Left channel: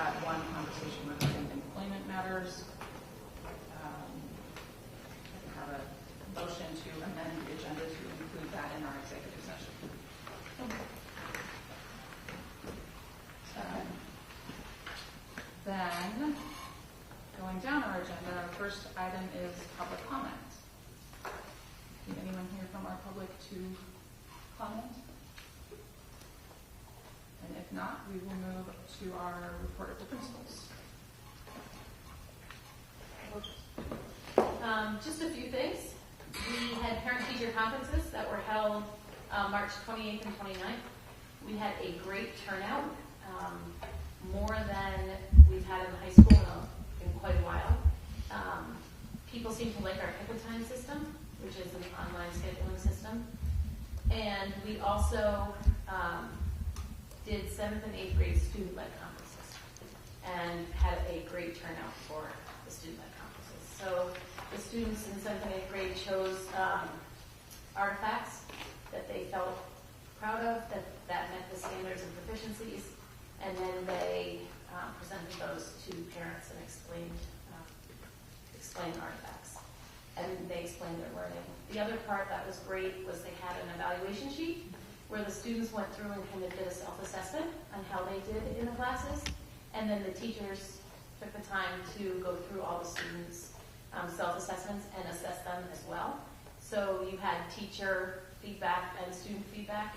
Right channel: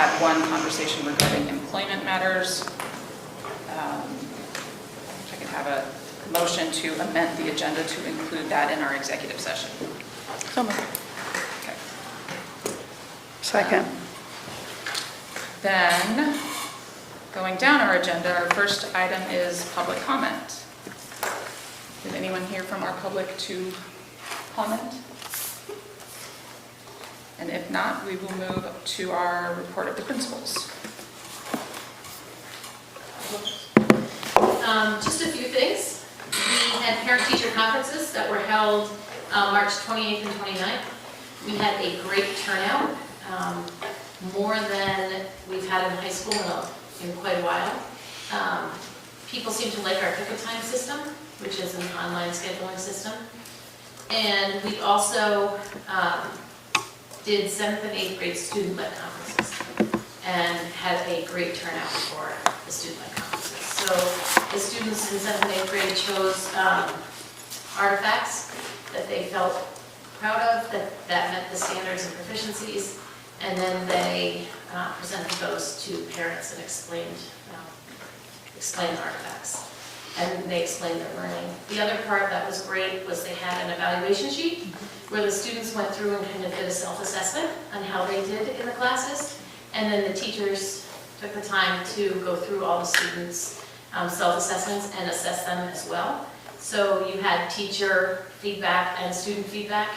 add one conversation regarding employment matters. I can have a motion to amend the agenda to include that in our executive session. So moved. Okay. Second. Then, going down our agenda, our first item is public comment. Is anyone here from our public to comment? And if not, we will move to our report of the principals. Just a few things. We had parent-teacher conferences that were held March 28th and 29th. We had a great turnout, more than we've had in high school in quite a while. People seem to like our pick a time system, which is an online scheduling system. And we also did 7th and 8th grade student-led conferences and had a great turnout for the student-led conferences. So the students in 7th and 8th grade chose artifacts that they felt proud of, that met the standards and proficiencies, and then they presented those to parents and explained the artifacts. And they explained their learning. The other part that was great was they had an evaluation sheet where the students went through and kind of did a self-assessment on how they did in the classes. And then the teachers took the time to go through all the students' self-assessments and assess them as well. So you had teacher feedback and student feedback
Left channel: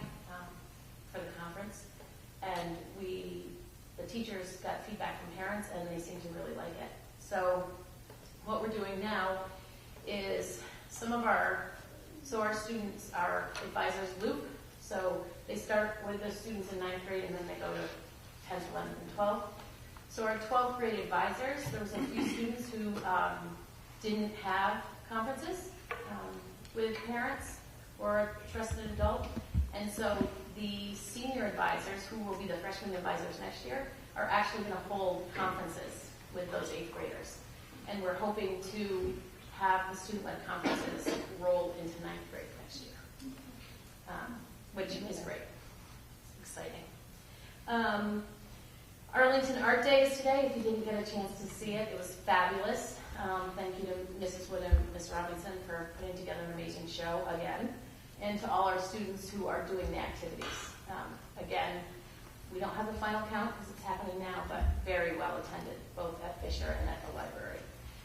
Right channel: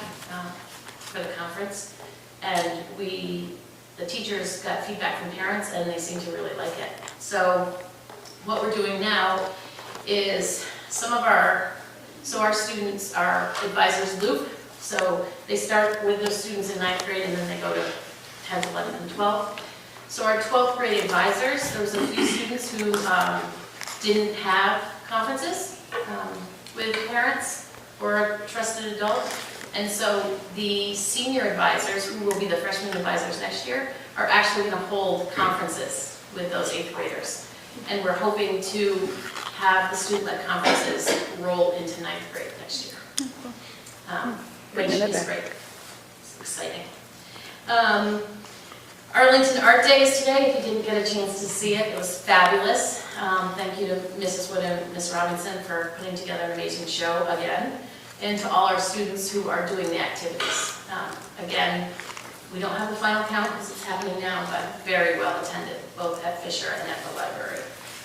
for the conference. And the teachers got feedback from parents and they seemed to really like it. So what we're doing now is our students are advisors loop. So they start with those students in 9th grade and then they go to 10th, 11th, and 12th. So our 12th grade advisors, there was a few students who didn't have conferences with parents or a trusted adult. And so the senior advisors, who will be the freshman advisors next year, are actually going to hold conferences with those 8th graders. And we're hoping to have the student-led conferences roll into 9th grade next year, which is great. It's exciting. Arlington Art Day is today. If you didn't get a chance to see it, it was fabulous. Thank you to Mrs. Wood and Ms. Robinson for putting together an amazing show again, and to all our students who are doing the activities. Again, we don't have the final count because it's happening now, but very well attended, both at Fisher and at the library.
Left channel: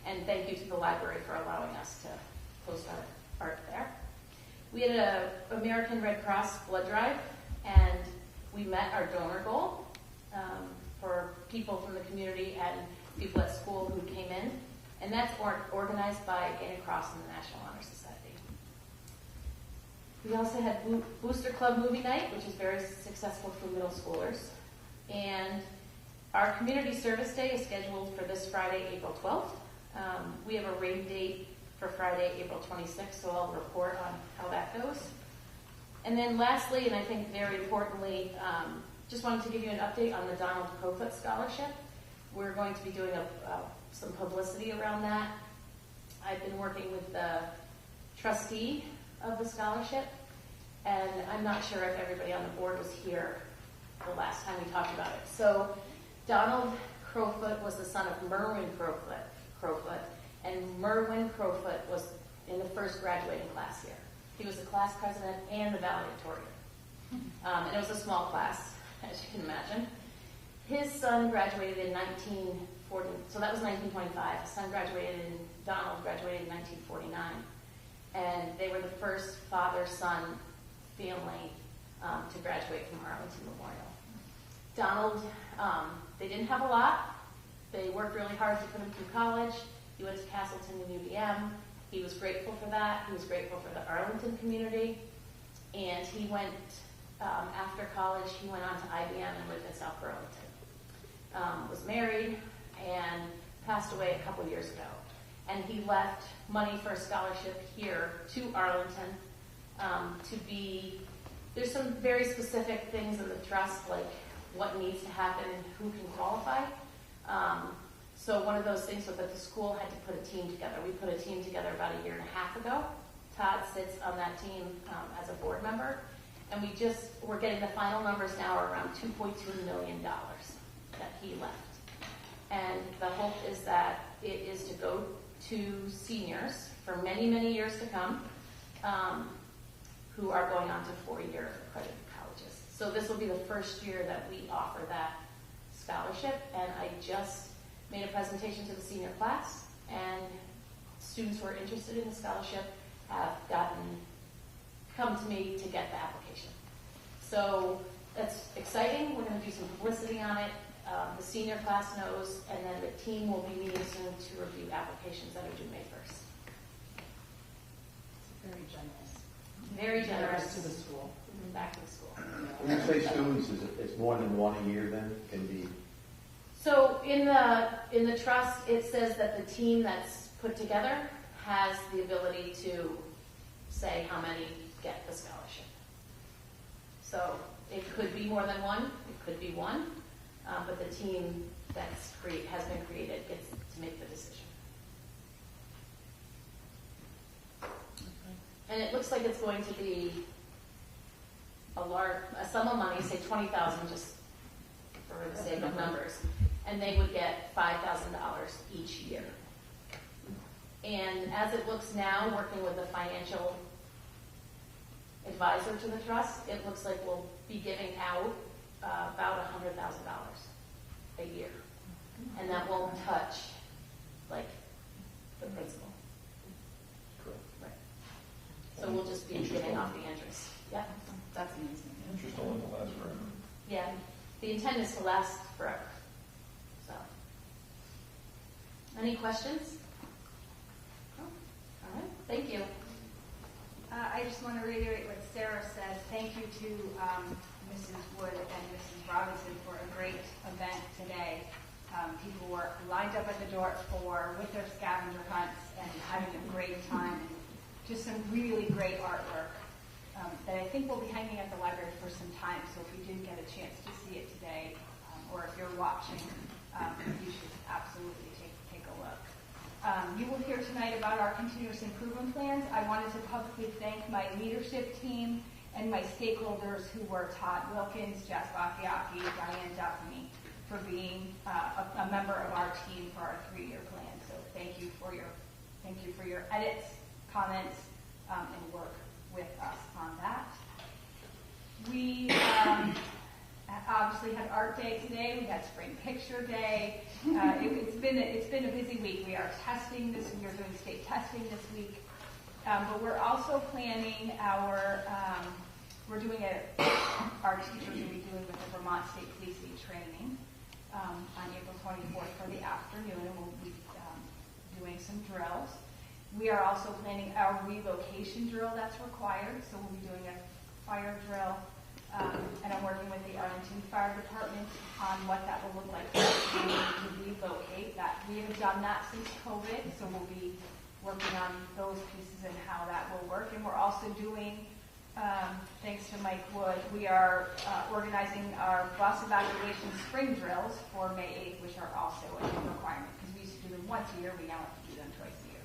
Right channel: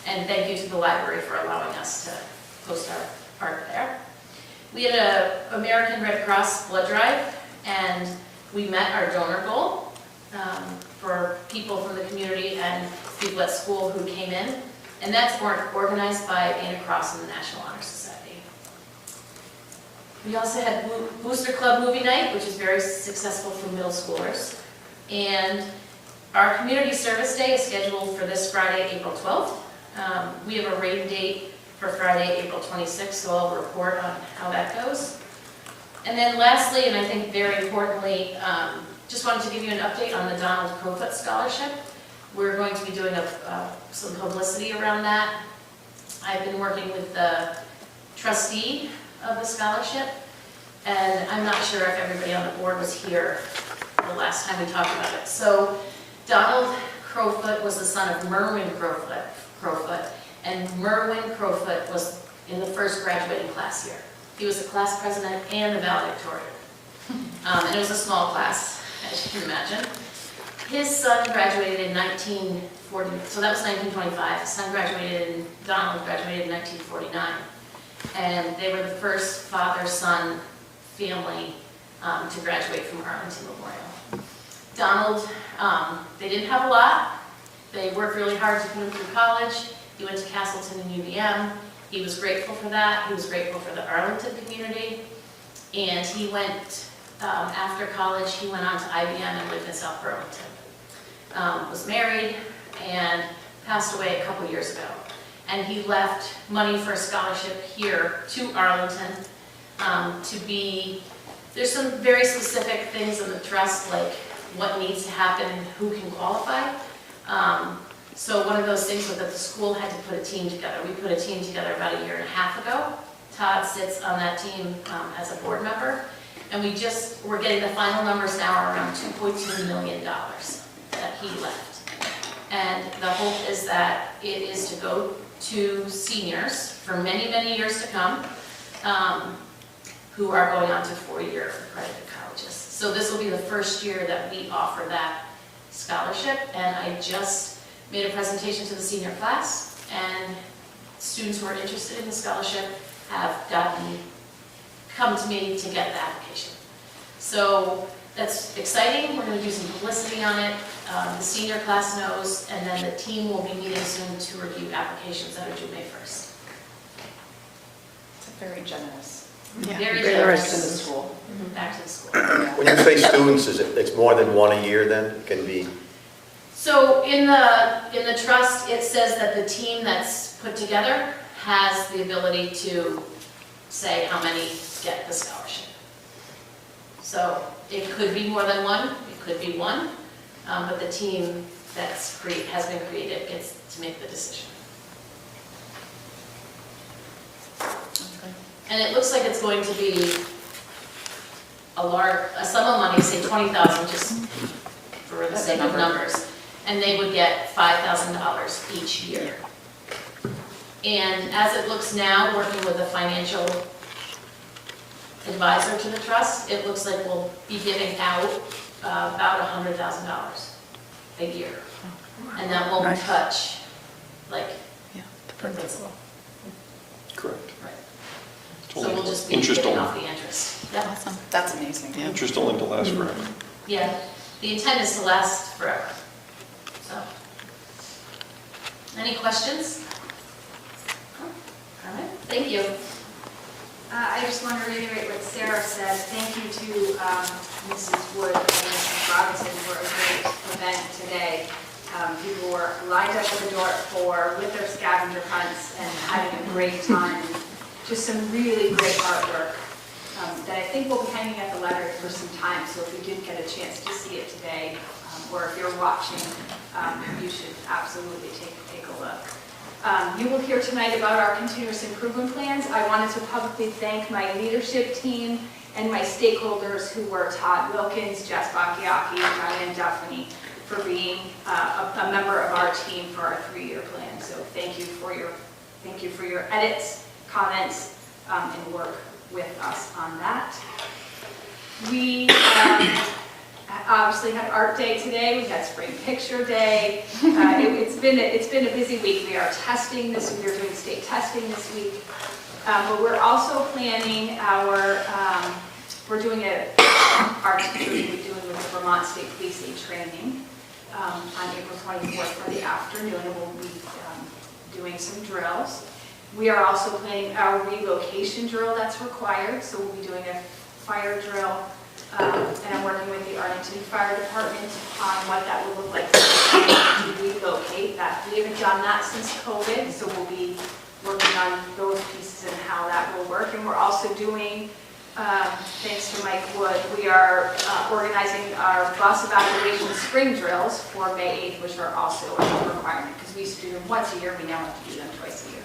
And thank you to the library for allowing us to host our art there. We had an American Red Cross blood drive, and we met our donor goal for people from the community and people at school who came in. And that's organized by Anna Cross and the National Honor Society. We also had Booster Club Movie Night, which is very successful for middle schoolers. And our Community Service Day is scheduled for this Friday, April 12th. We have a rain date for Friday, April 26th, so I'll report on how that goes. And then lastly, and I think very importantly, just wanted to give you an update on the Donald Crowfoot Scholarship. We're going to be doing some publicity around that. I've been working with the trustee of the scholarship, and I'm not sure if everybody on the board was here the last time we talked about it. So Donald Crowfoot was the son of Merwin Crowfoot, and Merwin Crowfoot was in the first graduating class here. He was the class president and the valedictorian. And it was a small class, as you can imagine. His son graduated in 1940, so that was 1925. His son graduated, Donald graduated in 1949. And they were the first father-son family to graduate from Arlington Memorial. Donald, they didn't have a lot. They worked really hard to put him through college. He went to Castleton and UVM. He was grateful for that. He was grateful for the Arlington community. And he went, after college, he went on to IBM and lived in South Burlington. Was married and passed away a couple years ago. And he left money for a scholarship here to Arlington there's some very specific things in the trust, like what needs to happen, who can qualify. So one of those things was that the school had to put a team together. We put a team together about a year and a half ago. Todd sits on that team as a board member. And we're getting the final numbers now are around $2.2 million that he left. And the hope is that it is to go to seniors for many, many years to come, who are going on to 4-year accredited colleges. So this will be the first year that we offer that scholarship, and I just made a presentation to the senior class, and students who are interested in the scholarship have come to me to get the application. So that's exciting. We're going to do some publicity on it. The senior class knows, and then the team will be meeting soon to review applications that are due May 1st. It's very generous. Very Back generous. to the school. Back to the school. When you say students, it's more than one a year then? It can be, So in the trust, it says that the team that's put together has the ability to say how many get the scholarship. So it could be more than one, it could be one, but the team has been created gets to make the decision. Okay. And it looks like it's going to be a sum of money, say 20,000, just for the That's sake a of number. numbers. And they would get $5,000 each year. And as it looks now, working with a financial advisor to the trust, it looks like we'll be giving out about $100,000 a year. And that won't Nice. touch, like, Yeah, the principal. Correct. Right. It's So only we'll just be interest getting only. off the interest. Yep. Awesome. That's amazing. Yeah. Interest only to last forever. Yeah, the intent is to last forever. So, any questions? All right, thank you. I just want to reiterate what Sarah said. Thank you to Mrs. Wood and Mrs. Robinson for a great event today. People were lined up at the door with their scavenger hunts and having a great time. Just some really great artwork that I think will be hanging at the library for some time. So if you didn't get a chance to see it today, or if you're watching, you should absolutely take a look. You will hear tonight about our continuous improvement plans. I wanted to publicly thank my leadership team and my stakeholders who were Todd Wilkins, Jess Bacchiacchi, Diane Duffany, for being a member of our team for our 3-year plan. So thank you for your edits, comments, and work with us on that. We obviously had Art Day today. We had Spring Picture Day. It's been a busy week. We are testing this. We're doing state testing this week, but we're also planning our teachers will be doing with the Vermont State Policing training on April 24th for the afternoon, and we'll be doing some drills. We are also planning our relocation drill that's required, so we'll be doing a fire drill. And I'm working with the Arlington Fire Department on what that would look like to relocate that. We haven't done that since COVID, so we'll be working on those pieces and how that will work. And we're also doing, thanks to Mike Wood, we are organizing our bus evacuation spring drills for May 8th, which are also a requirement because we used to do them once a year. We now have to do them twice a year.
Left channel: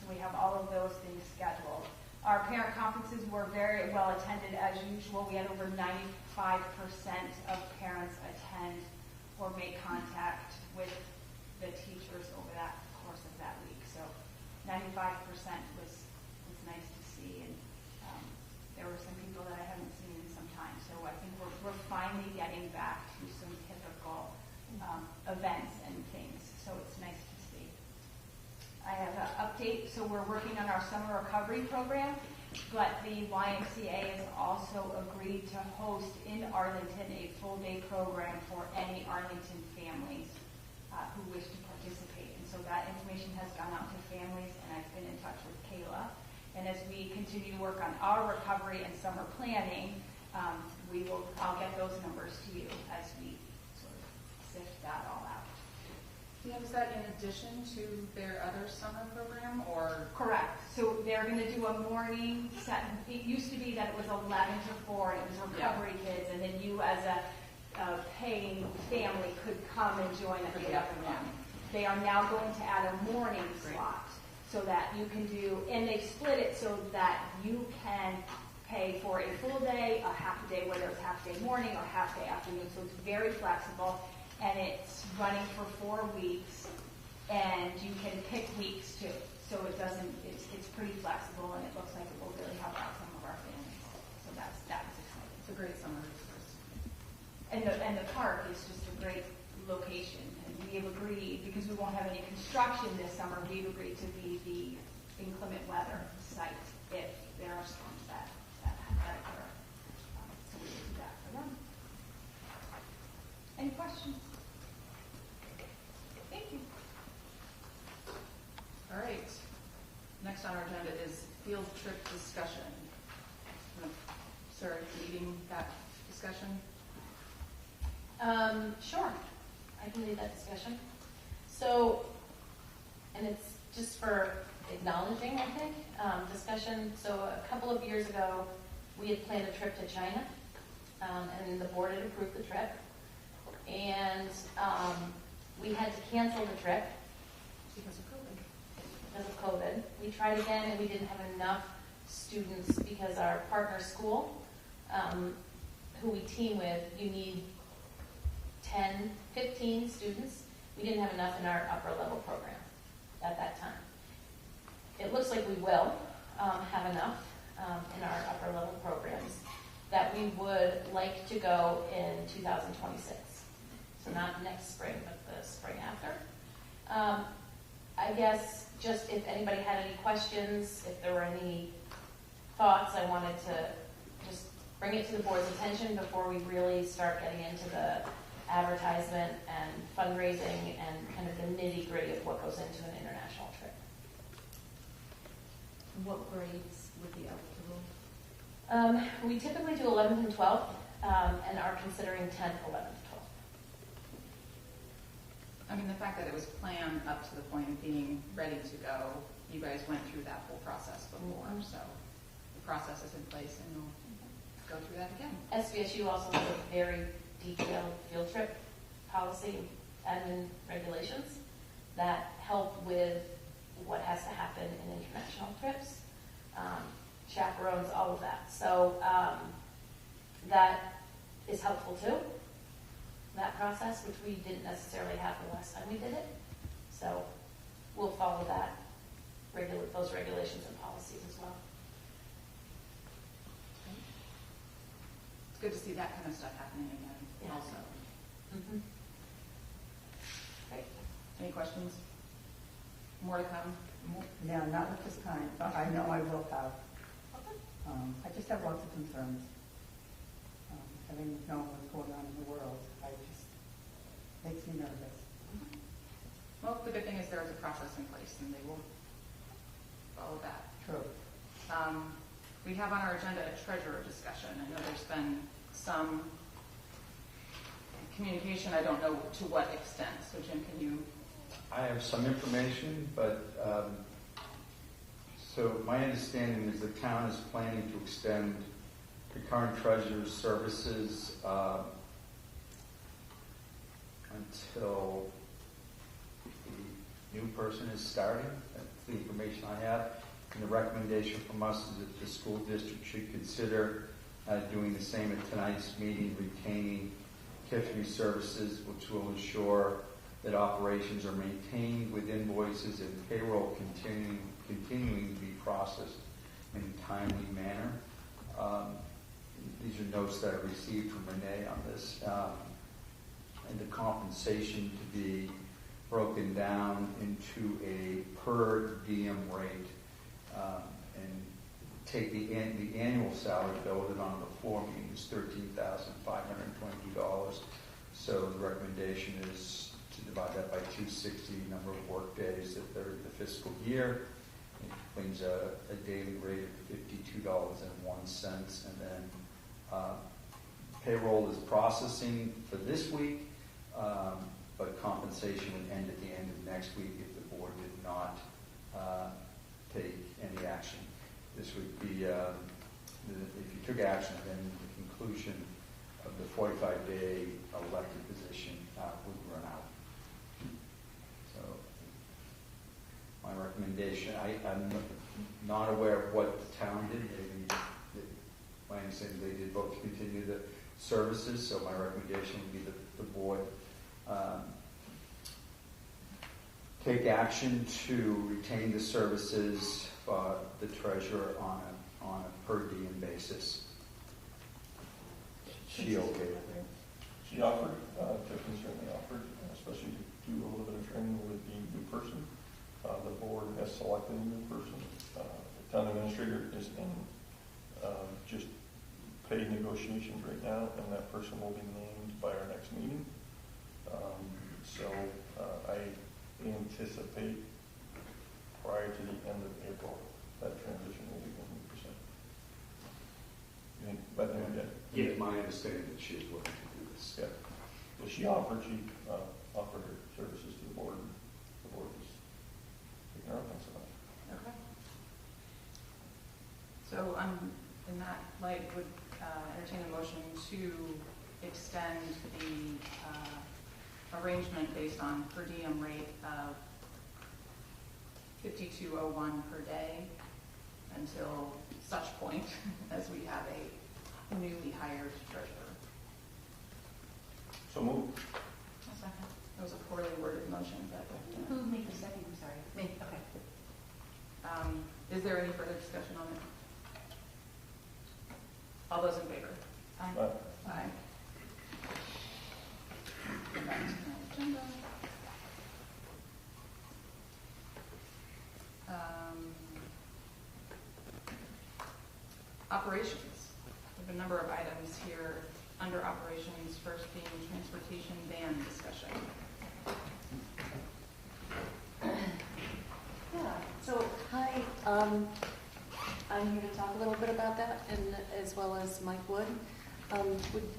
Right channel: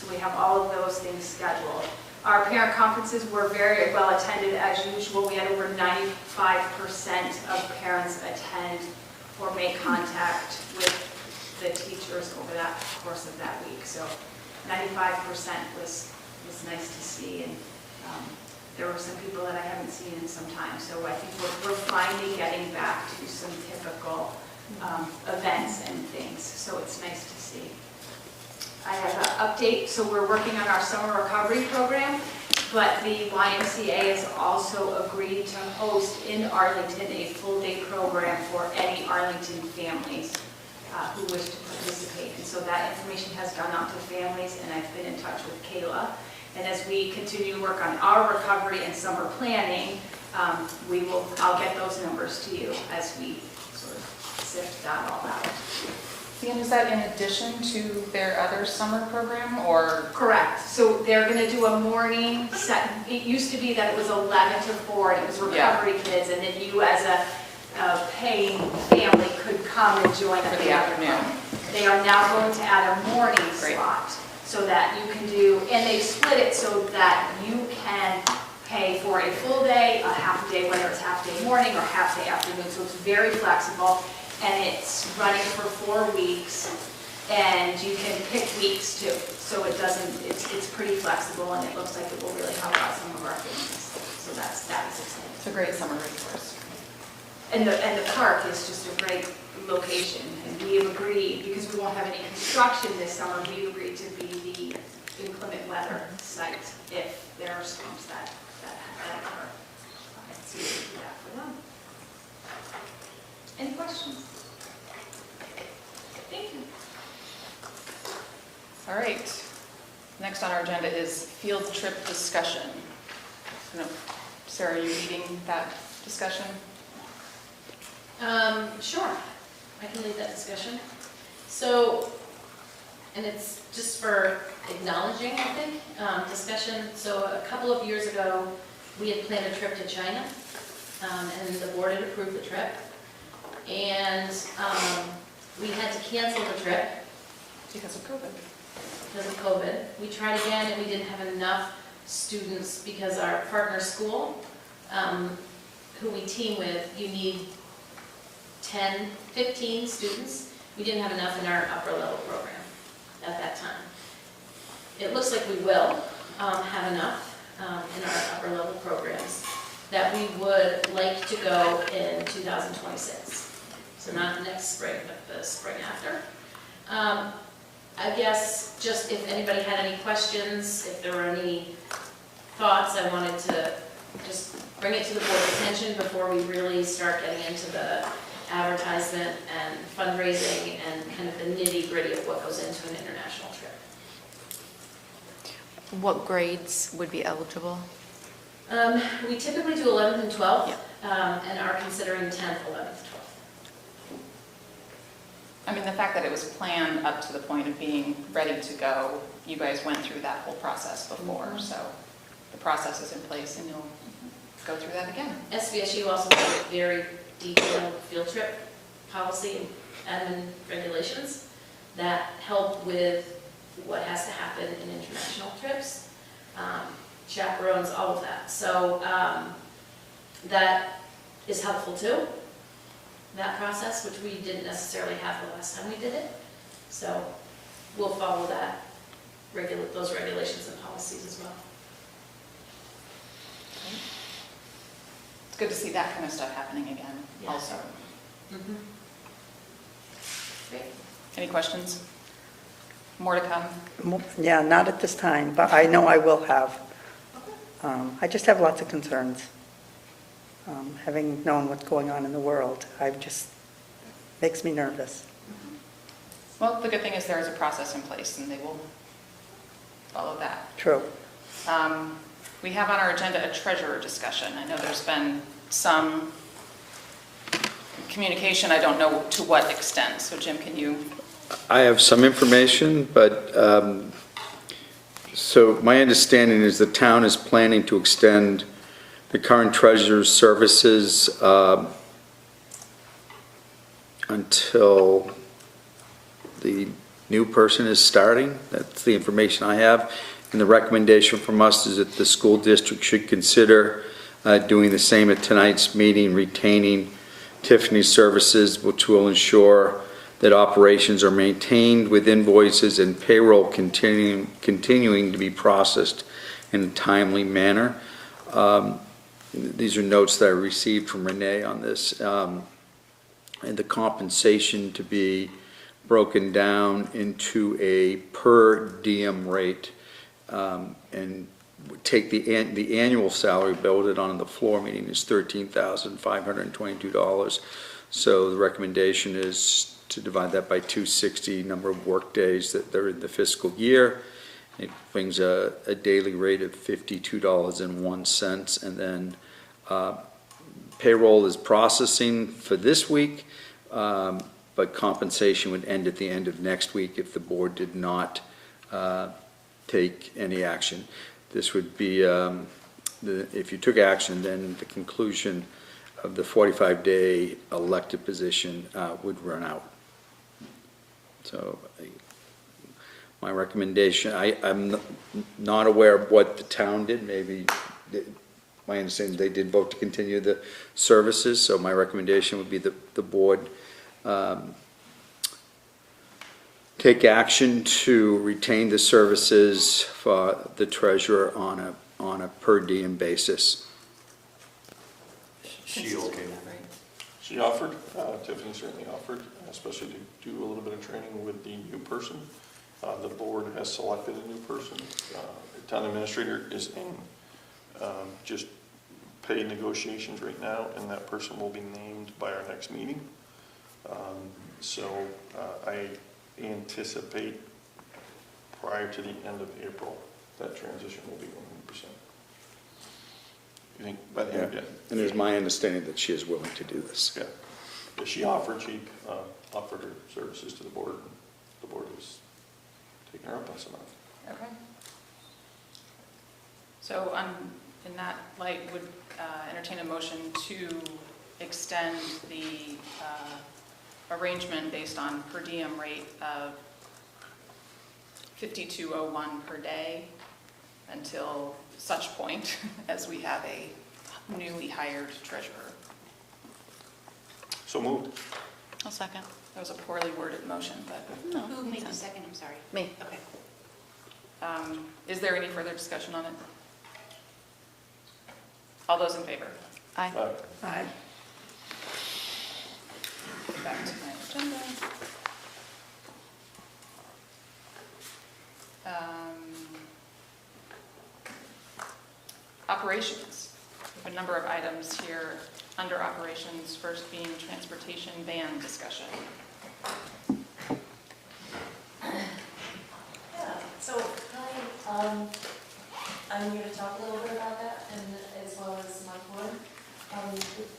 So we have all of those things scheduled. Our parent conferences were very well attended as usual. We had over 95% of parents attend or make contact with the teachers over that course of that week. So 95% was nice to see, and there were some people that I haven't seen in some time. So I think we're finally getting back to some typical events and things. So it's nice to see. I have an update. So we're working on our summer recovery program, but the YMCA has also agreed to host in Arlington a full-day program for any Arlington families who wish to participate. And so that information has gone out to families, and I've been in touch with Kayla. And as we continue to work on our recovery and summer planning, I'll get those numbers to you as we sort of sift that all out. And is that in addition to their other summer program, or? Correct. So they're going to do a morning set. It used to be that it was 11 to 4, and it was recovery kids, and then you as a paying family could come and join For the afternoon. They are now going to add a morning slot so that you can do, and they split it so that you can pay for a full day, a half day, whether it's half day morning or half day afternoon. So it's very flexible. and it's running for 4 weeks, and you can pick weeks too. So it doesn't, it's pretty flexible, and it looks like it will really help out some of our families. So that was exciting. It's a great summer resource. And the park is just a great location, and we have agreed, because we won't have any construction this summer, we've agreed to be the inclement weather site if there are storms that occur. So we do that for them. Any questions? Thank you. All right. Next on our agenda is field trip discussion. I don't know, Sarah, are you leading that discussion? Sure, I can lead that discussion. So, and it's just for acknowledging, I think, discussion. So a couple of years ago, we had planned a trip to China, and the board had approved the trip. And we had to cancel the trip Because of COVID. because of COVID. We tried again, and we didn't have enough students because our partner school, who we team with, you need 10, 15 students. We didn't have enough in our upper level program at that time. It looks like we will have enough in our upper level programs that we would like to go in 2026. So not next spring, but the spring after. I guess just if anybody had any questions, if there were any thoughts, I wanted to just bring it to the board's attention before we really start getting into the advertisement and fundraising and kind of the nitty-gritty of what goes into an international trip. What grades would be eligible? We typically do 11th and 12th, and are considering 10th, 11th, 12th. I mean, the fact that it was planned up to the point of being ready to go, you guys went through that whole process before, so the process is in place and you'll go through that again. SVSU also has a very detailed field trip policy and regulations that help with what has to happen in international trips, chaperones, all of that. So that is helpful too, that process, which we didn't necessarily have the last time we did it. So we'll follow that, those regulations and policies as well. It's good to see that kind of stuff happening again Yeah. also. Mm-hmm. Great. Any questions? More to come? Yeah, not at this time, but I know I will have. I just have lots of concerns. Having known what's going on in the world, makes me nervous. Well, the good thing is there is a process in place and they will follow that. True. We have on our agenda a treasurer discussion. I know there's been some communication, I don't know to what extent. So Jim, can you? I have some information, but, so my understanding is the town is planning to extend the current treasurer's services until the new person is starting. That's the information I have. And the recommendation from us is that the school district should consider doing the same at tonight's meeting, retaining Tiffany's services, which will ensure that operations are maintained with invoices and payroll continuing to be processed in a timely manner. These are notes that I received from Renee on this. And the compensation to be broken down into a per diem rate, and take the annual salary voted on in the floor meeting is $13,522. So the recommendation is to divide that by 260 number of work days that they're in the fiscal year. It brings a daily rate of $52.01, and then payroll is processing for this week, but compensation would end at the end of next week if the board did not take any action. This would be, if you took action, then the conclusion of the 45-day elected position would run out. So my recommendation, I'm not aware of what the town did. Maybe, my understanding is they did vote to continue the services, so my recommendation would be the board take action to retain the services for the treasurer on a per diem basis. She okay? She offered, Tiffany certainly offered, especially to do a little bit of training with the new person. The board has selected a new person. The town administrator is in just pay negotiations right now, and that person will be named by our next meeting. So I anticipate prior to the end of April, that transition will be 100%. You think by the end of the day? And it's my understanding that she is willing to do this. Yeah. But she offered her services to the board. The board has taken her up on some of it. Okay. So in that light, would entertain a motion to extend the arrangement based on per diem rate of $52.01 per day until such point as we have a newly hired treasurer. So moved. I'll second. That was a poorly worded motion, but No. Who made the second, I'm sorry? Me. Okay. is there any further discussion on it? All those in favor? Aye. Aye. Back to my agenda. Operations. We have a number of items here under operations, first being transportation ban discussion. Yeah, so I'm going to talk a little bit about that, and as well as Mike Wood.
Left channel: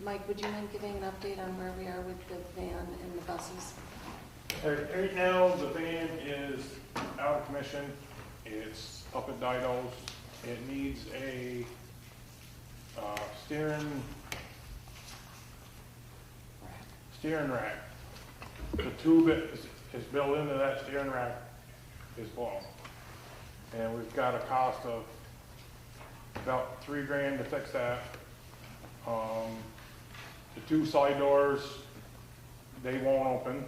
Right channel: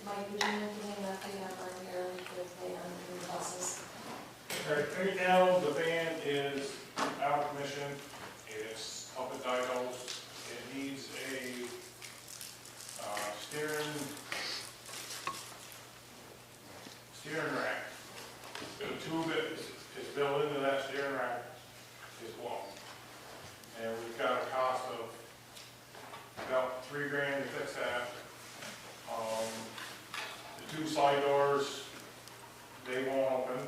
Mike, would you mind giving an update on where we are with the van and the buses? Right now, the van is out of commission. It's up at Dido's. It needs a steering rack. The tube is built into that steering rack is blown. And we've got a cost of about $3,000 to fix that. The two side doors, they won't open.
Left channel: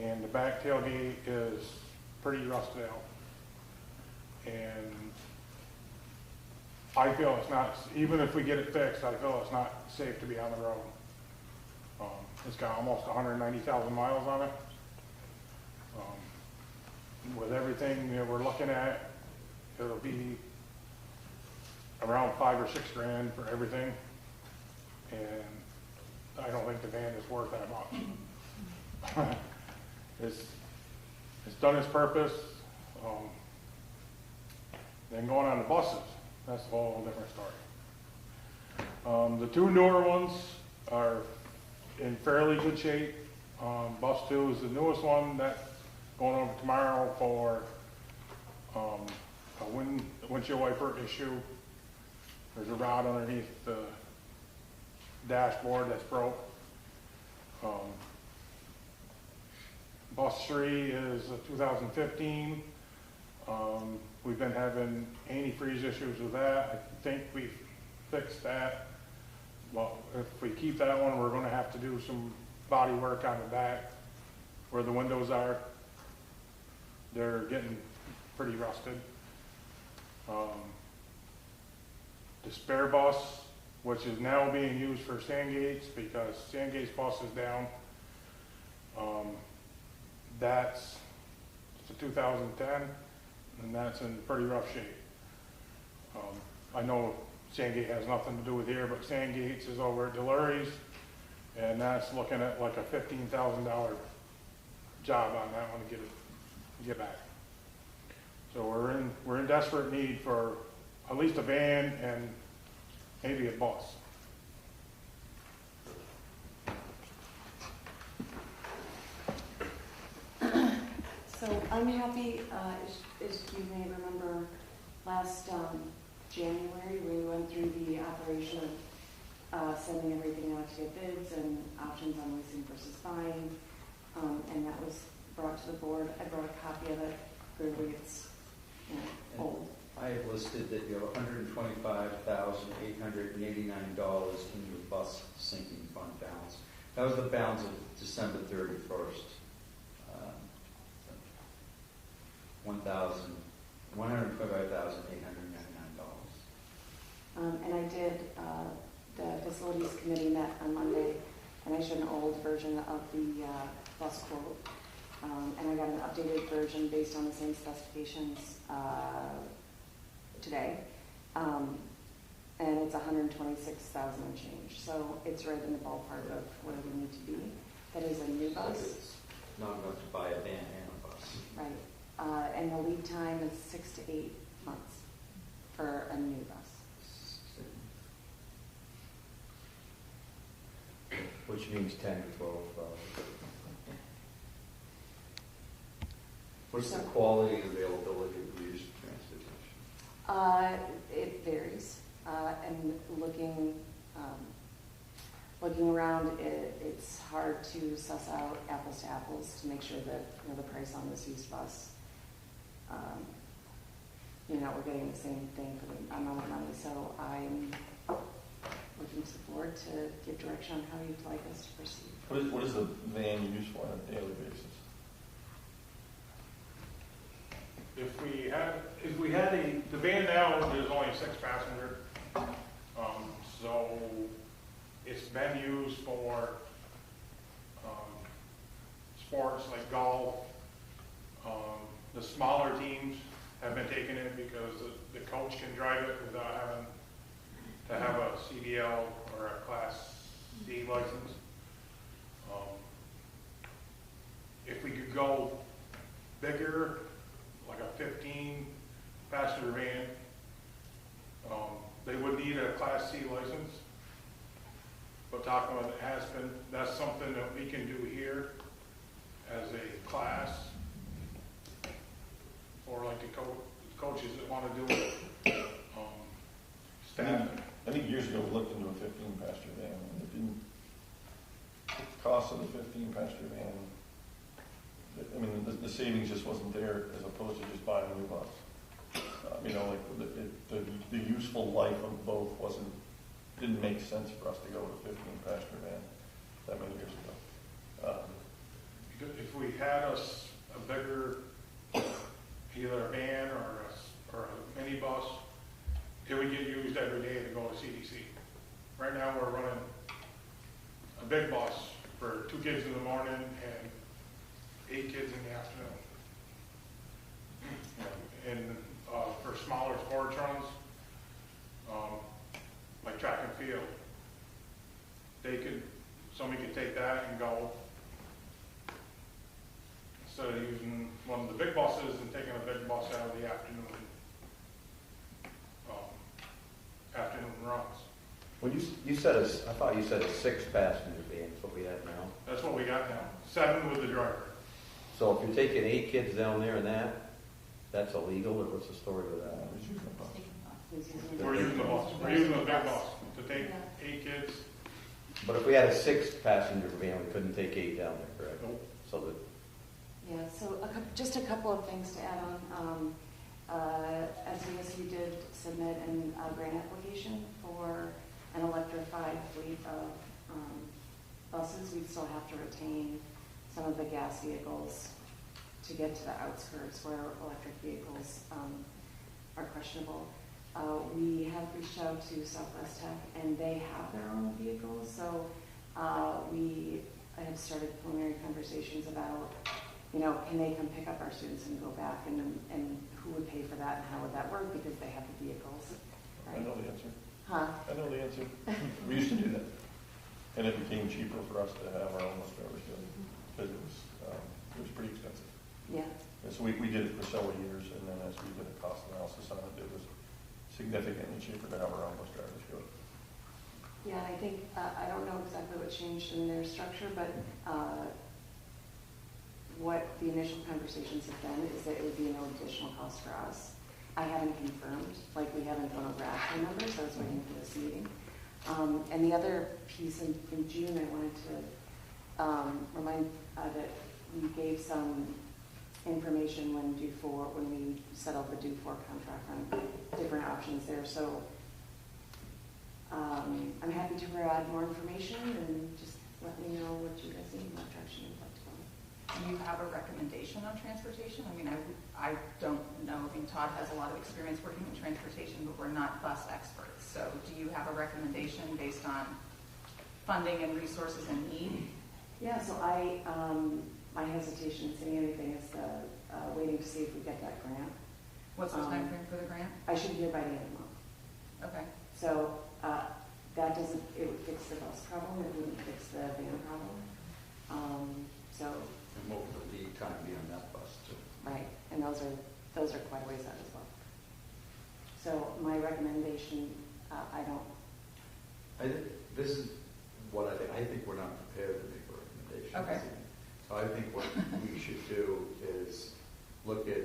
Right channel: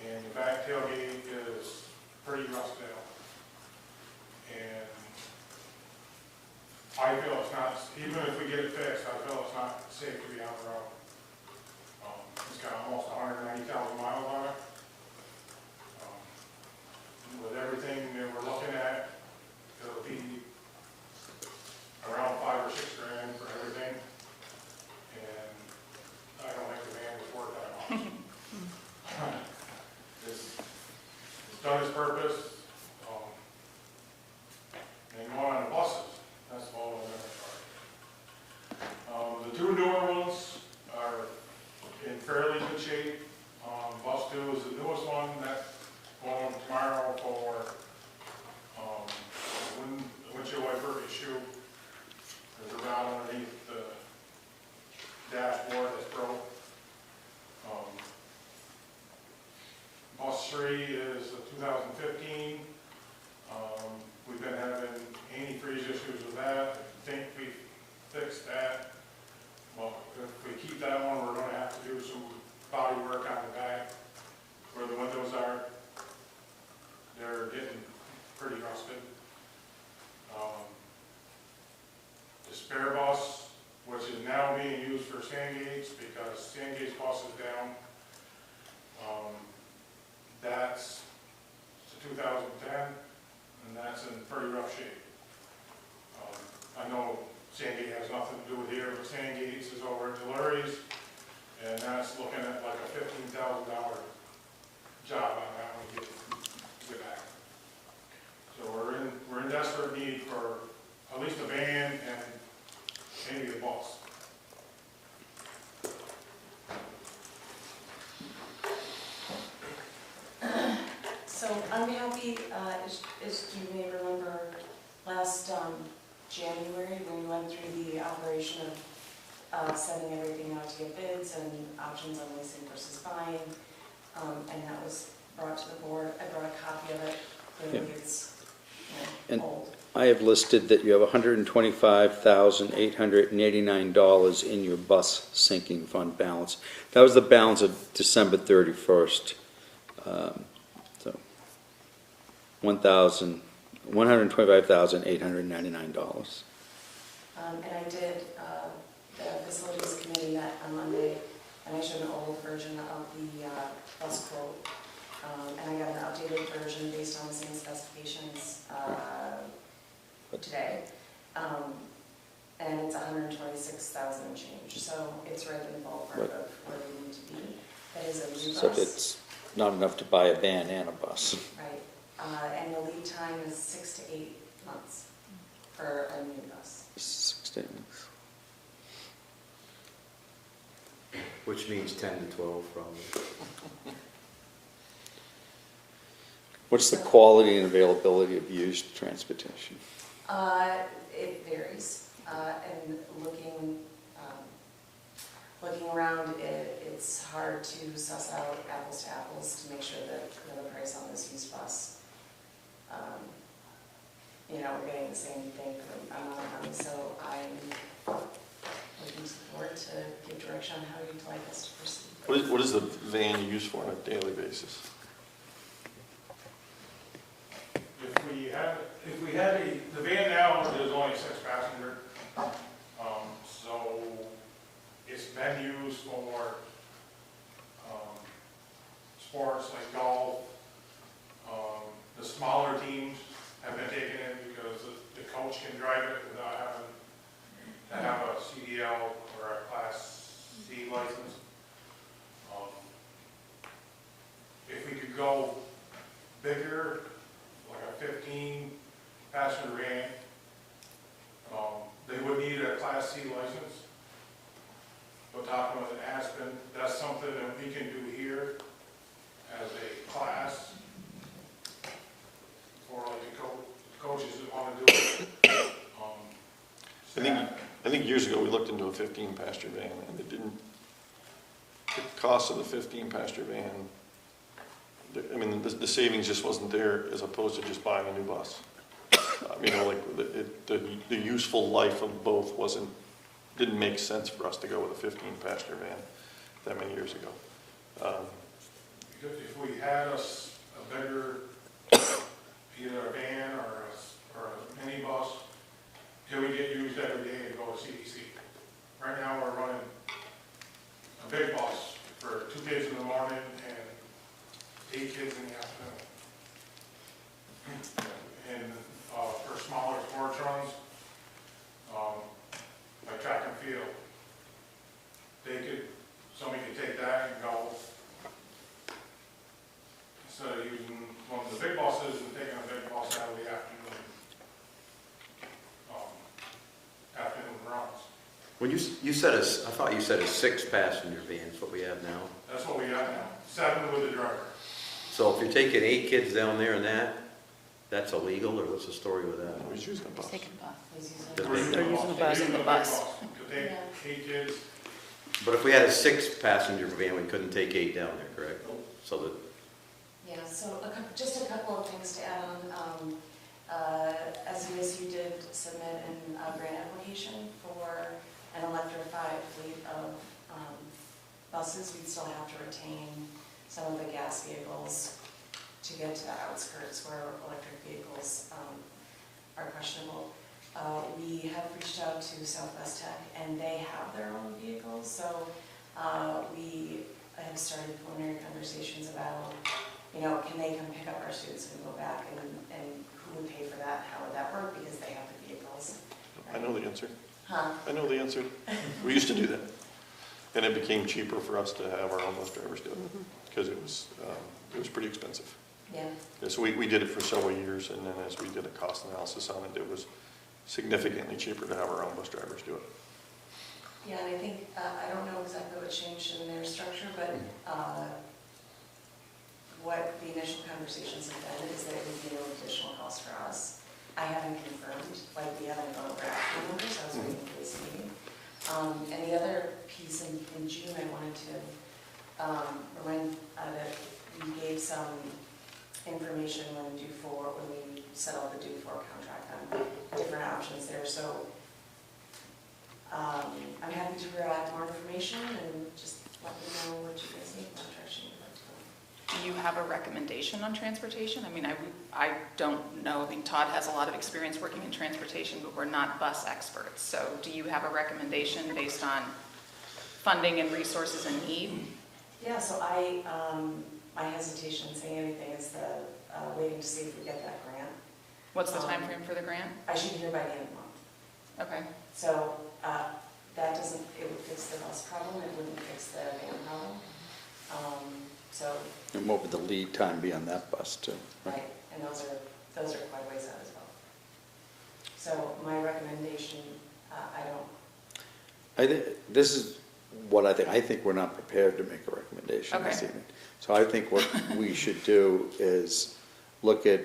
And the back tailgate is pretty rusted out. And I feel it's not, even if we get it fixed, I feel it's not safe to be on the road. It's got almost 190,000 miles on it. With everything that we're looking at, it'll be around $5,000 or $6,000 for everything. And I don't think the van is worth that much. It's done its purpose. Then going on the buses, that's a whole different story. The two newer ones are in fairly good shape. Bus 2 is the newest one that's going on tomorrow for windshield wiper issue. There's a rod underneath the dashboard that's broke. Bus 3 is a 2015. We've been having antifreeze issues with that. I think we fixed that. Well, if we keep that one, we're going to have to do some body work on the back where the windows are. They're getting pretty rusted. The spare bus, which is now being used for Sandgate's because Sandgate's bus is down. That's the 2010, and that's in pretty rough shape. I know Sandgate has nothing to do with here, but Sandgate's is over at Delurie's, and that's looking at like a $15,000 job on that one to get back. So we're in desperate need for at least a van and maybe a bus. So I'm happy, as you may remember, last January, when we went through the operation of sending everything out to get bids and options on leasing versus buying, and that was brought to the board. I brought a copy of it. Clearly, it's And- old. I have listed that you have $125,889 in your bus sinking fund balance. That was the balance of December 31st. So $125,899. And I did, the facilities committee met on Monday, and I showed an old version of the bus quote. And I got an updated version based on the same specifications today. And it's 126,000 and change, so it's right in the ballpark Right. of where we need to be. That is a new So bus. it's not enough to buy a van and a bus. Right, and the lead time is 6 to 8 months for a new bus. 16. Which means 10 to 12 probably. What's the quality and availability of used transportation? It varies, and looking around, it's hard to suss out apples to apples to make sure that, you know, the price on this used bus, you know, we're getting the same thing for the amount of money, so I'm looking to the board to give direction on how you'd like us to proceed. What is the van used for on a daily basis? If we had the van now is only 6 passenger. So it's been used for, sports like golf. The smaller teams have been taking it because the coach can drive it without having to have a CDL or a Class C license. If we could go bigger, like a 15 passenger van, they would need a Class C license. But talking with Aspen, that's something that we can do here as a class for like the coaches that want to do it. I think years ago we looked into a 15 passenger van, and the cost of the 15 passenger van, I mean, the savings just wasn't there as opposed to just buying a new bus. You know, like the useful life of both didn't make sense for us to go with a 15 passenger van that many years ago. If we had a bigger, either a van or a mini bus, it would get used every day to go to CDC. Right now, we're running a big bus for 2 kids in the morning and 8 kids in the afternoon. And for smaller sports runs, like track and field, somebody could take that and go, instead of using one of the big buses and taking a big bus out of the afternoon runs. When you said I thought you said a 6-passenger van is what we have now. That's what we got now, 7 with the driver. So if you're taking 8 kids down there and that's illegal, or what's the story with that? I was using a bus. Taking bus. He's using They're it. We're using They're using the the bus. big The bus. To take Yeah. 8 kids. But if we had a 6-passenger van, we couldn't take 8 down there, correct? So that, Yeah, so just a couple of things to add on. SESU did submit a grant application for an electrified fleet of buses. We'd still have to retain some of the gas vehicles to get to the outskirts where electric vehicles are questionable. We have reached out to Southwest Tech, and they have their own vehicles, so we have started preliminary conversations about, you know, can they come pick up our students and go back, and who would pay for that, and how would that work, because they have the vehicles. I know the answer. Huh? I know the answer. We used to do that. And it became cheaper for us to have our own bus drivers do it, because it was pretty expensive. Yeah. Yeah, so we did it for several years, and then as we did a cost analysis on it, it was significantly cheaper to have our own bus drivers do it. Yeah, and I think, I don't know exactly what changed in their structure, but what the initial conversations have been is that it would be no additional cost for us. I haven't confirmed, like we haven't gone over actual numbers, I was waiting for this meeting. And the other piece in June I wanted to remind that we gave some information when we settled the due for contract on different options there. So I'm happy to add more information and just let me know what you guys need, what direction you'd like to go. Do you have a recommendation on transportation? I mean, I don't know. I mean, Todd has a lot of experience working in transportation, but we're not bus experts. So do you have a recommendation based on funding and resources and need? Yeah, so my hesitation in saying anything is waiting to see if we get that grant. What's the time frame for the grant? I should hear by the end of the month. Okay. So that doesn't, it would fix the bus problem, it wouldn't fix the van problem. So, And what would the lead time be on that bus too? right, and those are quite a ways out as well. So my recommendation, This is what I think. I think we're not prepared to make a recommendation this Okay. evening. So I think what we should do is look at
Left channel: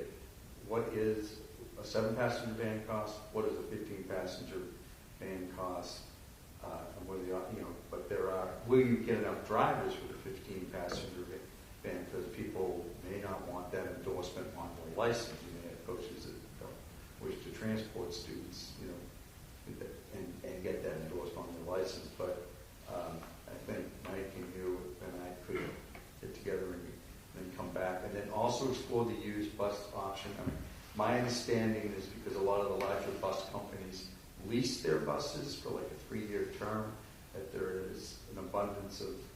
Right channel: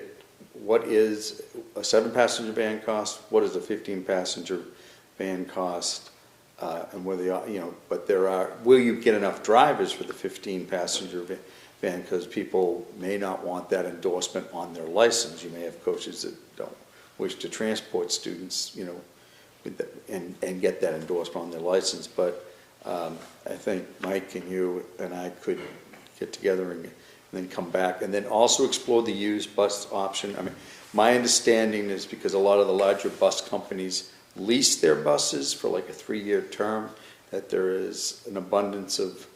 what is a 7-passenger van cost, what is a 15-passenger van cost, and whether, but will you get enough drivers for the 15-passenger van? Because people may not want that endorsement on their license. You may have coaches that don't wish to transport students, and get that endorsement on their license. But I think Mike and you and I could get together and then come back, and then also explore the used bus option. I mean, my understanding is because a lot of the larger bus companies lease their buses for like a 3-year term, that there is an abundance of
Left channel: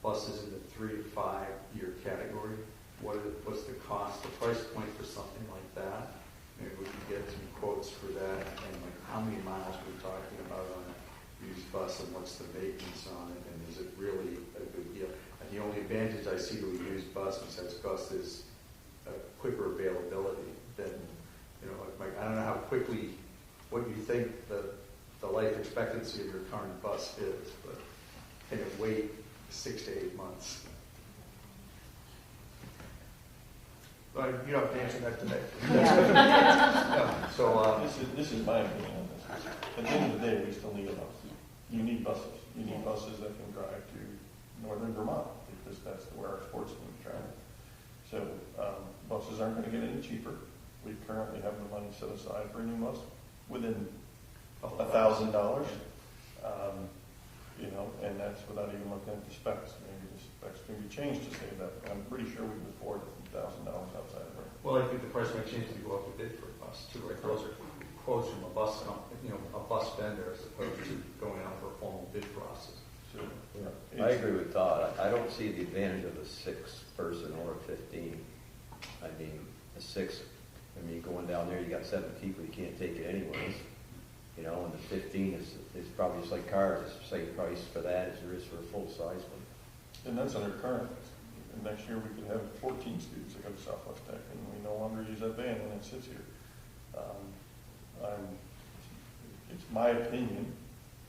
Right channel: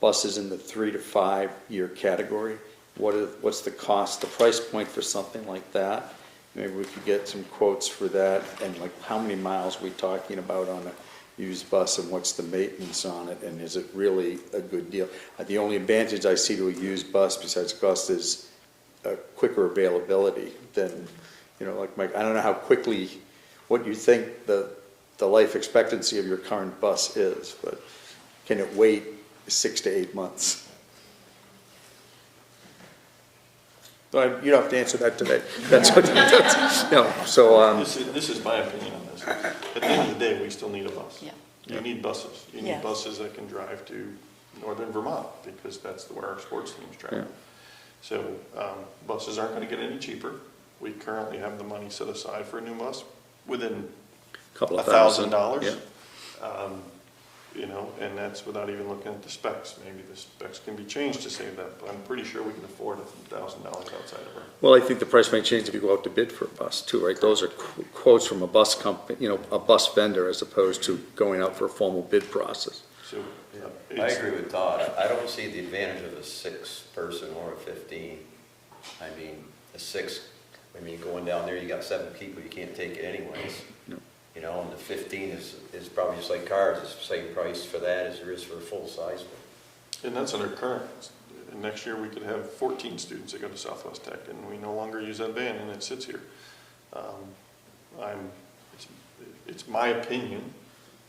buses in the 3 to 5 year category. What's the cost, the price point for something like that? Maybe we could get some quotes for that, and like how many miles we're talking about on a used bus, and what's the maintenance on it, and is it really a good deal? The only advantage I see to a used bus besides cost is a quicker availability than, like Mike, I don't know how quickly, what you think the life expectancy of your current bus is, but can it wait 6 to 8 months? But you don't have to answer that today. That's what no. So This is my opinion on this. At the end of the day, we still need a bus. Yeah. You need buses. You need Yes. buses that can drive to northern Vermont, because that's where our sports teams travel. Yeah. So buses aren't going to get any cheaper. We currently have the money set aside for a new bus within a couple of thousand. $1,000. Yeah. And that's without even looking at the specs. Maybe the specs can be changed to save that, but I'm pretty sure we can afford $1,000 outside of it. Well, I think the price may change if you go out to bid for a bus too, right? Those are quotes from a bus company, a bus vendor, as opposed to going out for a formal bid process. So I agree with Todd. I don't see the advantage of a 6-person or a 15. I mean, going down there, you got 7 people, you can't take it anyways. No. And the 15 is probably just like cars. It's the same price for that as there is for a full-size one. And that's under current. And next year, we could have 14 students that go to Southwest Tech, and we no longer use that van, and it sits here. It's my opinion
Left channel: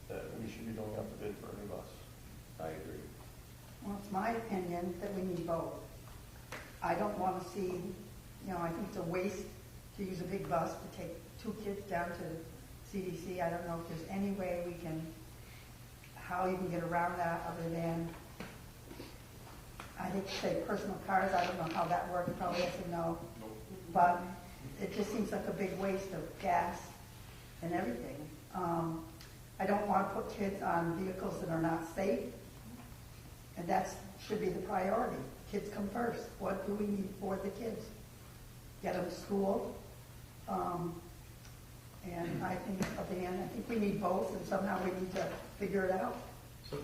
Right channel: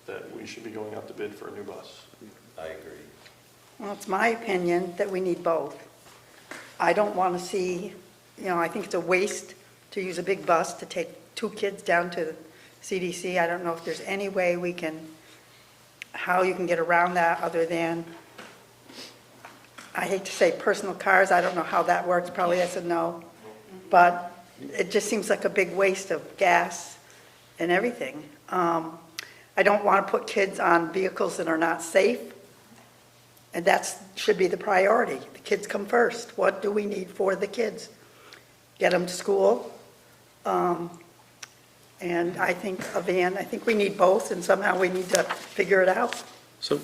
that we should be going out to bid for a new bus. I agree. Well, it's my opinion that we need both. I don't want to see, I think it's a waste to use a big bus to take 2 kids down to the CDC. I don't know if there's any way how you can get around that other than, I hate to say personal cars, I don't know how that works, probably yes and no, but it just seems like a big waste of gas and everything. I don't want to put kids on vehicles that are not safe, and that should be the priority. The kids come first. What do we need for the kids? Get them to school, and I think a van, I think we need both, and somehow we need to figure it out. So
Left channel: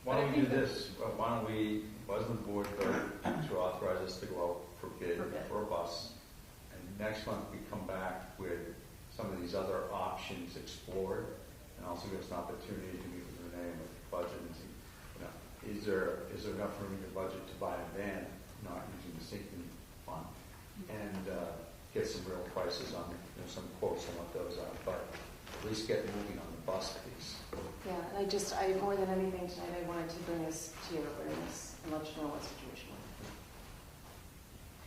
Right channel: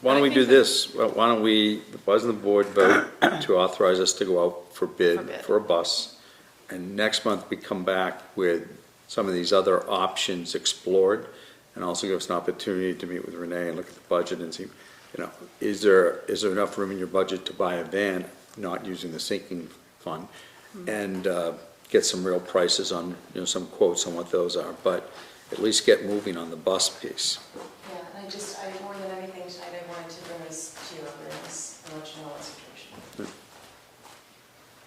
why don't we do this? Why don't the board vote to authorize us to go out for bid for a bus? And next month we come back with some of these other options explored, and also give us an opportunity to meet with Renee and look at the budget and see, is there enough room in your budget to buy a van, not using the sinking fund, and get some real prices on, some quotes on what those are, but at least get moving on the bus piece. Yeah, and I more than anything tonight, I wanted to bring this to your awareness and let you know what situation.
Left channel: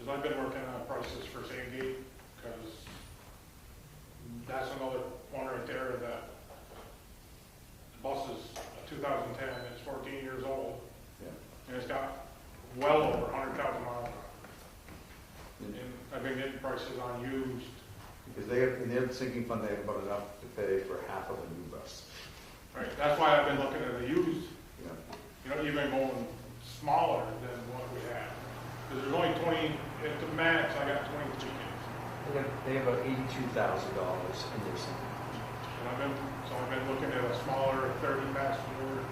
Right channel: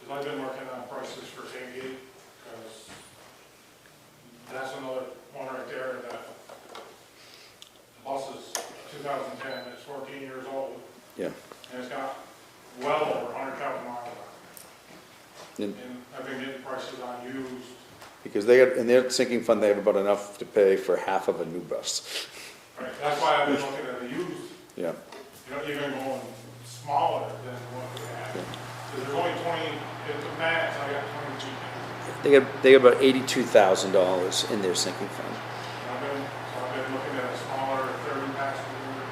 Because I've been working on prices for Sandgate, because that's another one right there, that bus is 2010, it's 14 years old, Yeah. and it's got well over 100,000 miles on it. and I've been getting prices on used. Because they have, in their sinking fund, they have about enough to pay for half of a new bus. Right, that's why I've been looking at the used, Yeah, you know, even going smaller than what we have. Because there's only 20, at the max, I got 22. they got about $82,000 in their sinking fund. I've been looking at a smaller 30 passenger,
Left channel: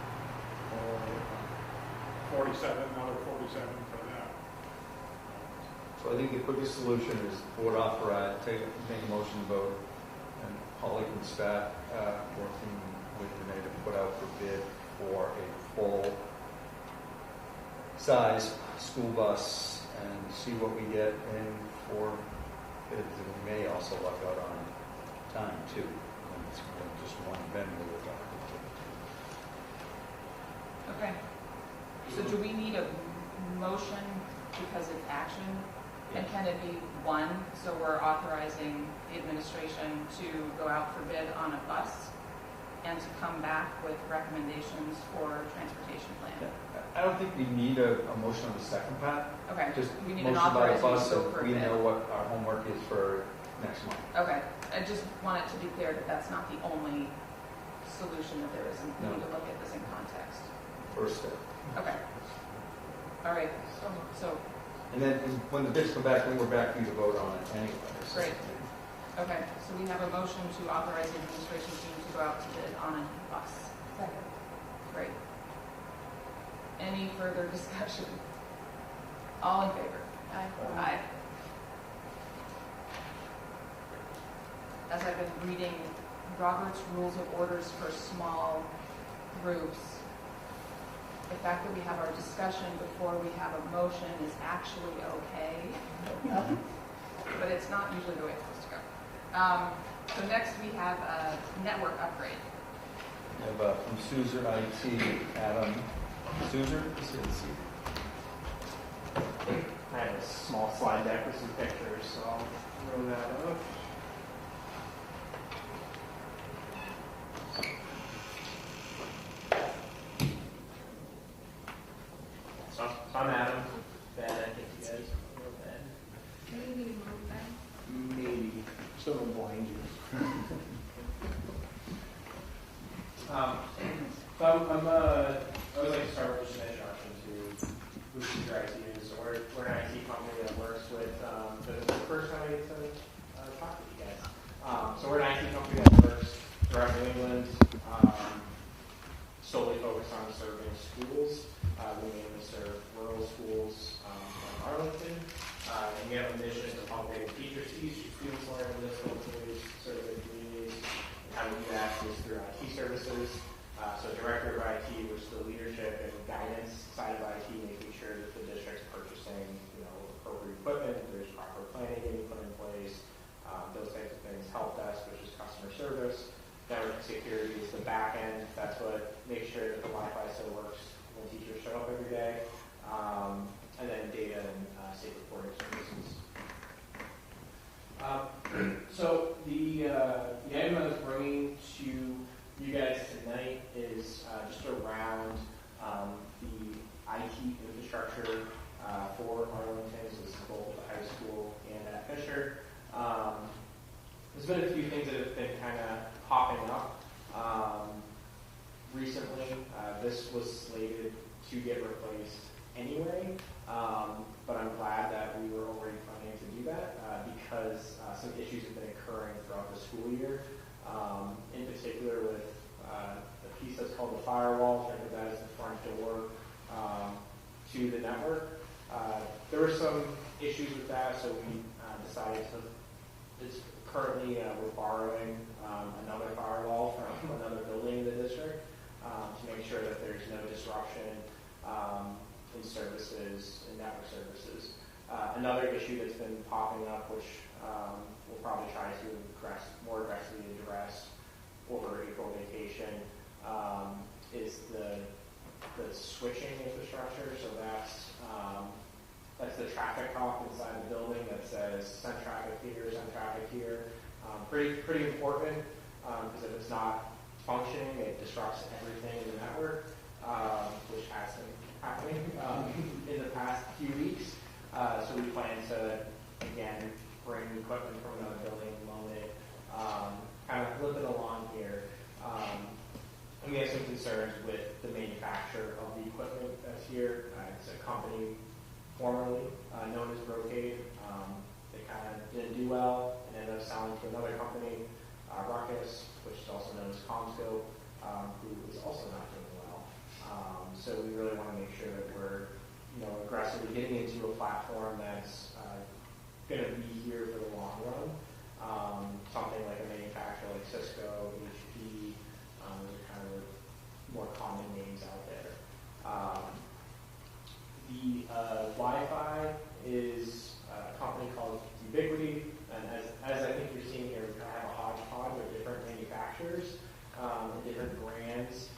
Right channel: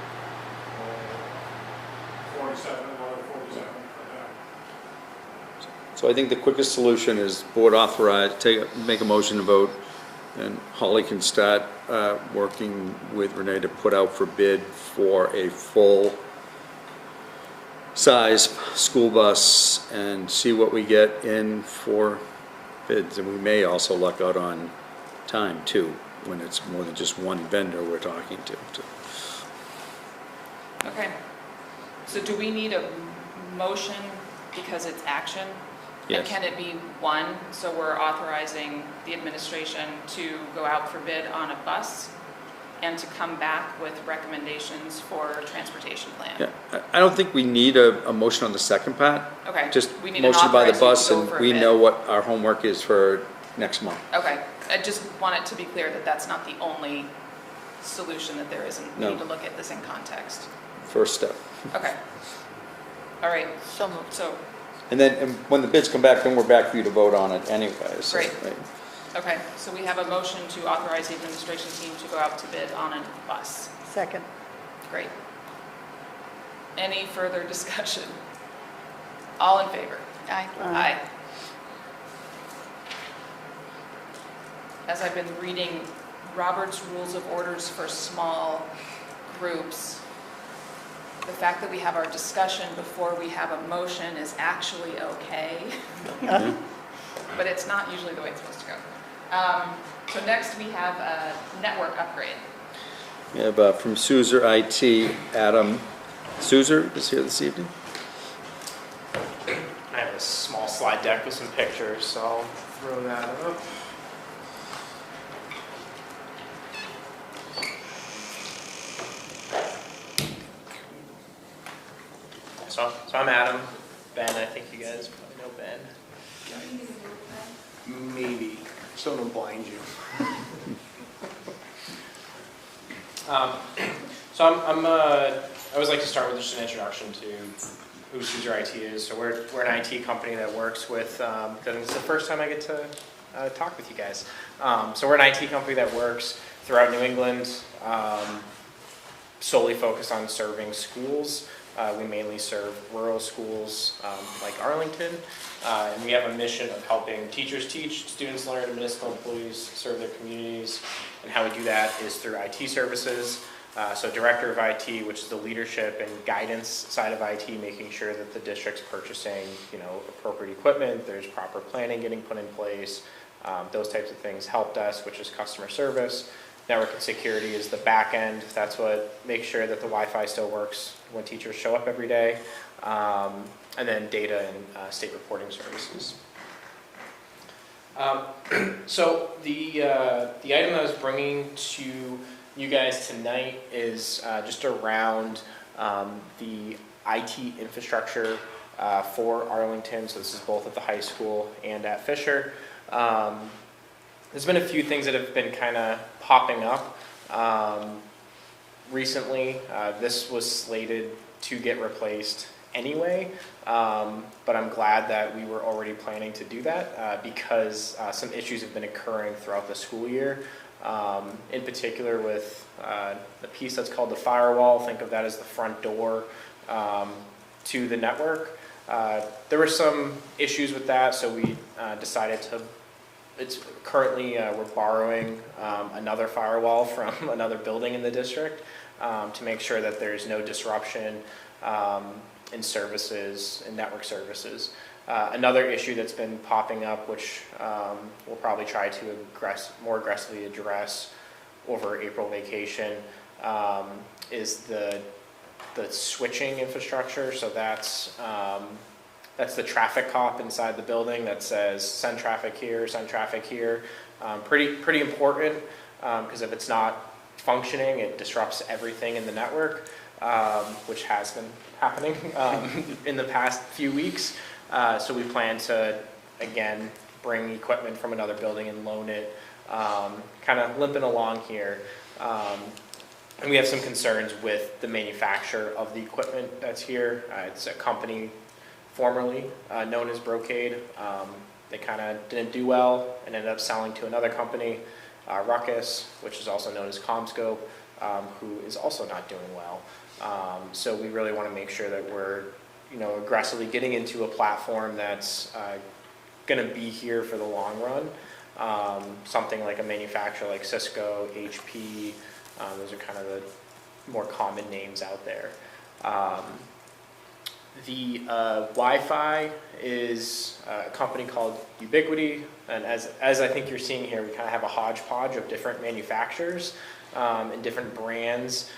47, another 47 for that. So I think the quickest solution is board authorize, make a motion to vote, and Holly can start working with Renee to put out for bid for a full-size school bus and see what we get in for bids. And we may also luck out on time too, when it's more than just one vendor we're talking to. Okay. So do we need a motion because it's action? Yes. And can it be one, so we're authorizing the administration to go out for bid on a bus and to come back with recommendations for transportation plan? Yeah, I don't think we need a motion on the second part. Okay. Just We need an motion by the bus, authorization to and go for a we bid. know what our homework is for next month. Okay, I just want it to be clear that that's not the only solution that there isn't. We No. need to look at this in context. First step. Okay. All right, So moved. so, And then when the bids come back, then we're back for you to vote on it anyway. So, Great. okay, so we have a motion to authorize the administration team to go out to bid on a bus. Second. Great. Any further discussion? All in favor? Aye. Aye. As I've been reading Robert's Rules of Orders for small groups, the fact that we have our discussion before we have a motion is actually okay, but it's not usually the way it's supposed to go. So next we have a network upgrade. We have from Suzer IT, Adam Suzer is here this evening. I have a small slide deck with some pictures, so I'll throw that up. So I'm Adam. Ben, I think you guys probably know Ben. Maybe. Someone blind you. So I always like to start with just an introduction to who Suzer IT is. So we're an IT company that works with, because it's the first time I get to talk with you guys. So we're an IT company that works throughout New England, solely focused on serving schools. We mainly serve rural schools like Arlington, and we have a mission of helping teachers teach, students learn, and municipal employees serve their communities. And how we do that is through IT services. So Director of IT, which is the leadership and guidance side of IT, making sure that the district's purchasing, appropriate equipment, there's proper planning getting put in place, those types of things. Help desk, which is customer service. Network and security is the back end. That's what makes sure that the Wi-Fi still works when teachers show up every day. And then data and state reporting services. So the item I was bringing to you guys tonight is just around the IT infrastructure for Arlington. So this is both at the high school and at Fisher. There's been a few things that have been kind of popping up recently. This was slated to get replaced anyway, but I'm glad that we were already planning to do that because some issues have been occurring throughout the school year. In particular with the piece that's called the firewall. Think of that as the front door to the network. There were some issues with that, so we decided to, it's currently, we're borrowing another firewall from another building in the district to make sure that there's no disruption in services, in network services. Another issue that's been popping up, which we'll probably try to more aggressively address over April vacation, is the switching infrastructure. So that's the traffic cop inside the building that says send traffic here, send traffic here. Pretty important because if it's not functioning, it disrupts everything in the network, which has been happening in the past few weeks. So we plan to again, bring equipment from another building and loan it, kind of limping along here. And we have some concerns with the manufacturer of the equipment that's here. It's a company formerly known as Brocade. They kind of didn't do well and ended up selling to another company, Ruckus, which is also known as CommScope, who is also not doing well. So we really want to make sure that we're, aggressively getting into a platform that's going to be here for the long run. Something like a manufacturer like Cisco, HP, those are kind of the more common names out there. The Wi-Fi is a company called Ubiquiti, and as I think you're seeing here, we kind of have a hodgepodge of different manufacturers and different brands,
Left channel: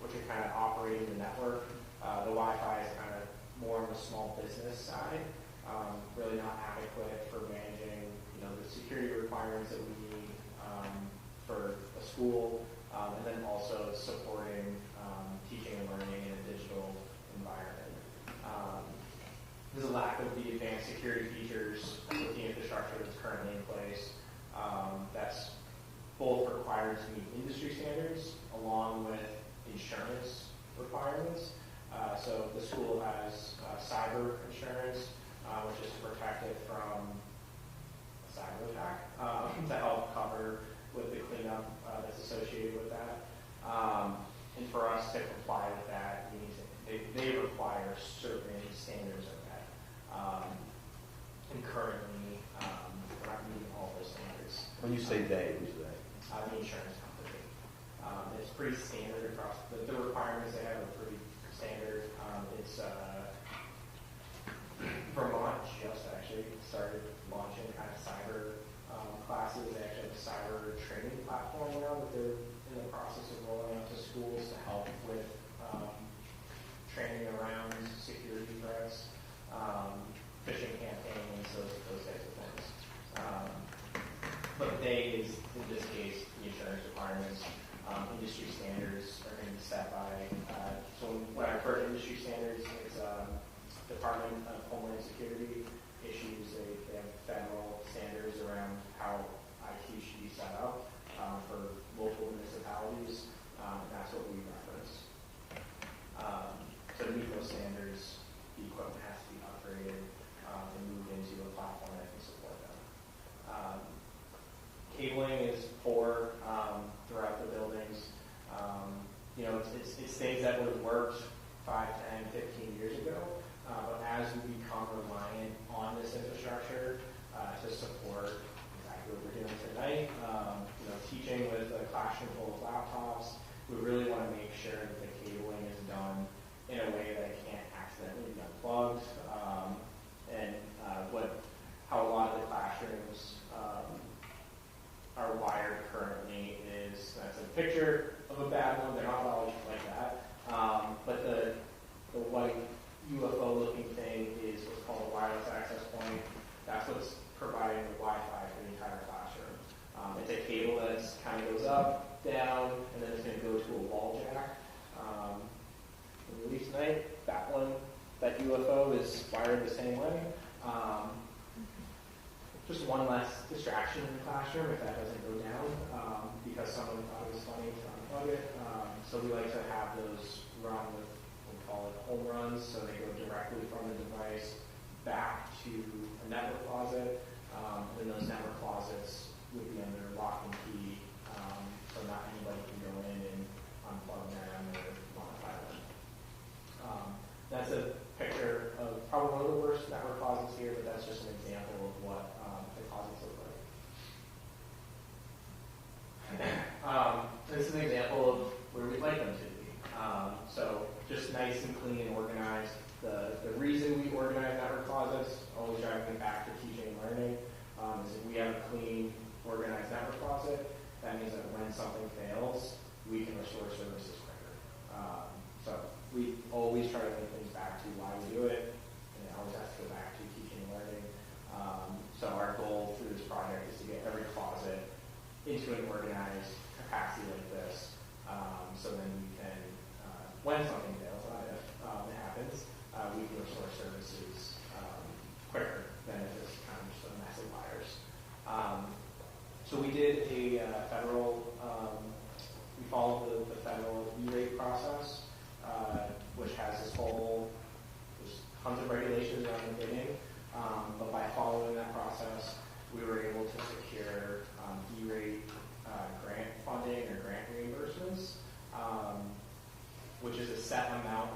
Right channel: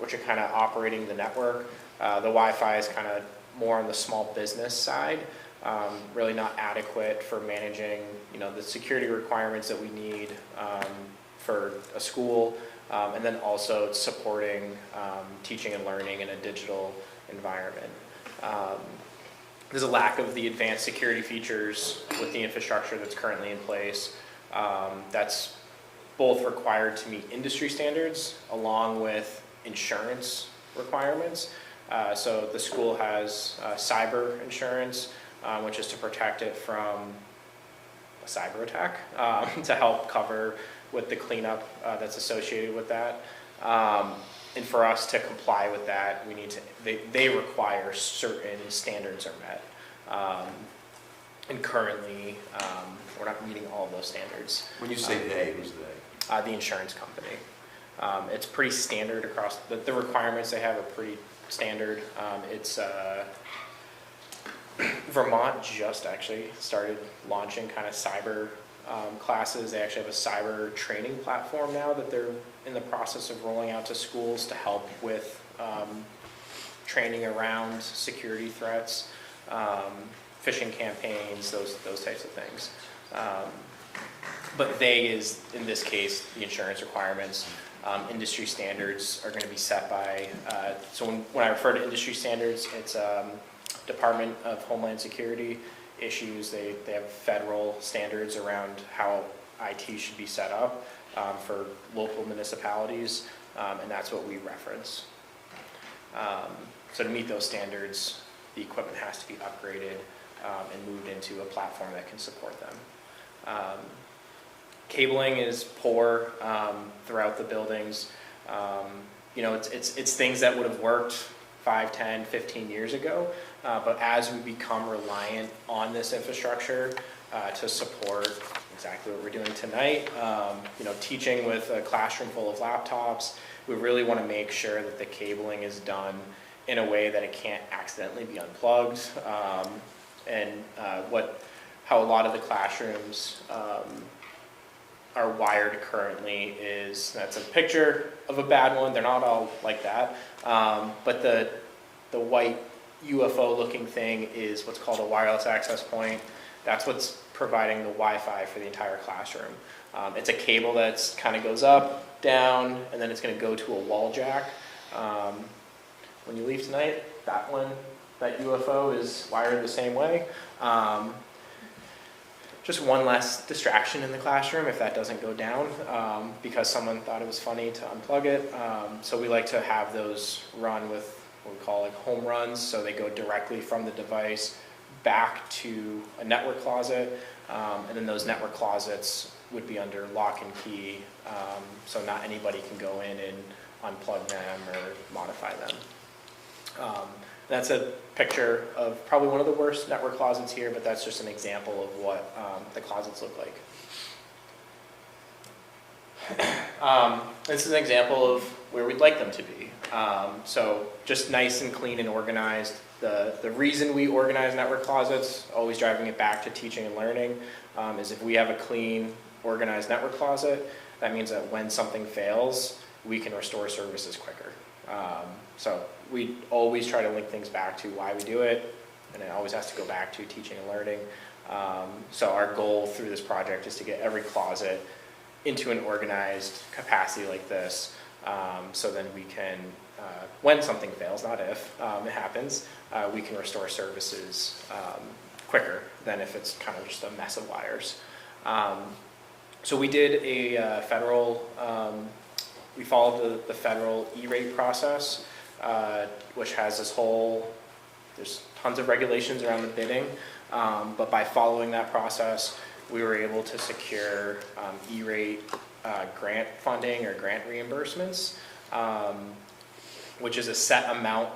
which are kind of operating the network. The Wi-Fi is kind of more on the small business side, really not adequate for managing, the security requirements that we need for a school, and then also supporting teaching and learning in a digital environment. There's a lack of the advanced security features with the infrastructure that's currently in place. That's both required to meet industry standards along with insurance requirements. So the school has cyber insurance, which is to protect it from a cyber attack, to help cover with the cleanup that's associated with that. And for us to comply with that, we need to, they require certain standards are met. And currently, we're not meeting all of those standards. When you say they, who's they? The insurance company. It's pretty standard across, the requirements they have are pretty standard. It's Vermont just actually started launching kind of cyber classes. They actually have a cyber training platform now that they're in the process of rolling out to schools to help with training around security threats, phishing campaigns, those types of things. But they is, in this case, the insurance requirements. Industry standards are going to be set by, so when I refer to industry standards, it's Department of Homeland Security issues. They have federal standards around how IT should be set up for local municipalities, and that's what we reference. So to meet those standards, the equipment has to be upgraded and moved into a platform that can support them. Cabling is poor throughout the buildings. It's things that would have worked 5, 10, 15 years ago, but as we become reliant on this infrastructure to support exactly what we're doing tonight, teaching with a classroom full of laptops, we really want to make sure that the cabling is done in a way that it can't accidentally be unplugged, and how a lot of the classrooms are wired currently is, that's a picture of a bad one. They're not all like that, but the white UFO looking thing is what's called a wireless access point. That's what's providing the Wi-Fi for the entire classroom. It's a cable that's kind of goes up, down, and then it's going to go to a wall jack. When you leave tonight, that UFO is wired the same way. Just one less distraction in the classroom if that doesn't go down, because someone thought it was funny to unplug it. So we like to have those run with what we call like home runs, so they go directly from the device back to a network closet, and then those network closets would be under lock and key, so not anybody can go in and unplug them or modify them. That's a picture of probably one of the worst network closets here, but that's just an example of what the closets look like. This is an example of where we'd like them to be. So just nice and clean and organized. The reason we organize network closets, always driving it back to teaching and learning, is if we have a clean, organized network closet, that means that when something fails, we can restore services quicker. So we always try to link things back to why we do it, and it always has to go back to teaching and learning. So our goal through this project is to get every closet into an organized capacity like this, so then we can, when something fails, not if it happens, we can restore services quicker than if it's kind of just a mess of wires. So we did a federal, we followed the federal E-rate process, which has this whole, there's tons of regulations around the bidding, but by following that process, we were able to secure E-rate grant funding or grant reimbursements, which is a set amount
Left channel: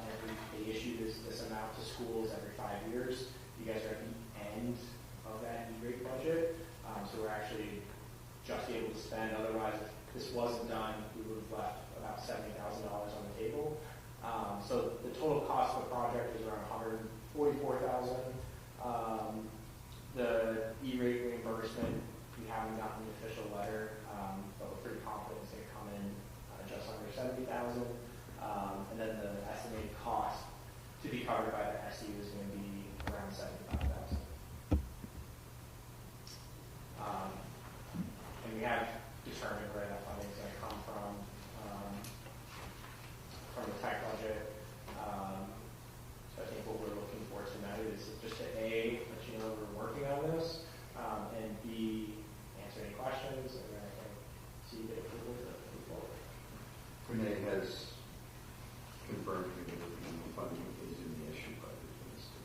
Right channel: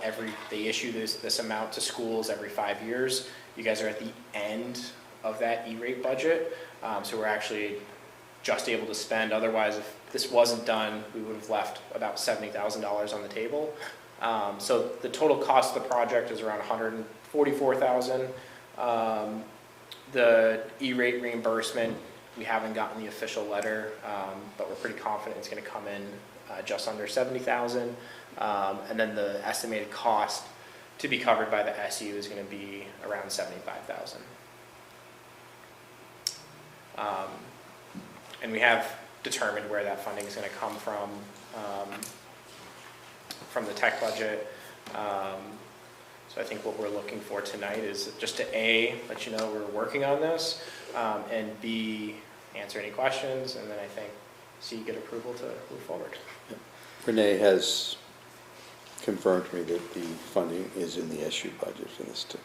they issue this amount to schools every 5 years. You guys are at the end of that E-rate budget, so we're actually just able to spend. Otherwise, if this wasn't done, we would have left about $70,000 on the table. So the total cost of the project is around $144,000. The E-rate reimbursement, we haven't gotten the official letter, but we're pretty confident it's going to come in just under $70,000. And then the estimated cost to be covered by the SU is going to be around $75,000. And we have determined where that funding is going to come from the tech budget. So I think what we're looking for tonight is just to A, let you know we're working on this, and B, answer any questions, and then I think C, get approval to move forward. Renee has confirmed to me that the funding is in the SU budget for this too.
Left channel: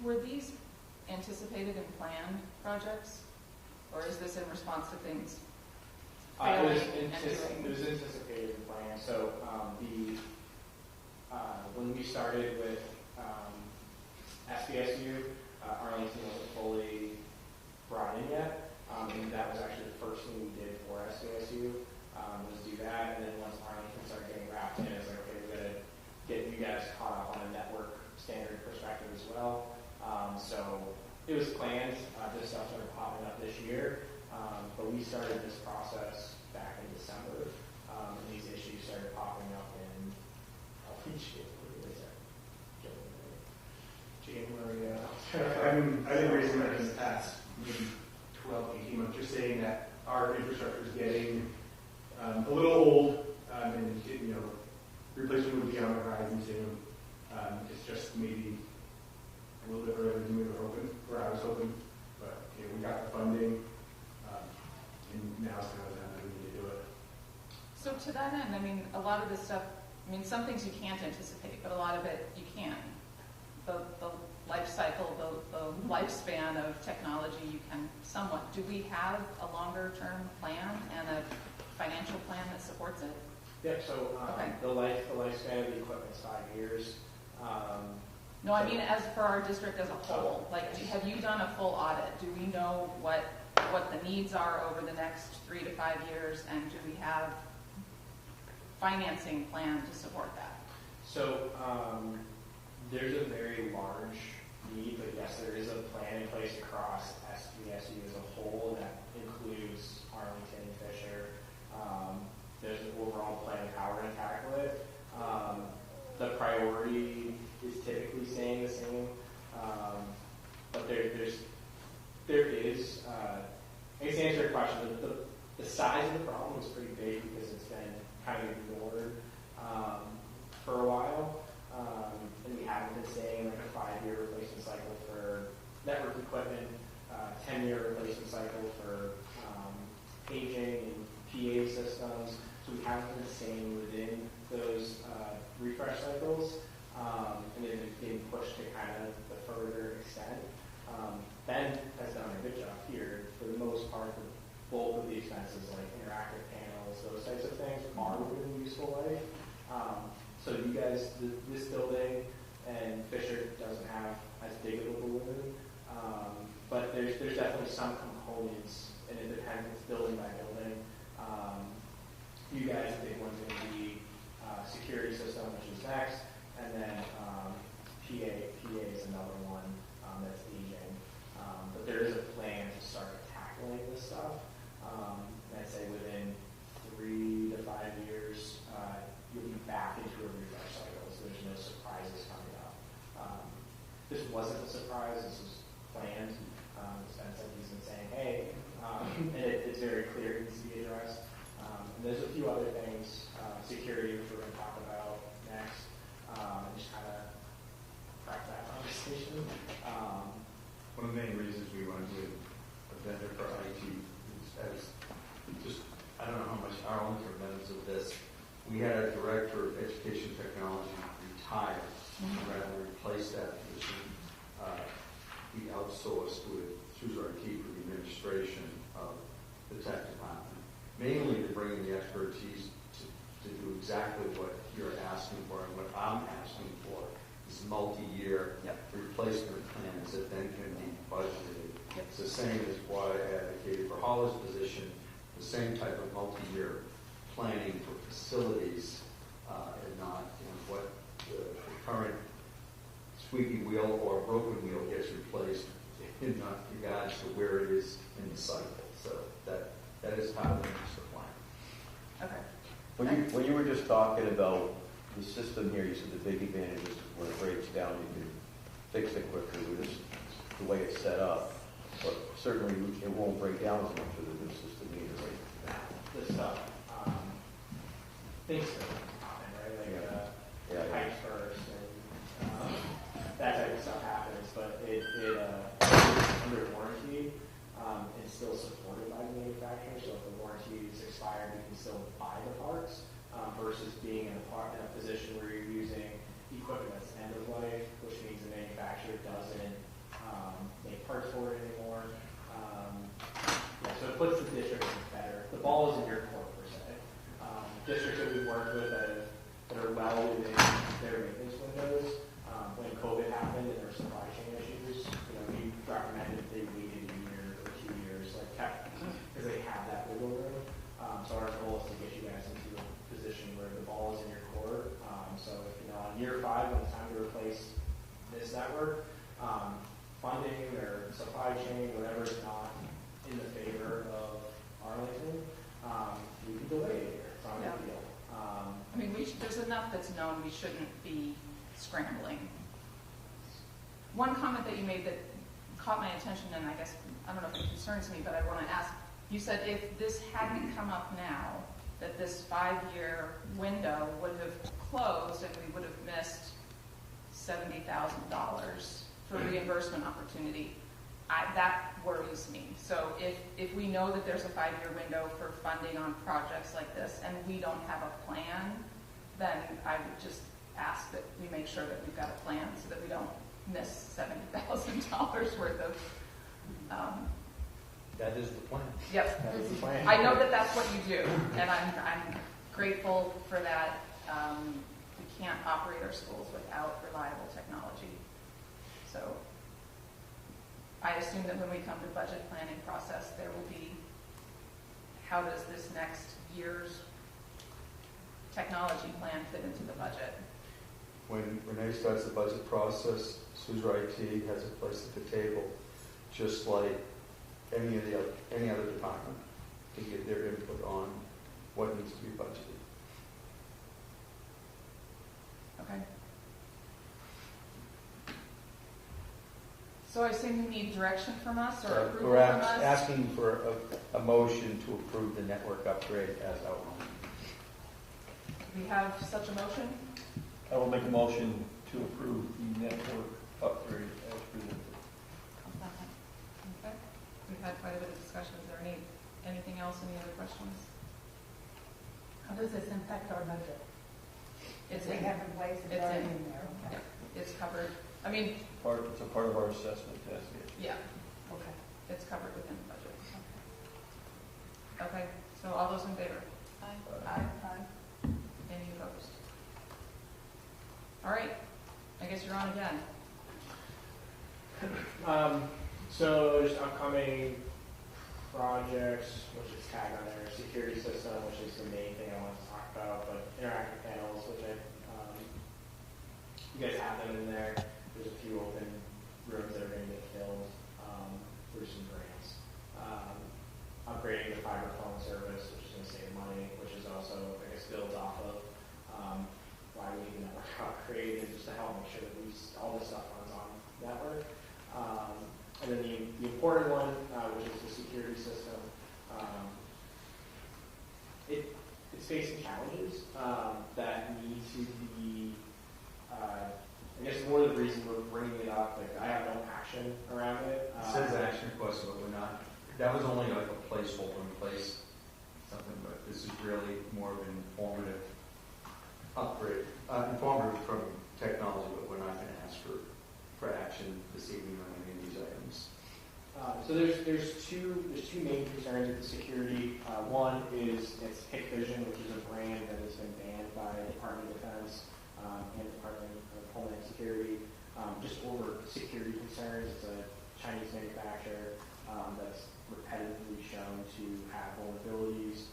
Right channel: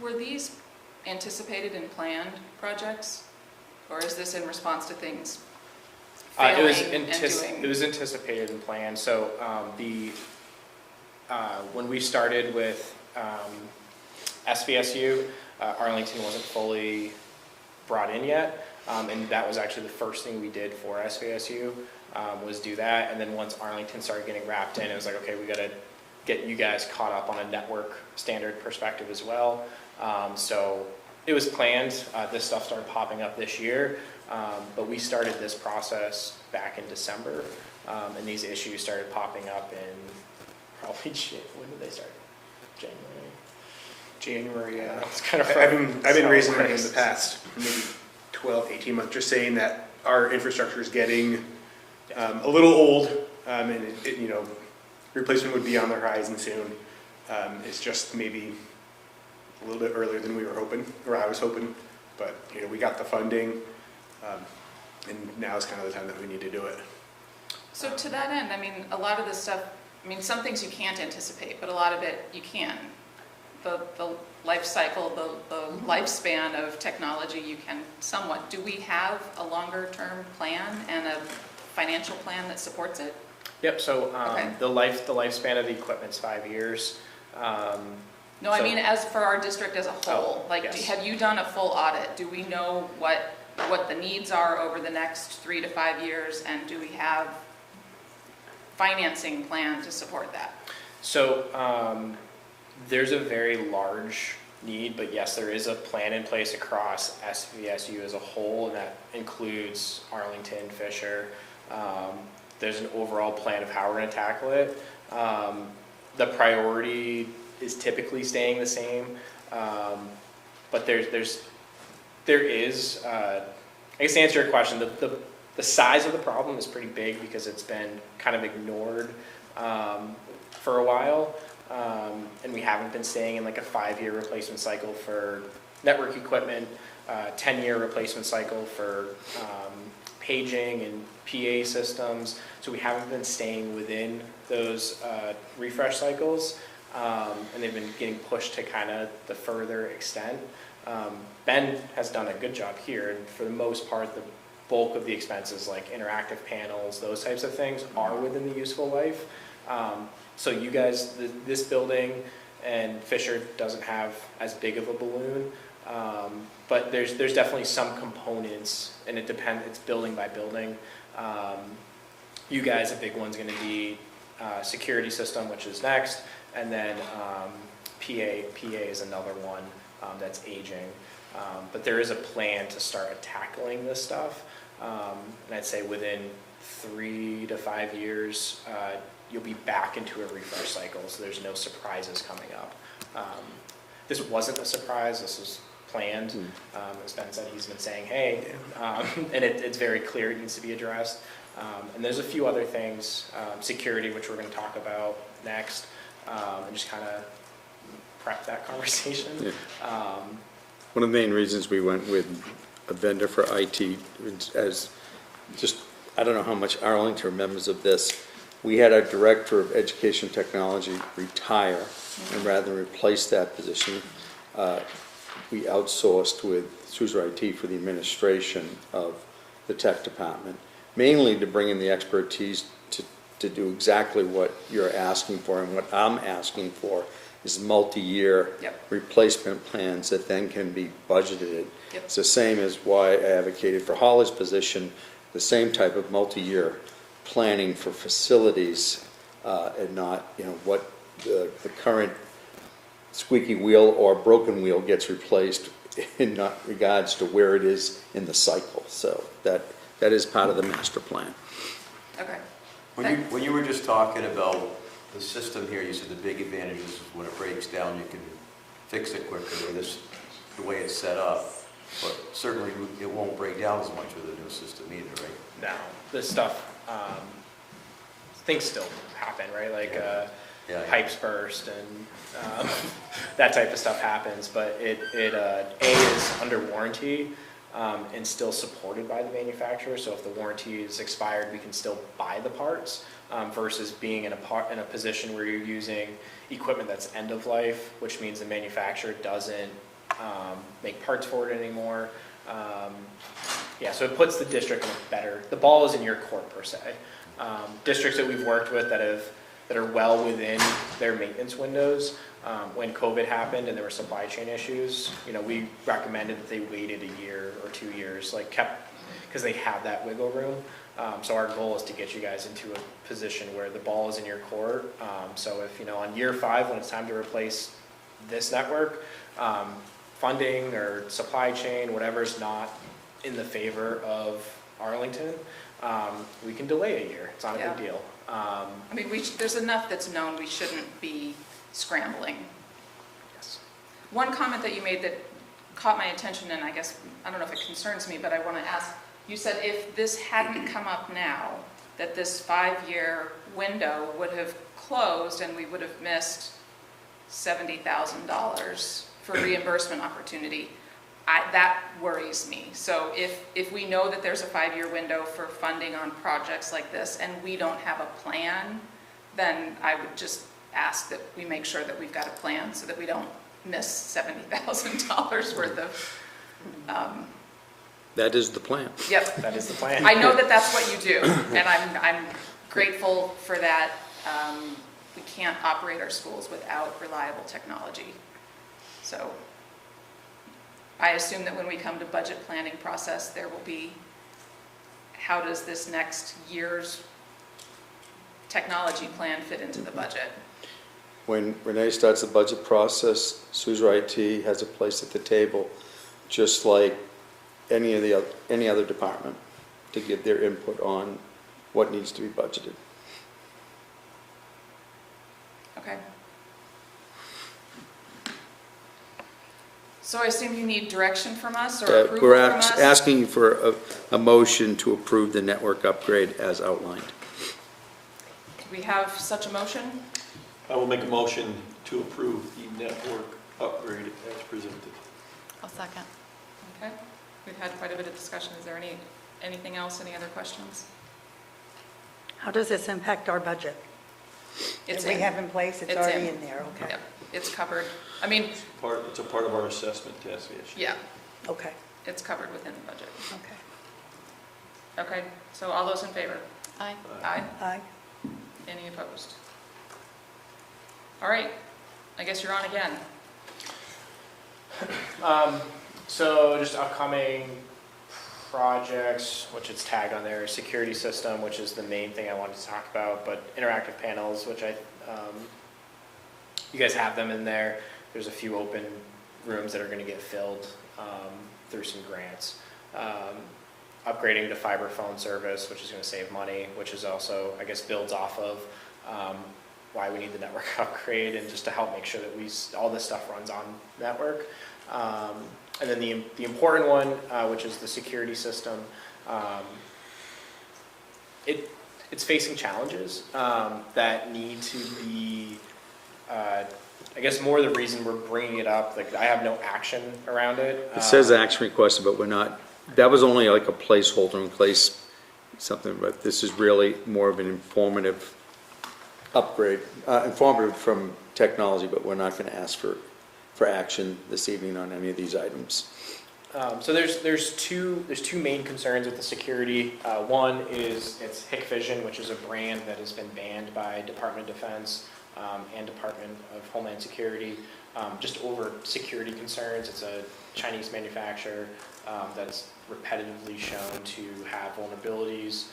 Were these anticipated and planned projects? Or is this in response to things failing and doing? It was anticipated and planned. So when we started with SVSU, Arlington wasn't fully brought in yet, and that was actually the first thing we did for SVSU was do that. And then once Arlington started getting wrapped in, it was like, okay, we got to get you guys caught up on a network standard perspective as well. So it was planned. This stuff started popping up this year, but we started this process back in December, and these issues started popping up in probably, when did they start? January, yeah. It's kind of I've been raising them in the past maybe 12, 18 months, just saying that our infrastructure is getting a little old, and replacement would be on the horizon soon. It's just maybe a little bit earlier than we were hoping, or I was hoping, but we got the funding, and now is kind of the time that we need to do it. So to that end, I mean, a lot of this stuff, I mean, some things you can't anticipate, but a lot of it you can. The life cycle, the lifespan of technology you can somewhat. Do we have a longer term plan and a financial plan that supports it? Yep, so Okay. the lifespan of the equipment's 5 years. No, I mean, as for our district as a whole, yes. Have you done a full audit? Do we know what the needs are over the next 3 to 5 years, and do we have financing plan to support that? So there's a very large need, but yes, there is a plan in place across SVSU as a whole, and that includes Arlington, Fisher. There's an overall plan of how we're going to tackle it. The priority is typically staying the same, but there is, I guess to answer your question, the size of the problem is pretty big because it's been kind of ignored for a while, and we haven't been staying in like a 5-year replacement cycle for network equipment, 10-year replacement cycle for paging and PA systems, so we haven't been staying within those refresh cycles, and they've been getting pushed to kind of the further extent. Ben has done a good job here, and for the most part, the bulk of the expenses like interactive panels, those types of things are within the useful life. So you guys, this building and Fisher doesn't have as big of a balloon, but there's definitely some components, and it depends, it's building by building. You guys, a big one's gonna be security system, which is next, and then PA is another one that's aging. But there is a plan to start tackling this stuff, and I'd say within 3 to 5 years, you'll be back into a refresh cycle, so there's no surprises coming up. This wasn't a surprise, this was planned. As Ben said, he's been saying, hey, and it's very clear it needs to be addressed. And there's a few other things, security, which we're going to talk about next, and just kind of prep that conversation. Yeah. Um, One of the main reasons we went with a vendor for IT as just, I don't know how much Arlington remembers of this. We had our director of education technology retire, and rather than replace that position, we outsourced with Suzer IT for the administration of the tech department, mainly to bring in the expertise to do exactly what you're asking for, and what I'm asking for is multi-year Yep. replacement plans that then can be budgeted. Yep. It's the same as why I advocated for Holly's position, the same type of multi-year planning for facilities, and not, what the current squeaky wheel or broken wheel gets replaced in not regards to where it is in the cycle. So that is part of the master plan. Okay. When you were just talking about the system here, you said the big advantage is when it breaks down, you can fix it quicker with the way it's set up. But certainly it won't break down as much with the new system either, right? Now, this stuff, things still happen, right? Like Yeah. pipes burst and that type of stuff happens, but it is under warranty and still supported by the manufacturer. So if the warranty is expired, we can still buy the parts versus being in a position where you're using equipment that's end of life, which means the manufacturer doesn't make parts for it anymore. Yeah, so it puts the district in a better, the ball is in your court per se. Districts that we've worked with that are well within their maintenance windows, when COVID happened and there were supply chain issues, we recommended that they waited a year or 2 years, because they have that wiggle room. So our goal is to get you guys into a position where the ball is in your court. So if, on year 5, when it's time to replace this network, funding or supply chain, whatever's not in the favor of Arlington, we can delay a year. It's not a Yeah. big deal. I mean, there's enough that's known, we shouldn't be scrambling. Yes. One comment that you made that caught my attention, and I don't know if it concerns me, but I want to ask, you said if this hadn't come up now, that this 5-year window would have closed and we would have missed $70,000 for reimbursement opportunity. That worries me. So if we know that there's a 5-year window for funding on projects like this and we don't have a plan, then I would just ask that we make sure that we've got a plan so that we don't miss $70,000 worth of. That is the plan. Yep. That is the plan. I know that that's what you do, and I'm grateful for that. We can't operate our schools without reliable technology. So I assume that when we come to budget planning process, there will be, how does this next year's technology plan fit into the budget? When Renee starts the budget process, Suzer IT has a place at the table, just like any other department, to give their input on what needs to be budgeted. Okay. So I assume you need direction from us or approval We're from us? asking you for a motion to approve the network upgrade as outlined. Do we have such a motion? I will make a motion to approve the network upgrade as presented. I'll second. Okay. We've had quite a bit of discussion. Is there anything else, any other questions? How does this impact our budget? It's That we in. have in place, it's It's already in. in there, okay. Yep, it's covered. I mean, It's a part of our assessment test, yes. yeah, Okay, it's covered within the budget. okay. Okay, so all those in favor? Aye. Aye. Aye. Any opposed? All right, I guess you're on again. So just upcoming projects, which is tagged on there, security system, which is the main thing I wanted to talk about, but interactive panels, which you guys have them in there. There's a few open rooms that are going to get filled through some grants. Upgrading to fiber phone service, which is going to save money, which is also, I guess, builds off of why we need the network upgrade, and just to help make sure that all this stuff runs on network. And then the important one, which is the security system, it's facing challenges that need to be I guess more the reason we're bringing it up, like I have no action around it. It says action requested, but we're not, that was only like a placeholder in place, something, but this is really more of an informative upgrade, informative from technology, but we're not going to ask for action this evening on any of these items. So there's two main concerns with the security. One is it's Hikvision, which is a brand that has been banned by Department of Defense and Department of Homeland Security, just over security concerns. It's a Chinese manufacturer that's repetitively shown to have vulnerabilities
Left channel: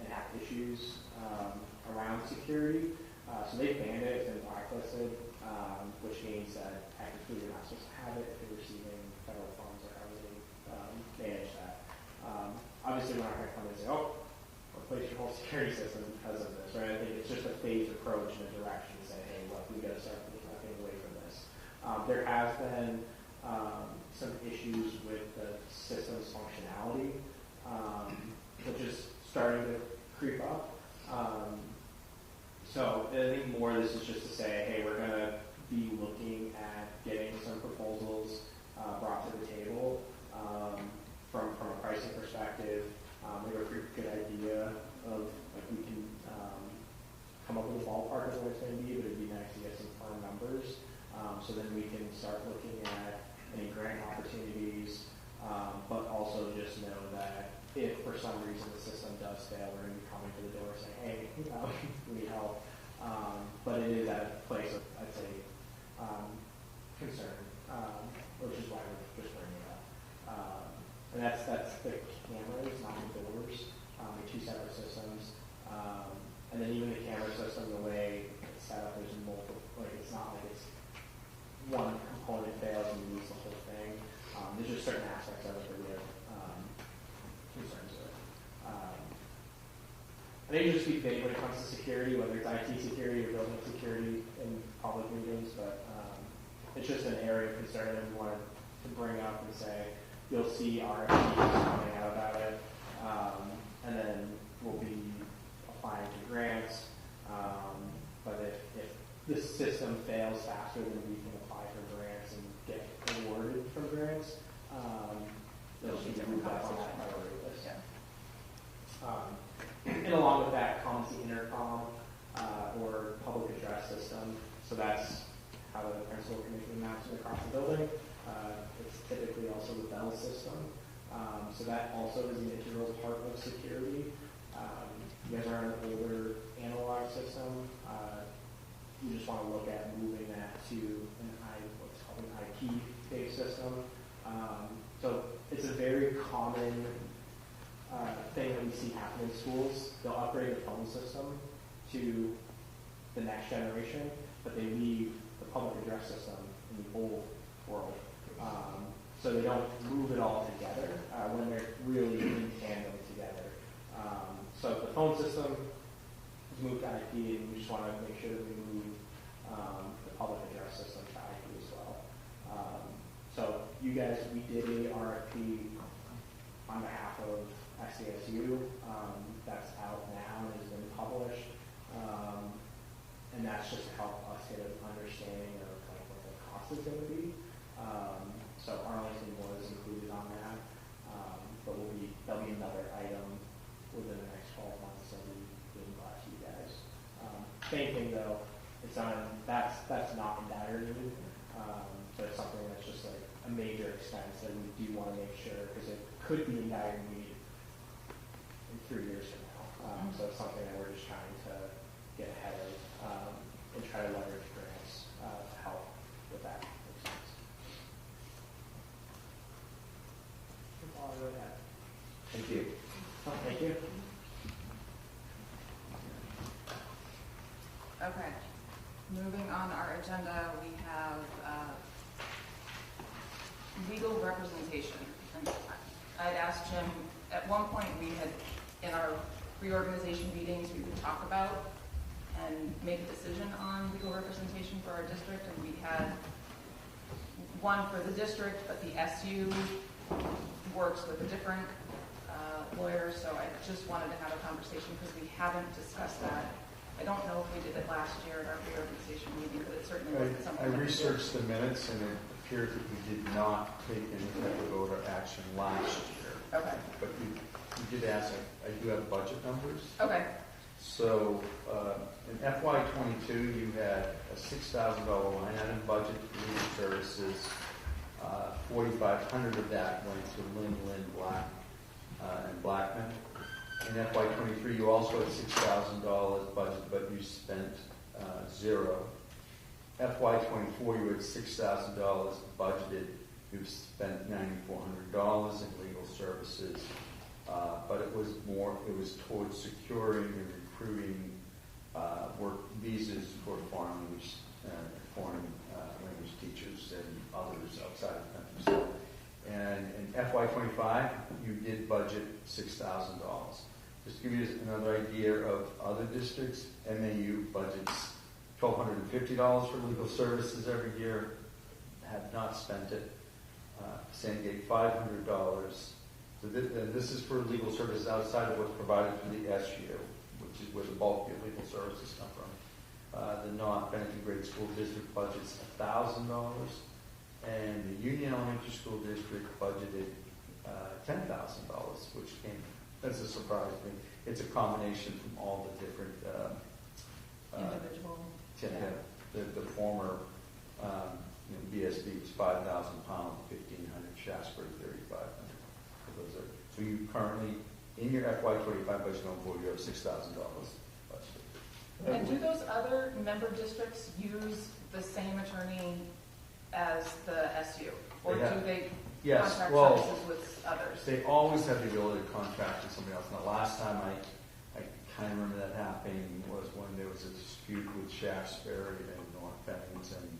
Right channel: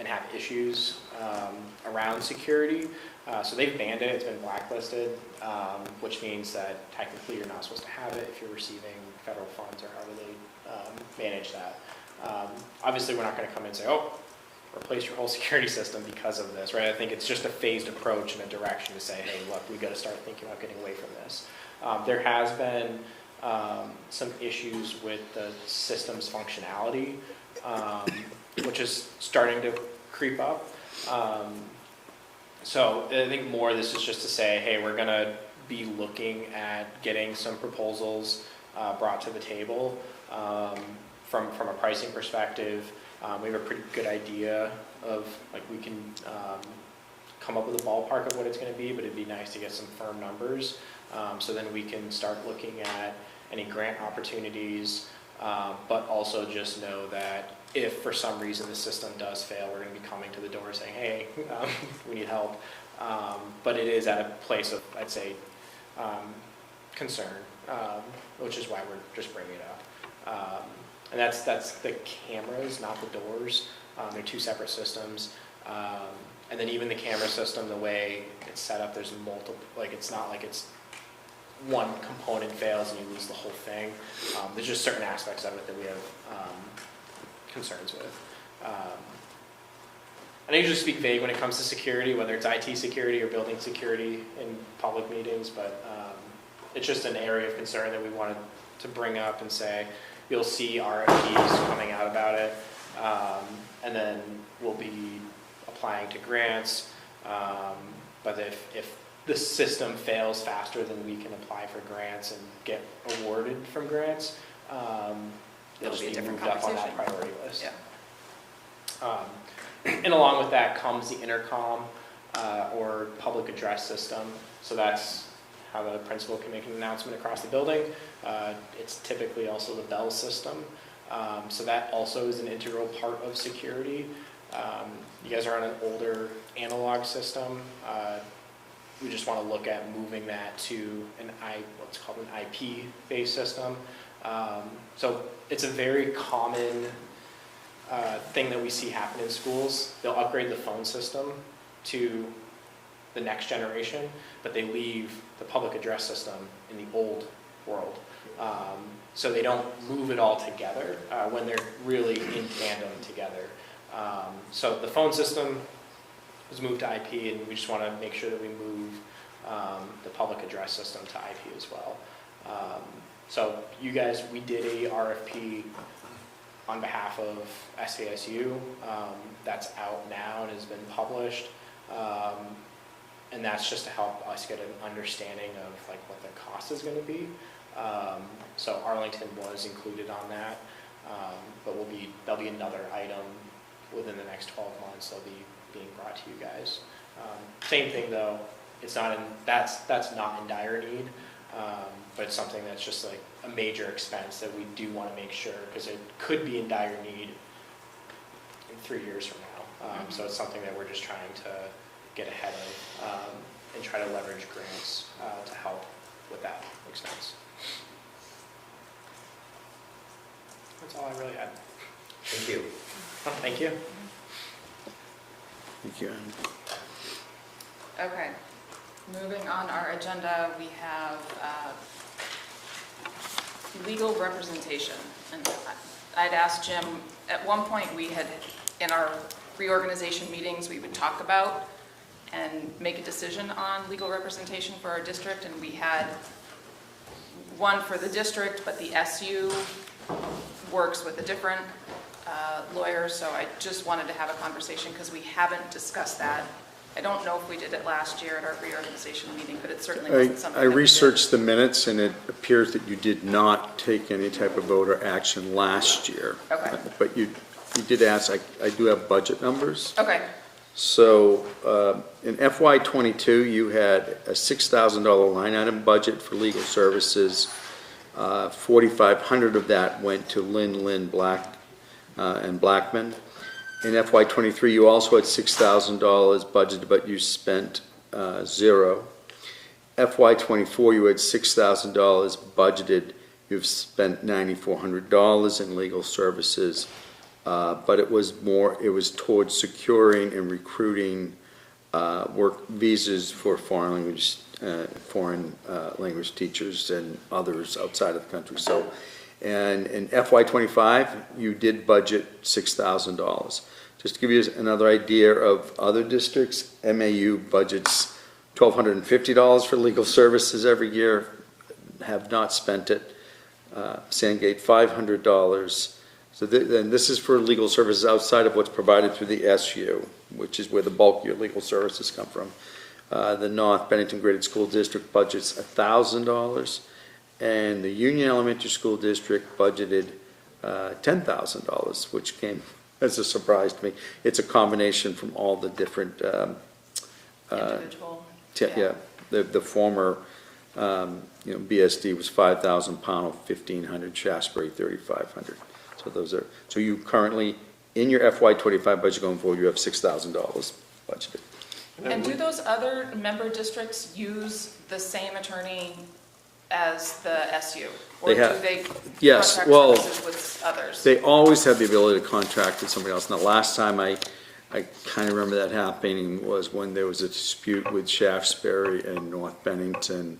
and have issues around security. So they've banned it. It's been blacklisted, which means that technically you're not supposed to have it if you're receiving federal funds or however they manage that. Obviously, we're not going to come in and say, oh, replace your whole security system because of this, right? I think it's just a phased approach in a direction to say, hey, look, we got to start thinking about getting away from this. There has been some issues with the system's functionality, which is starting to creep up. So I think more this is just to say, hey, we're going to be looking at getting some proposals brought to the table from a pricing perspective. We have a pretty good idea of, like, we can come up with a ballpark of what it's going to be, but it'd be nice to get some firm numbers. So then we can start looking at any grant opportunities, but also just know that if for some reason the system does fail, we're going to be coming to the door saying, hey, we need help. But it is at a place of, I'd say, concern, which is why we're just bringing it up. And that's the cameras, not the doors. They're two separate systems. And then even the camera system, the way it's set up, there's multiple, like it's not like it's one component fails and you lose the whole thing. There's just certain aspects of it that we have concerns with. I usually speak vague when it comes to security, whether it's IT security or building security in public meetings, but it's just an area of concern that we wanted to bring up and say, you'll see RFPs coming out about it, and then we'll be applying to grants, but if the system fails faster than we can apply for grants and get awarded from grants, it'll be moved up on that priority list. Yeah. And along with that comes the intercom or public address system. So that's how the principal can make an announcement across the building. It's typically also the bell system. So that also is an integral part of security. You guys are on an older analog system. We just want to look at moving that to what's called an IP-based system. So it's a very common thing that we see happen in schools. They'll upgrade the phone system to the next generation, but they leave the public address system in the old world. So they don't move it all together when they're really in tandem together. So the phone system was moved to IP, and we just want to make sure that we move the public address system to IP as well. So you guys, we did a RFP on behalf of SVSU. That's out now and has been published. And that's just to help us get an understanding of like what the cost is going to be. So Arlington was included on that, but there'll be another item within the next 12 months that'll be being brought to you guys. Same thing though, that's not in dire need, but it's something that's just like a major expense that we do want to make sure, because it could be in dire need in 3 years from now. So it's something that we're just trying to get ahead of and try to leverage grants to help with that expense. That's all I really had. Thank you. Thank you. Thank you. Okay, moving on our agenda, we have legal representation. And I'd asked Jim, at one point we had, in our reorganization meetings, we would talk about and make a decision on legal representation for our district, and we had one for the district, but the SU works with a different lawyer, so I just wanted to have a conversation because we haven't discussed that I don't know if we did it last year at our reorganization meeting, but it certainly wasn't something I that we did. researched the minutes, and it appears that you did not take any type of vote or action last year. Okay. But you did ask, I do have budget numbers. Okay, So in FY '22, you had a $6,000 line item budget for legal services. 4,500 of that went to Lynn Black and Blackman. In FY '23, you also had $6,000 budgeted, but you spent zero. FY '24, you had $6,000 budgeted. You've spent $9,400 in legal services. But it was towards securing and recruiting work visas for foreign language teachers and others outside of the country. So, and in FY '25, you did budget $6,000. Just to give you another idea of other districts, MAU budgets $1,250 for legal services every year, have not spent it. Sandgate $500. So then this is for legal services outside of what's provided through the SU, which is where the bulk of your legal services come from. The North Bennington Graded School District budgets $1,000, and the Union Elementary School District budgeted $10,000, which came as a surprise to me. It's a combination from all the different individual. The former BSD was 5,000, Pownell 1,500, Shaftesbury 3,500. So you currently, in your FY '25 budget going forward, you have $6,000 budgeted. And do those other member districts use the same attorney as the SU? Or They have- do they yes, contract well, services with others? They always have the ability to contract with somebody else. And the last time I kind of remember that happening was when there was a dispute with Shaftesbury and North Bennington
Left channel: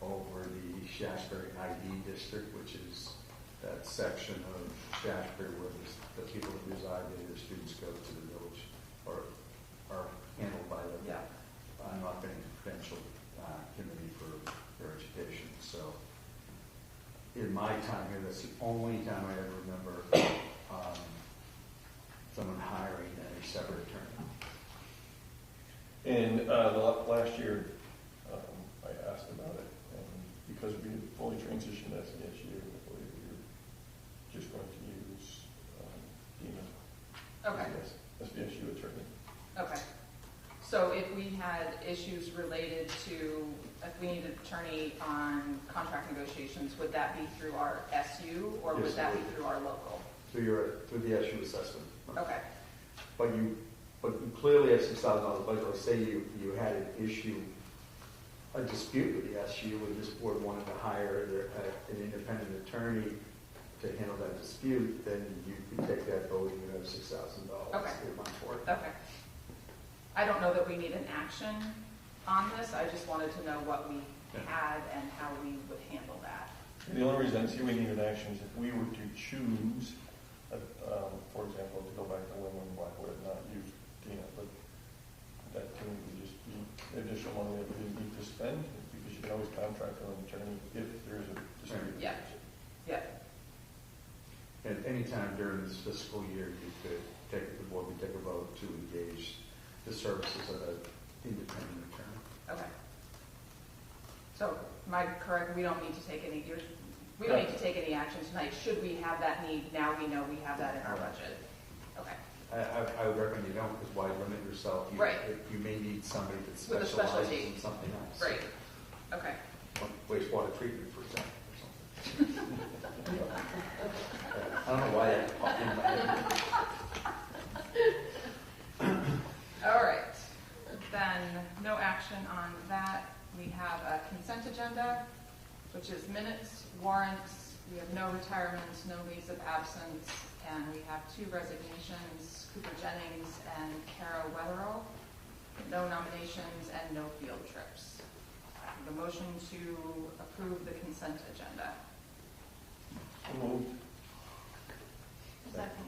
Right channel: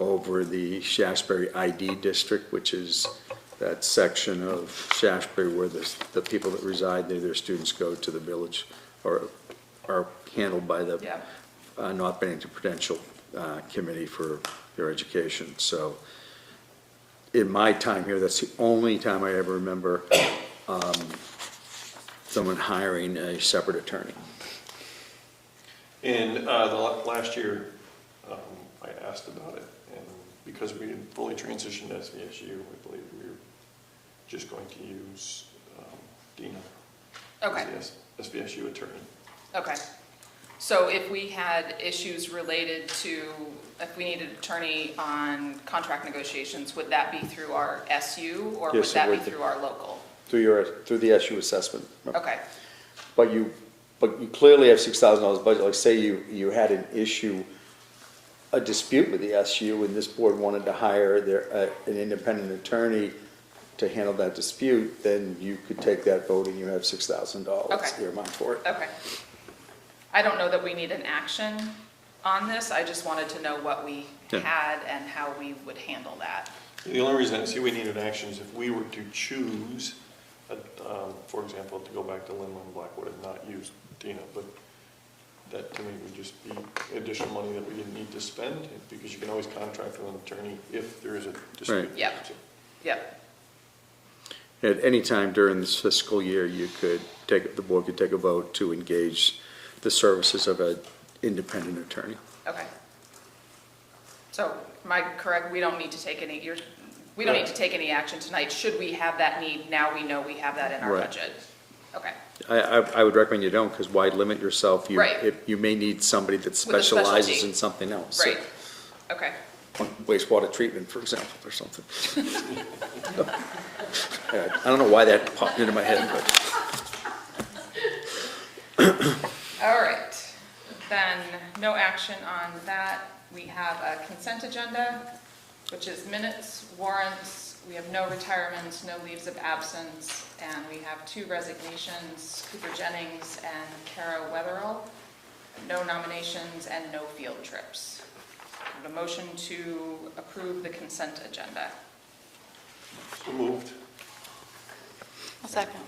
over the Shaftesbury ID district, which is that section of Shaftesbury where the people that reside there, their students go to the village or are handled by the North Bennington Prudential Committee for their education. So in my time here, that's the only time I ever remember someone hiring a separate attorney. In last year, I asked about it, and because we had fully transitioned to SVSU, I believe we were just going to use Dina as the SVSU attorney. Okay. So if we had issues related to, if we needed an attorney on contract negotiations, would that be through our SU or would Yes, that it be would. through our local? Through the SU assessment. Okay. But you clearly have $6,000 budget. Like say you had an issue, a dispute with the SU, and this board wanted to hire an independent attorney to handle that dispute, then you could take that vote and you have $6,000 earmarked for it. Okay. I don't know that we need an action on this. I just wanted to know what we had and how we would handle that. The only reason I see we need an action is if we were to choose, for example, to go back to Lynn Blackwood and not use Dina, but that to me would just be additional money that we didn't need to spend, because you can always contract with an attorney if there is a dispute. Right. Yeah. Yeah. At any time during this fiscal year, the board could take a vote to engage the services of an independent attorney. Okay. So am I correct? We don't need to take any, we don't need to take any action tonight. Should we have that need, now we know we have that in our Right. budget. Okay. I would recommend you don't, because why limit yourself? Right. You may need somebody that With a specialty. specializes in something else. Right. Okay. Wastewater treatment, for example, or something. I don't know why that popped into my head, but. All right. Then no action on that. We have a consent agenda, which is minutes, warrants. We have no retirements, no leaves of absence, and we have 2 resignations, Cooper Jennings and Kara Weatherall. No nominations and no field trips. I have a motion to approve the consent agenda. So moved. A second.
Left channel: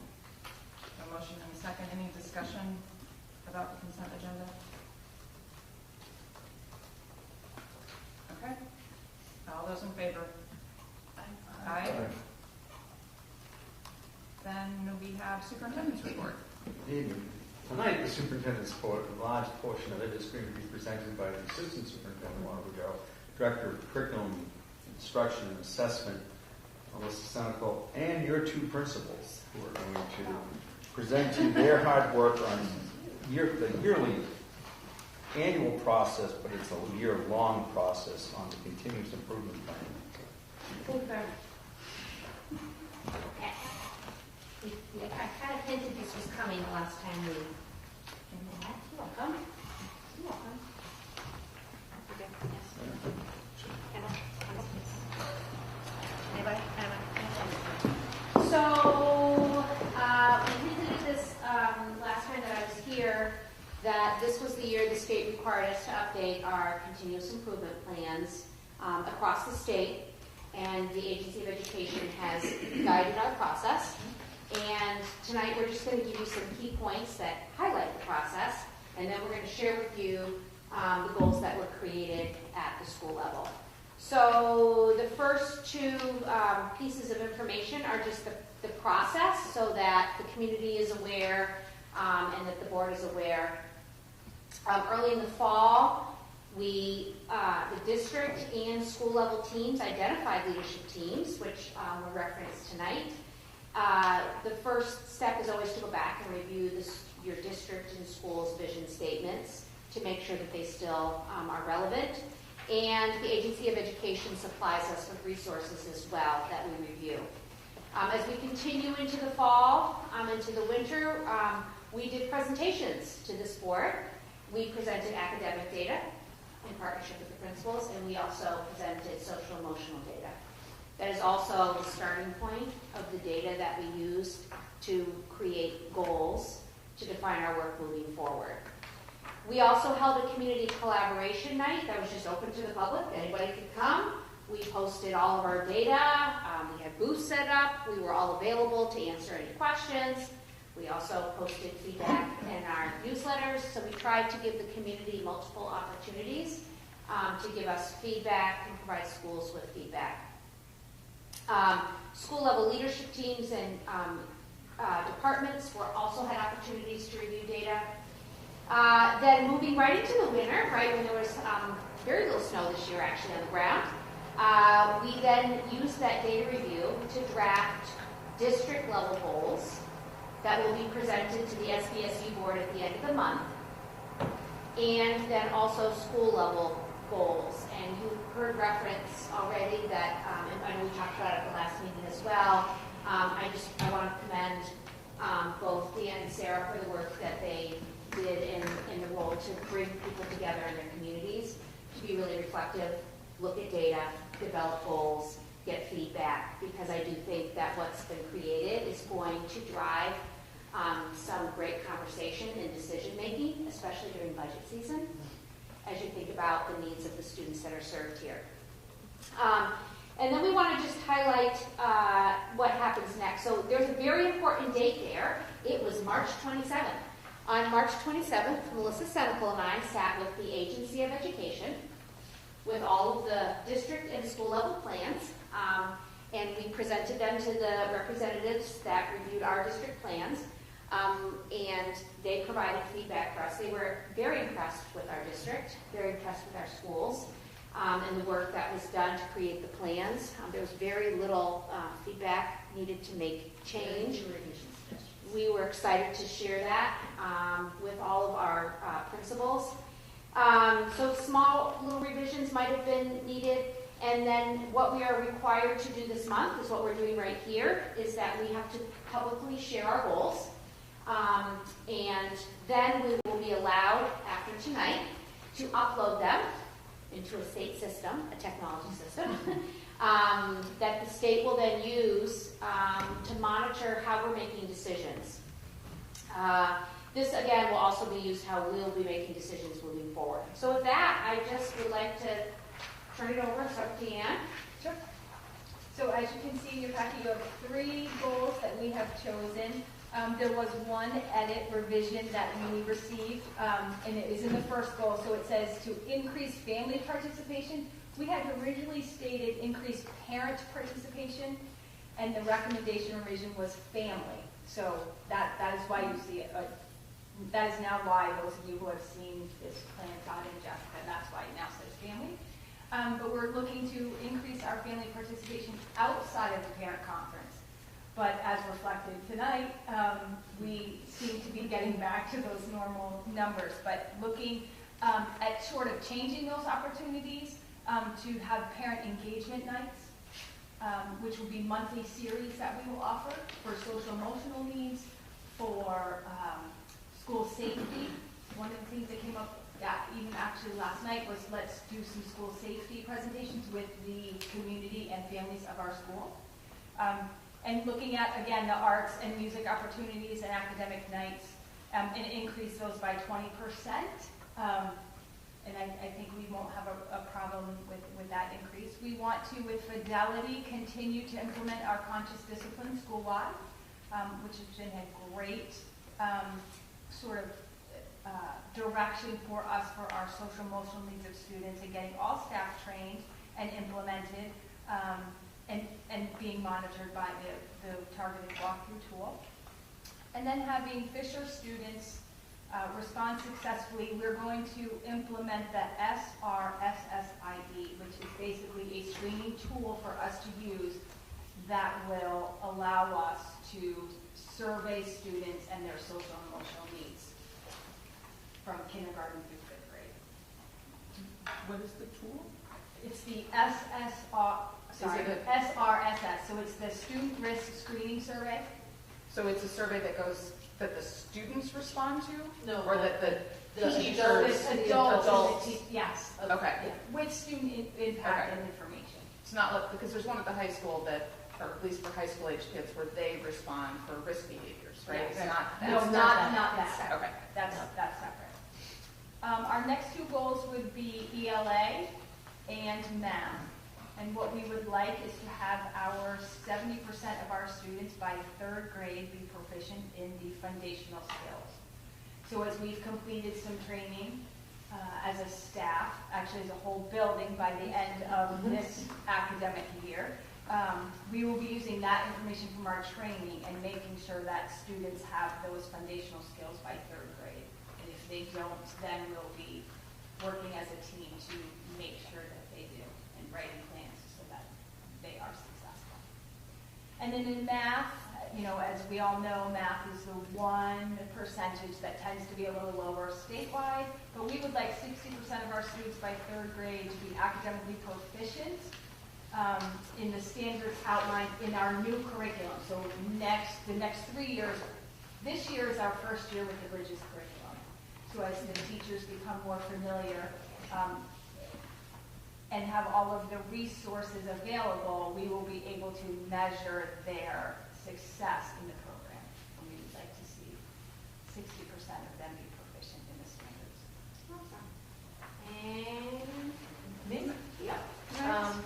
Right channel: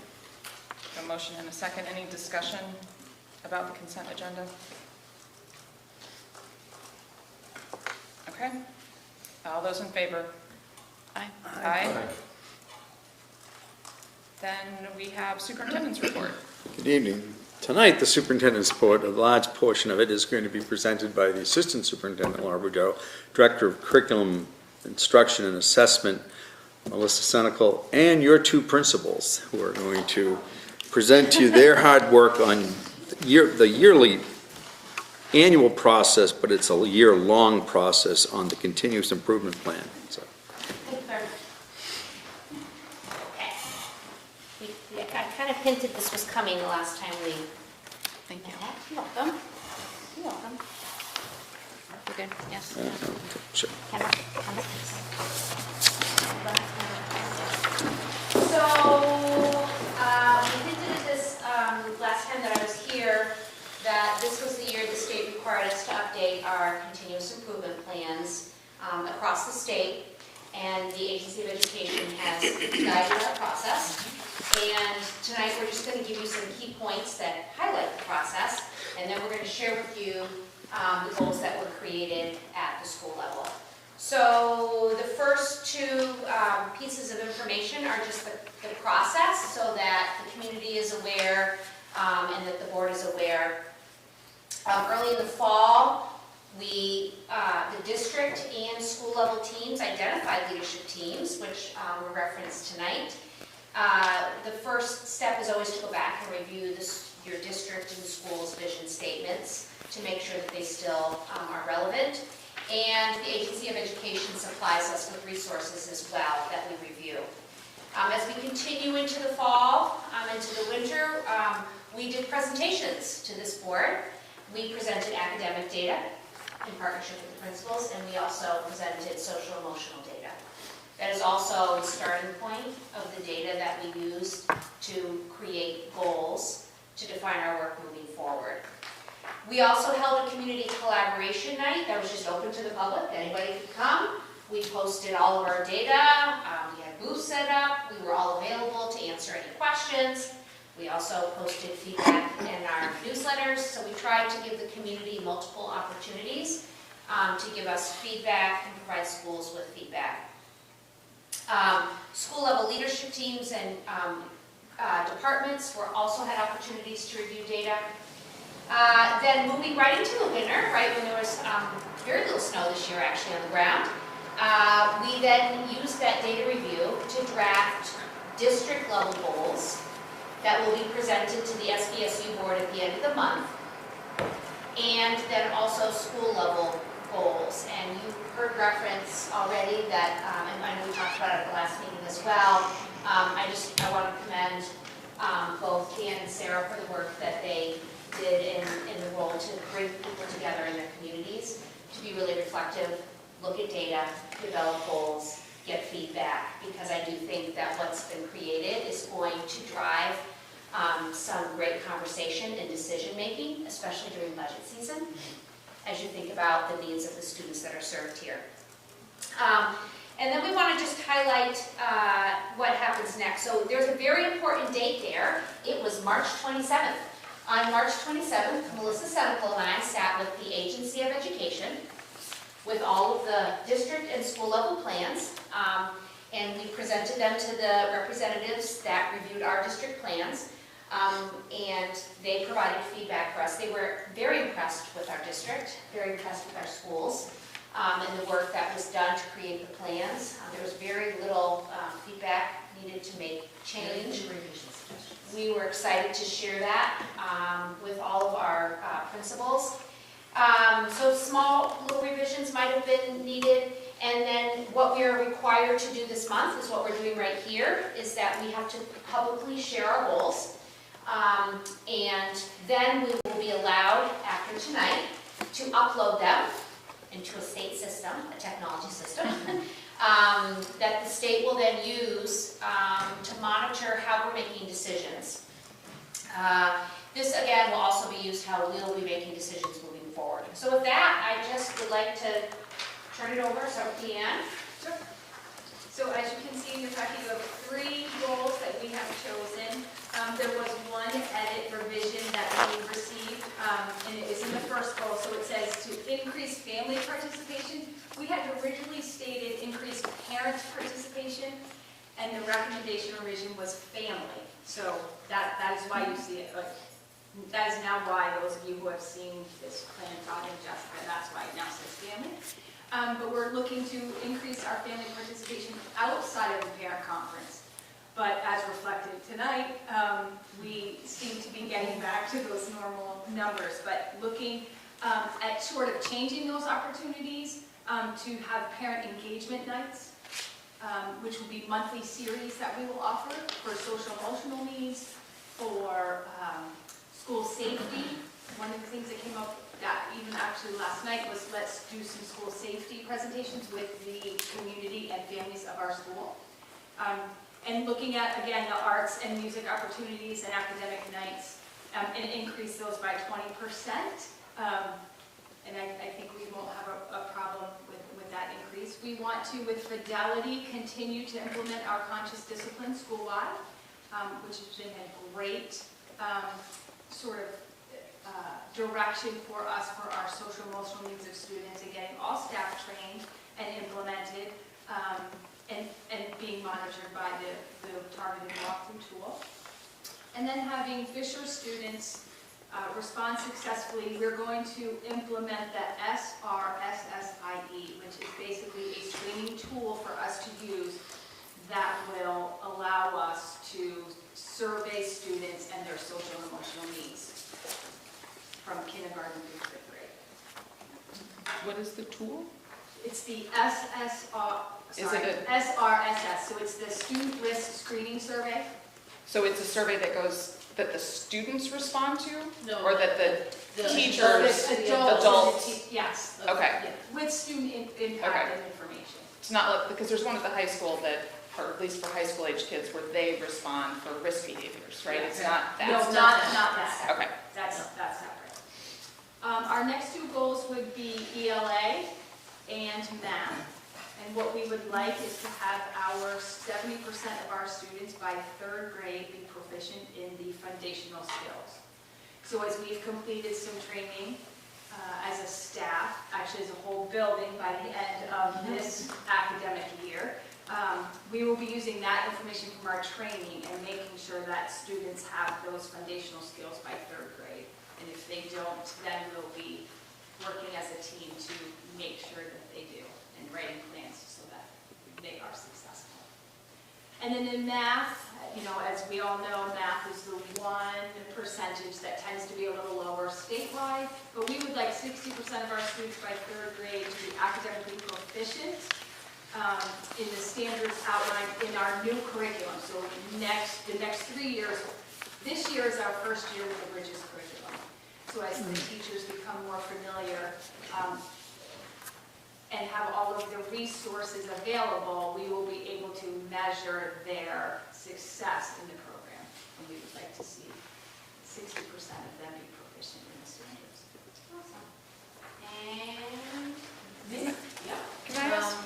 A motion and a second. Any discussion about the consent agenda? Okay. All those in favor? Aye. Aye. Then we have superintendent's report. Good evening. Tonight, the superintendent's report, a large portion of it is going to be presented by the Assistant Superintendent, Laura Boudreau, Director of Curriculum, Instruction, and Assessment, Melissa Senecal, and your two principals, who are going to present to you their hard work on the yearly annual process, but it's a year-long process on the continuous improvement plan. So, Okay. I kind of hinted this was coming the last time we. Thank you. You're welcome. You're welcome. We're good, yes. sure. Have a- So, we hinted at this last time that I was here, that this was the year the state required us to update our continuous improvement plans across the state, and the Agency of Education has guided our process. And tonight, we're just going to give you some key points that highlight the process, and then we're going to share with you the goals that were created at the school level. So the first two pieces of information are just the process, so that the community is aware and that the board is aware. Early in the fall, the district and school level teams identified leadership teams, which were referenced tonight. The first step is always to go back and review your district and school's vision statements to make sure that they still are relevant. And the Agency of Education supplies us with resources as well that we review. As we continue into the fall, into the winter, we did presentations to this board. We presented academic data in partnership with the principals, and we also presented social emotional data. That is also the starting point of the data that we used to create goals to define our work moving forward. We also held a community collaboration night that was just open to the public. Anybody could come. We posted all of our data. We had booths set up. We were all available to answer any questions. We also posted feedback in our newsletters. So we tried to give the community multiple opportunities to give us feedback and provide schools with feedback. School level leadership teams and departments also had opportunities to review data. Then moving right into the winter, right when there was very little snow this year actually on the ground, we then used that data review to draft district level goals that will be presented to the SBSU board at the end of the month, and then also school level goals. And you heard reference already that, and I know we talked about it at the last meeting as well, I want to commend both Dan and Sarah for the work that they did in the role to bring people together in their communities, to be really reflective, look at data, develop goals, get feedback, because I do think that what's been created is going to drive some great conversation and decision making, especially during budget season, as you think about the needs of the students that are served here. And then we want to just highlight what happens next. So there's a very important date there. It was March 27th. On March 27th, Melissa Senecal and I sat with the Agency of Education with all of the district and school level plans, and we presented them to the representatives that reviewed our district plans, and they provided feedback for us. They were very impressed with our district, very impressed with our schools, and the work that was done to create the plans. There was very little feedback needed to make change. We were excited to share that with all of our principals. So small little revisions might have been needed, and then what we are required to do this month is what we're doing right here, is that we have to publicly share our goals, and then we will be allowed after tonight to upload them into a state system, a technology system, that the state will then use to monitor how we're making decisions. This again will also be used how we'll be making decisions moving forward. So with that, I just would like to turn it over, start with Deanne. Sure. So as you can see in your packet, you have 3 goals that we have chosen. There was one edit revision that we received, and it is in the first goal. So it says to increase family participation. We had originally stated increase parent participation, and the recommendation revision was family. So that is why you see it. But that is now why those of you who have seen this plan, Todd and Jessica, that's why it now says family. But we're looking to increase our family participation outside of the parent conference. But as reflected tonight, we seem to be getting back to those normal numbers. But looking at sort of changing those opportunities to have parent engagement nights, which will be monthly series that we will offer for social emotional needs, for school safety. One of the things that came up that even actually last night was let's do some school safety presentations with the community and families of our school. And looking at, again, the arts and music opportunities and academic nights, and increase those by 20%. And I think we won't have a problem with that increase. We want to, with fidelity, continue to implement our conscious discipline school-wide, which has been a great sort of direction for us for our social emotional needs of students, and getting all staff trained and implemented, and being monitored by the targeted walkthrough tool. And then having Fisher students respond successfully, we're going to implement the SRSSIE, which is basically a screening tool for us to use that will allow us to survey students and their social and emotional needs from kindergarten through 5th grade. What is the tool? It's the SRSS, so it's the Student Risk Screening Survey. So it's a survey that the students respond to? No, Or that the teachers, Adults. Yes. Okay. Yeah, with student impact and information. It's not like, because there's one at the high school that, or at least for high school age kids, where they respond for risk behaviors, right? It's not that. No, not that. Okay. That's separate. Our next two goals would be ELA and math. And what we would like is to have our 70% of our students by 3rd grade be proficient in the foundational skills. So as we've completed some training as a staff, actually as a whole building by the end of this academic year, we will be using that information from our training and making sure that students have those foundational skills by 3rd grade. And if they don't, then we'll be working as a team to make sure that they do, and writing plans so that they are successful. And then in math, you know, as we all know, math is the one percentage that tends to be a little lower statewide, but we would like 60% of our students by 3rd grade to be academically proficient in the standards outlined in our new curriculum. So the next 3 years, this year is our first year with the Bridges curriculum. So as the teachers become more familiar and have all of the resources available, we will be able to measure their success in the program. And we would like to see 60% of them be proficient in the standards. And Yeah. Can I ask,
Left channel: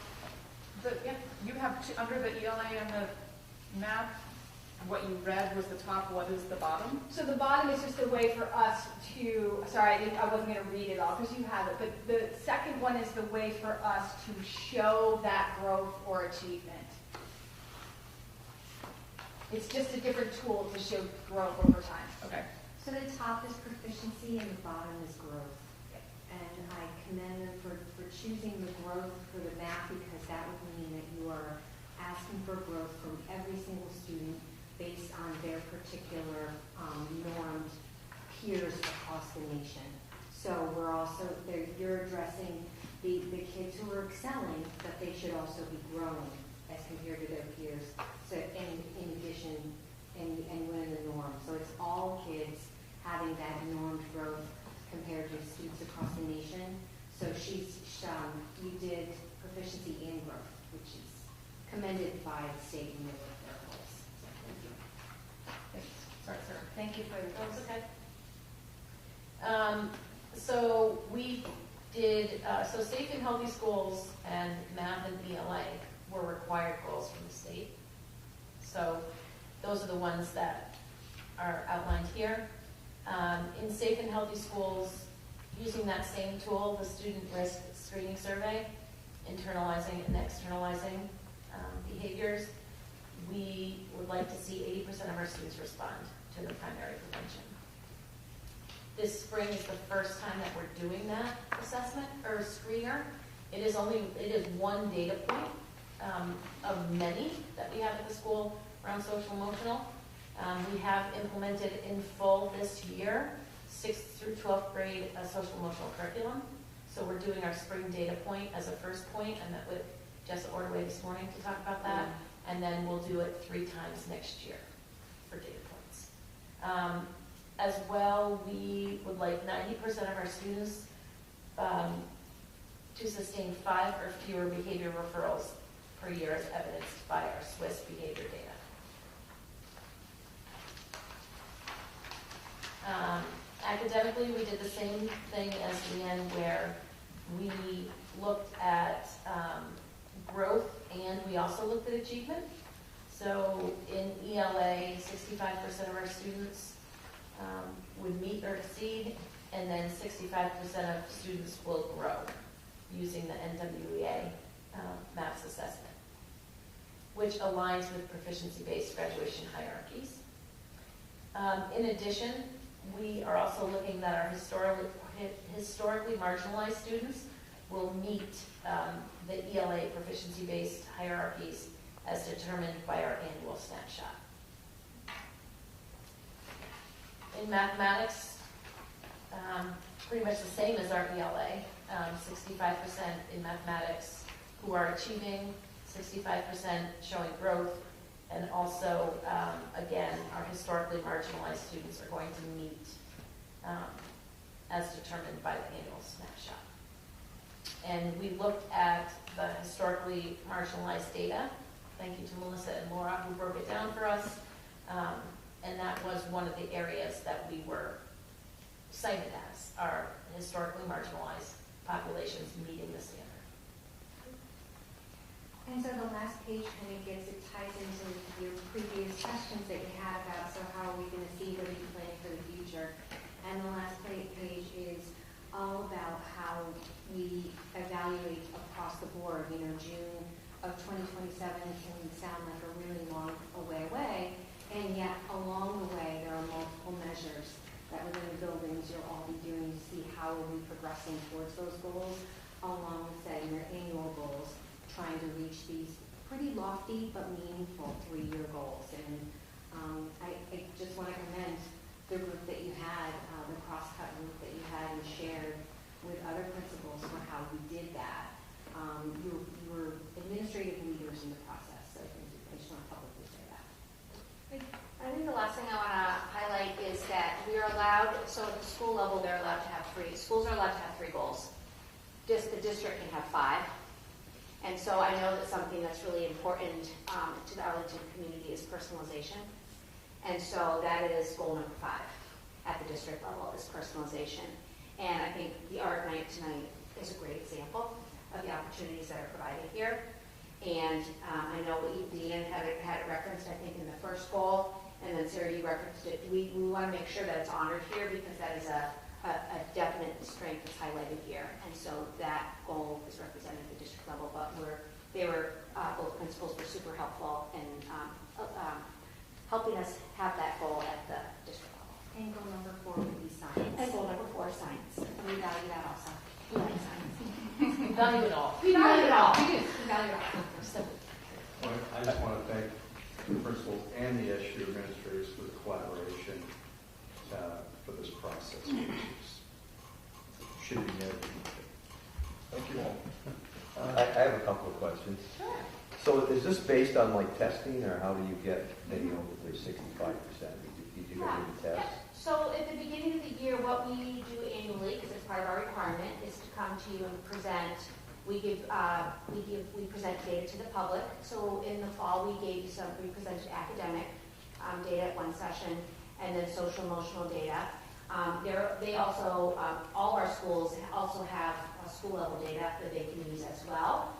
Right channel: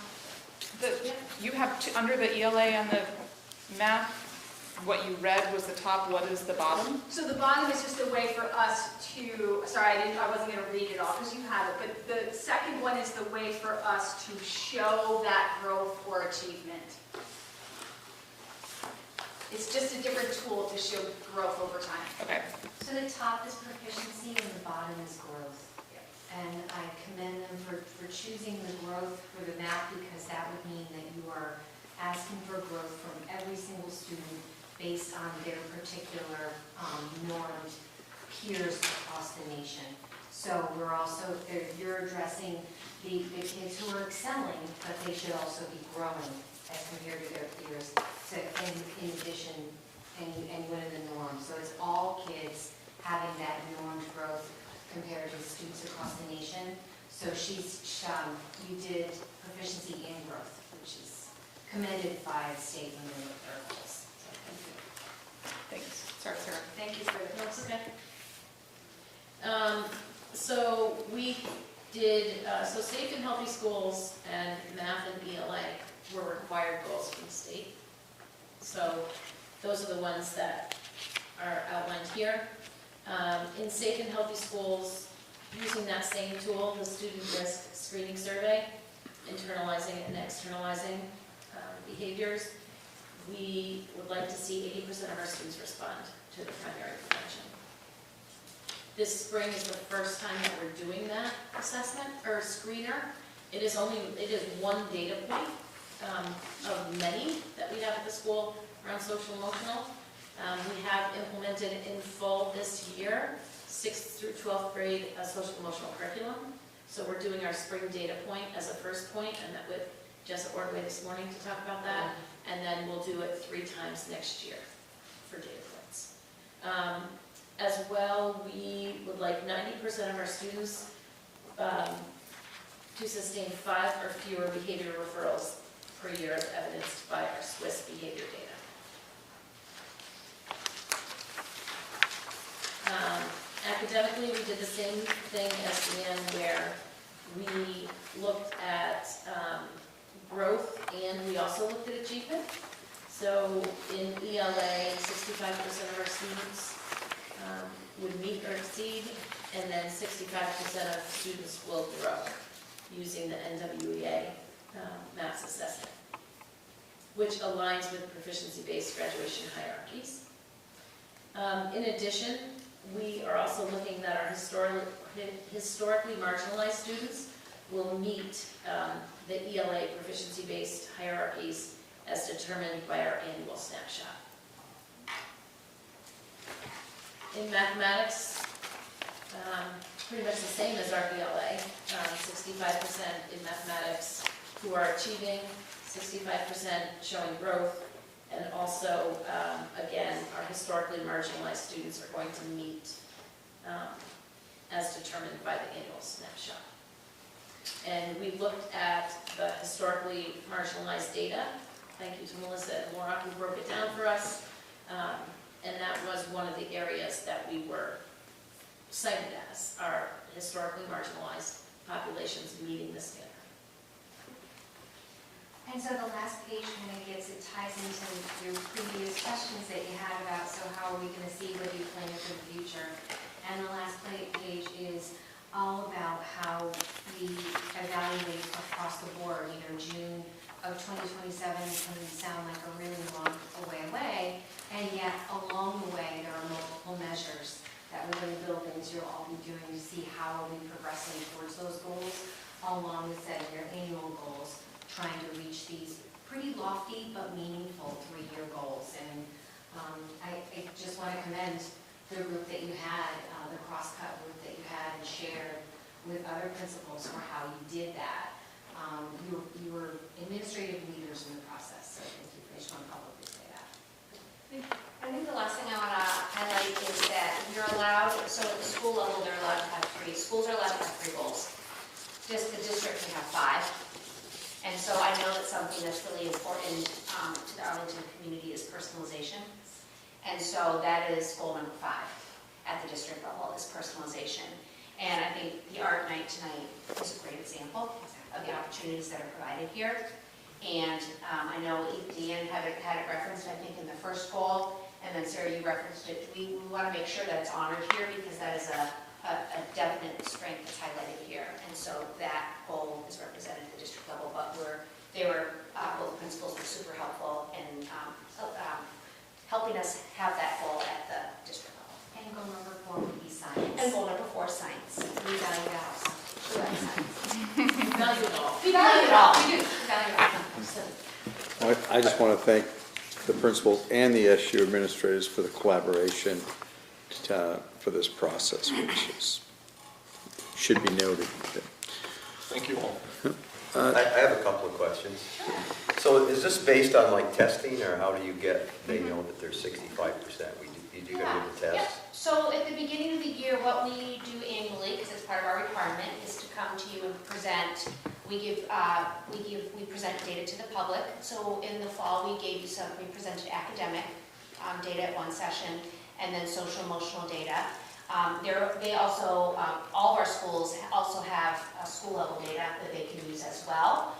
you have, under the ELA and the math, what you read was the top, what is the bottom? So the bottom is just a way for us to, sorry, I wasn't going to read it all because you have it, but the second one is the way for us to show that growth or achievement. It's just a different tool to show growth over time. Okay. So the top is proficiency and the bottom is growth. And I commend them for choosing the growth for the math, because that would mean that you are asking for growth from every single student based on their particular normed peers across the nation. So we're also, you're addressing the kids who are excelling, but they should also be growing as compared to their peers. So in addition, and within the norm. So it's all kids having that normed growth compared to students across the nation. So we did proficiency and growth, which is commended by the state when they look at their goals. So thank you. Thanks. Sorry, Sarah. Thank you for the That's okay. So we did, so safe and healthy schools and math and ELA were required goals from the state. So those are the ones that are outlined here. In safe and healthy schools, using that same tool, the student risk screening survey, internalizing and externalizing behaviors, we would like to see 80% of our students respond to the primary prevention. This spring is the first time that we're doing that assessment or screener. It is one data point of many that we have at the school around social emotional. We have implemented in full this year, 6th through 12th grade, a social emotional curriculum. So we're doing our spring data point as a first point, and that with Jessica Ordway this morning to talk about that. And then we'll do it 3 times next year for data points. As well, we would like 90% of our students to sustain 5 or fewer behavior referrals per year as evidenced by our Swiss behavior data. Academically, we did the same thing as Leanne, where we looked at growth and we also looked at achievement. So in ELA, 65% of our students would meet or exceed, and then 65% of students will grow using the NWEA maths assessment, which aligns with proficiency-based graduation hierarchies. In addition, we are also looking that our historically marginalized students will meet the ELA proficiency-based hierarchies as determined by our annual snapshot. In mathematics, pretty much the same as our ELA, 65% in mathematics who are achieving, 65% showing growth, and also, again, our historically marginalized students are going to meet as determined by the annual snapshot. And we looked at the historically marginalized data. Thank you to Melissa and Laura who broke it down for us. And that was one of the areas that we were cited as our historically marginalized populations meeting the standard. And so the last page kind of ties into your previous questions that you had about, so how are we going to see what you plan for the future? And the last page is all about how we evaluate across the board. You know, June of 2027 can sound like a really long way away, and yet along the way there are multiple measures that within the buildings you'll all be doing to see how are we progressing towards those goals, along with setting your annual goals, trying to reach these pretty lofty but meaningful 3-year goals. And I just want to commend the group that you had, the cross-cut group that you had and shared with other principals for how you did that. You were administrative leaders in the process, so I just want to publicly say that. I think the last thing I want to highlight is that we're allowed, so at the school level, they're allowed to have 3, schools are allowed to have 3 goals. Just the district can have 5. And so I know that something that's really important to the Arlington community is personalization. And so that is goal number 5 at the district level, is personalization. And I think the art night tonight is a great example of the opportunities that are provided here. And I know Deanne had it referenced, I think, in the first goal, and then Sarah, you referenced it. We want to make sure that it's honored here because that is a definite strength that's highlighted here. And so that goal is represented at the district level, but both principals were super helpful in helping us have that goal at the district level. And goal number 4 would be science. And goal number 4 is science. We value that also. We like science. We value it all. We value it all. We do. We value it all. Well, I just want to thank the principals and the SU administrators for the collaboration for this process, which should be noted. Thank you all. I have a couple of questions. So is this based on like testing, or how do you get, they know that they're 65%? Did you go to the Yeah. test? So at the beginning of the year, what we do annually, because it's part of our requirement, is to come to you and present. We present data to the public. So in the fall, we presented academic data at one session, and then social emotional data. They also, all of our schools also have school level data that they can use as well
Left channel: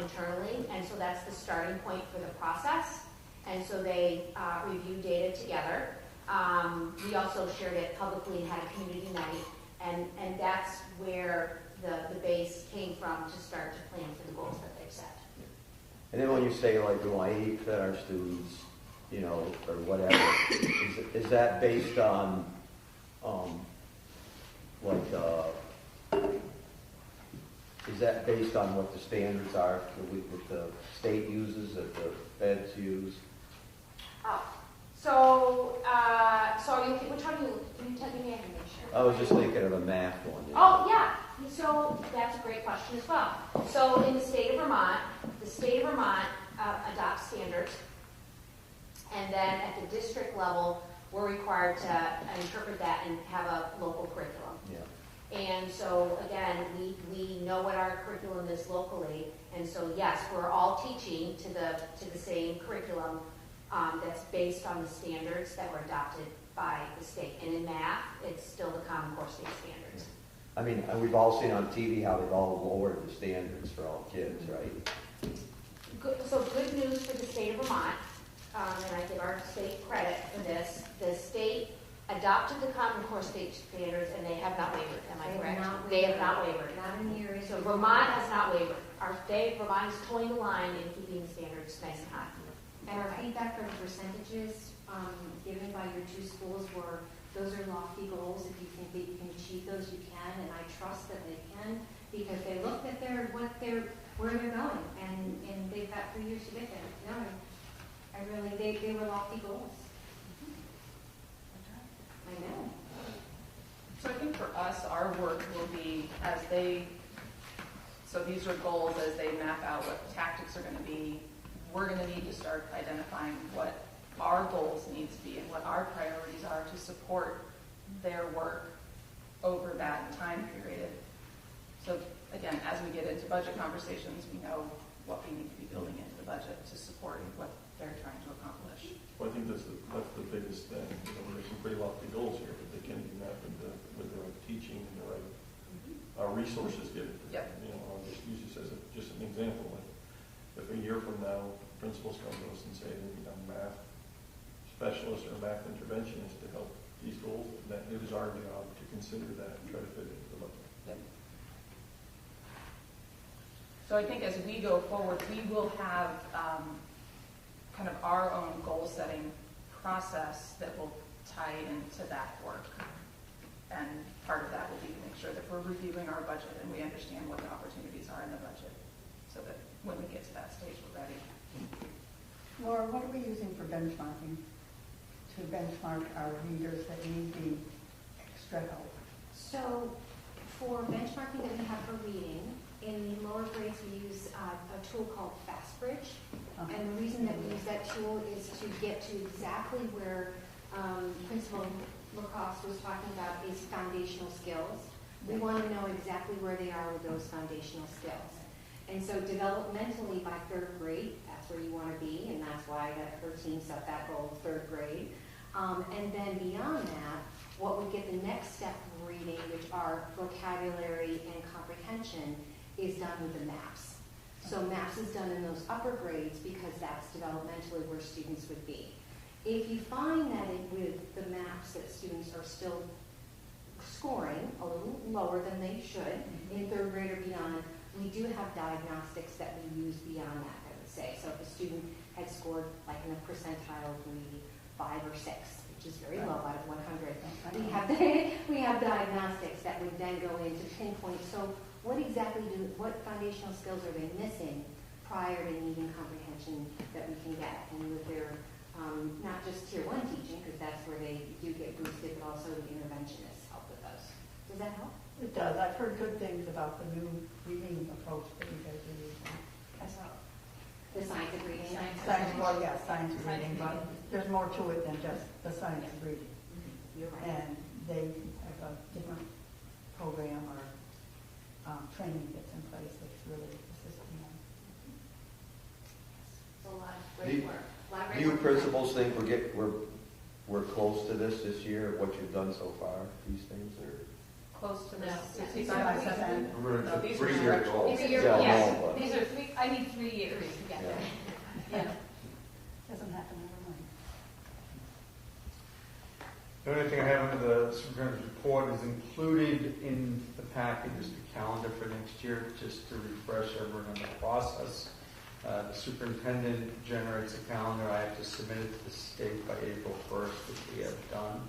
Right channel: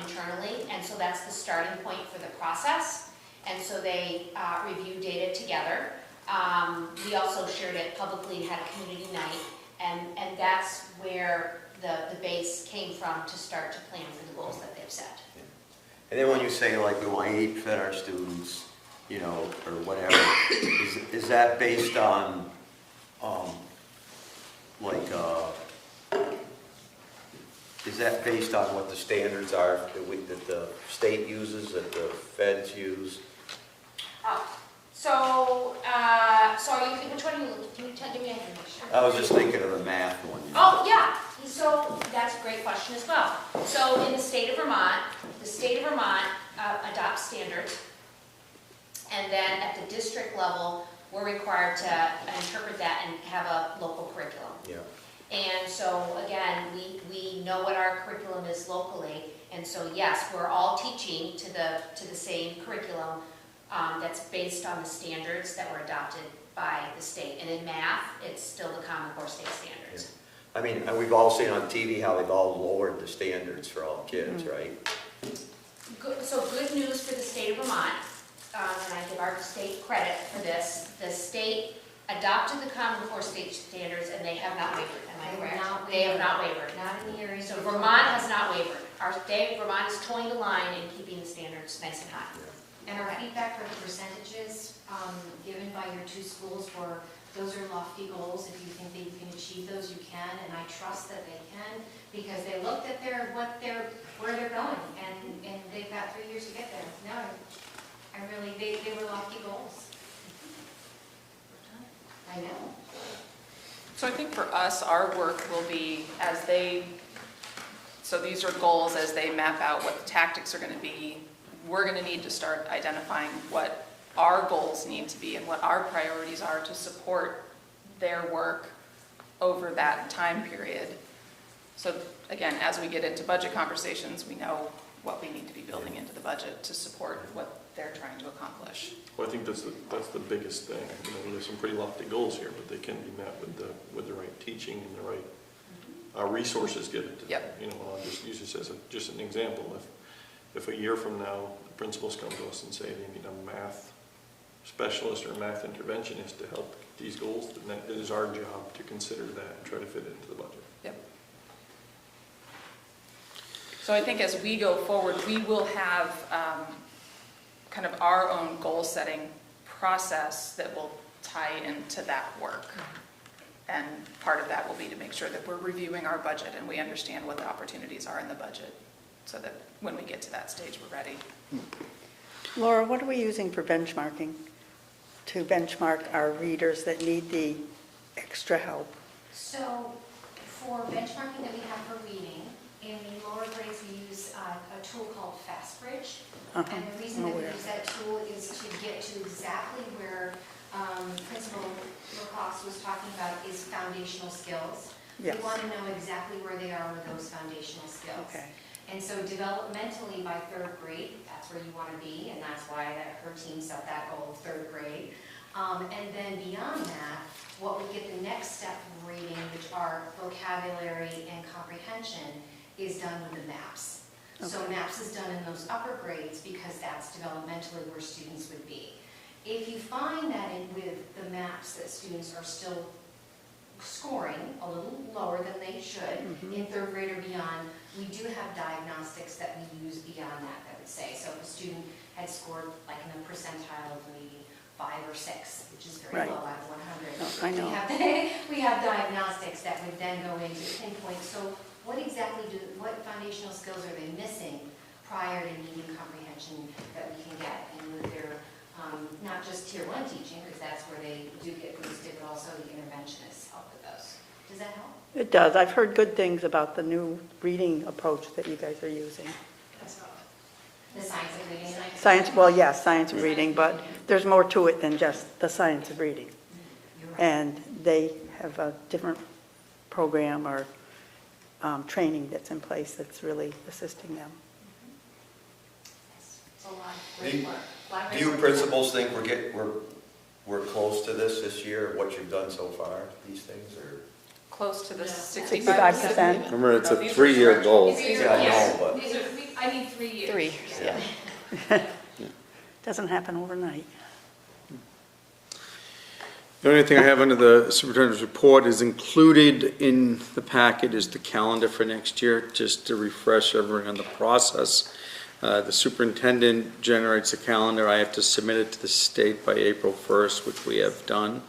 internally, and so that's the starting point for the process. And so they review data together. We also shared it publicly and had a community night, and that's where the base came from to start to plan for the goals that they've set. And then when you say like we want 8% of our students, you know, or whatever, is that based on is that based on what the standards are that the state uses, that the feds use? So are you, which one are you, can you give me information? I was just thinking of the math one. Oh, yeah, so that's a great question as well. So in the state of Vermont adopts standards, and then at the district level, we're required to interpret that and have a local curriculum. Yeah. And so, again, we know what our curriculum is locally, and so, yes, we're all teaching to the same curriculum that's based on the standards that were adopted by the state. And in math, it's still the Common Core state standards. I mean, and we've all seen on TV how they've all lowered the standards for all kids, right? Good, so good news for the state of Vermont, and I give our state credit for this. The state adopted the Common Core state standards, and they have not wavered. Am I correct? They have not wavered. Not in the area. So Vermont has not wavered. Vermont is towing the line and keeping the standards nice and high. And our feedback for the percentages given by your two schools were, those are lofty goals. If you think they can achieve those, you can, and I trust that they can, because they looked at where they're going, and they've got 3 years to get there. No, they were lofty goals. I know. So I think for us, our work will be so these are goals as they map out what the tactics are going to be. We're going to need to start identifying what our goals need to be and what our priorities are to support their work over that time period. So again, as we get into budget conversations, we know what we need to be building into the budget to support what they're trying to accomplish. Well, I think that's the biggest thing. You know, there's some pretty lofty goals here, but they can be met with the right teaching and the right resources given to them. Yep. You know, I'll just use this as just an example. If a year from now, the principals come to us and say they need a math specialist or a math interventionist to help these goals, then it is our job to consider that and try to fit it into the budget. Yep. So I think as we go forward, we will have kind of our own goal-setting process that will tie into that work. And part of that will be to make sure that we're reviewing our budget and we understand what the opportunities are in the budget, so that when we get to that stage, we're ready. Laura, what are we using for benchmarking to benchmark our readers that need the extra help? So for benchmarking that we have for reading, in the lower grades we use a tool called FastBridge. And the reason that we use that tool is to get to exactly where Principal Wilcox was talking about is foundational skills. Yes. We want to know exactly where they are with those foundational skills. Okay. And so developmentally by 3rd grade, that's where you want to be, and that's why her team set that goal of 3rd grade. And then beyond that, what we get the next step of reading, which are vocabulary and comprehension, is done with the MAPS. Okay. So MAPS is done in those upper grades because that's developmentally where students would be. If you find that with the MAPS that students are still scoring a little lower than they should in 3rd grade or beyond, we do have diagnostics that we use beyond that, I would say. So if a student had scored like in a percentile of maybe 5 or 6, which is very low out of 100, I know. we have diagnostics that would then go into pinpoint. So what foundational skills are they missing prior to needing comprehension that we can get in with their, not just tier 1 teaching, because that's where they do get boosted, but also the interventionists help with those. Does that help? It does. I've heard good things about the new reading approach that you guys are using. That's right. The science of reading. Science, well, yes, science of reading, but there's more to it than just the science of reading. You're right. And they have a different program or training that's in place that's really assisting them. It's a lot of great work. Do you principals think we're close to this year, what you've done so far, these things, or? Close to the 65%. Remember, it's a 3-year goal. Yeah, I know, but. These are 3 years. 3, yeah. Doesn't happen overnight. The only thing I have under the superintendent's report is included in the packet is the calendar for next year, just to refresh everyone on the process. The superintendent generates a calendar. I have to submit it to the state by April 1st, which we have done.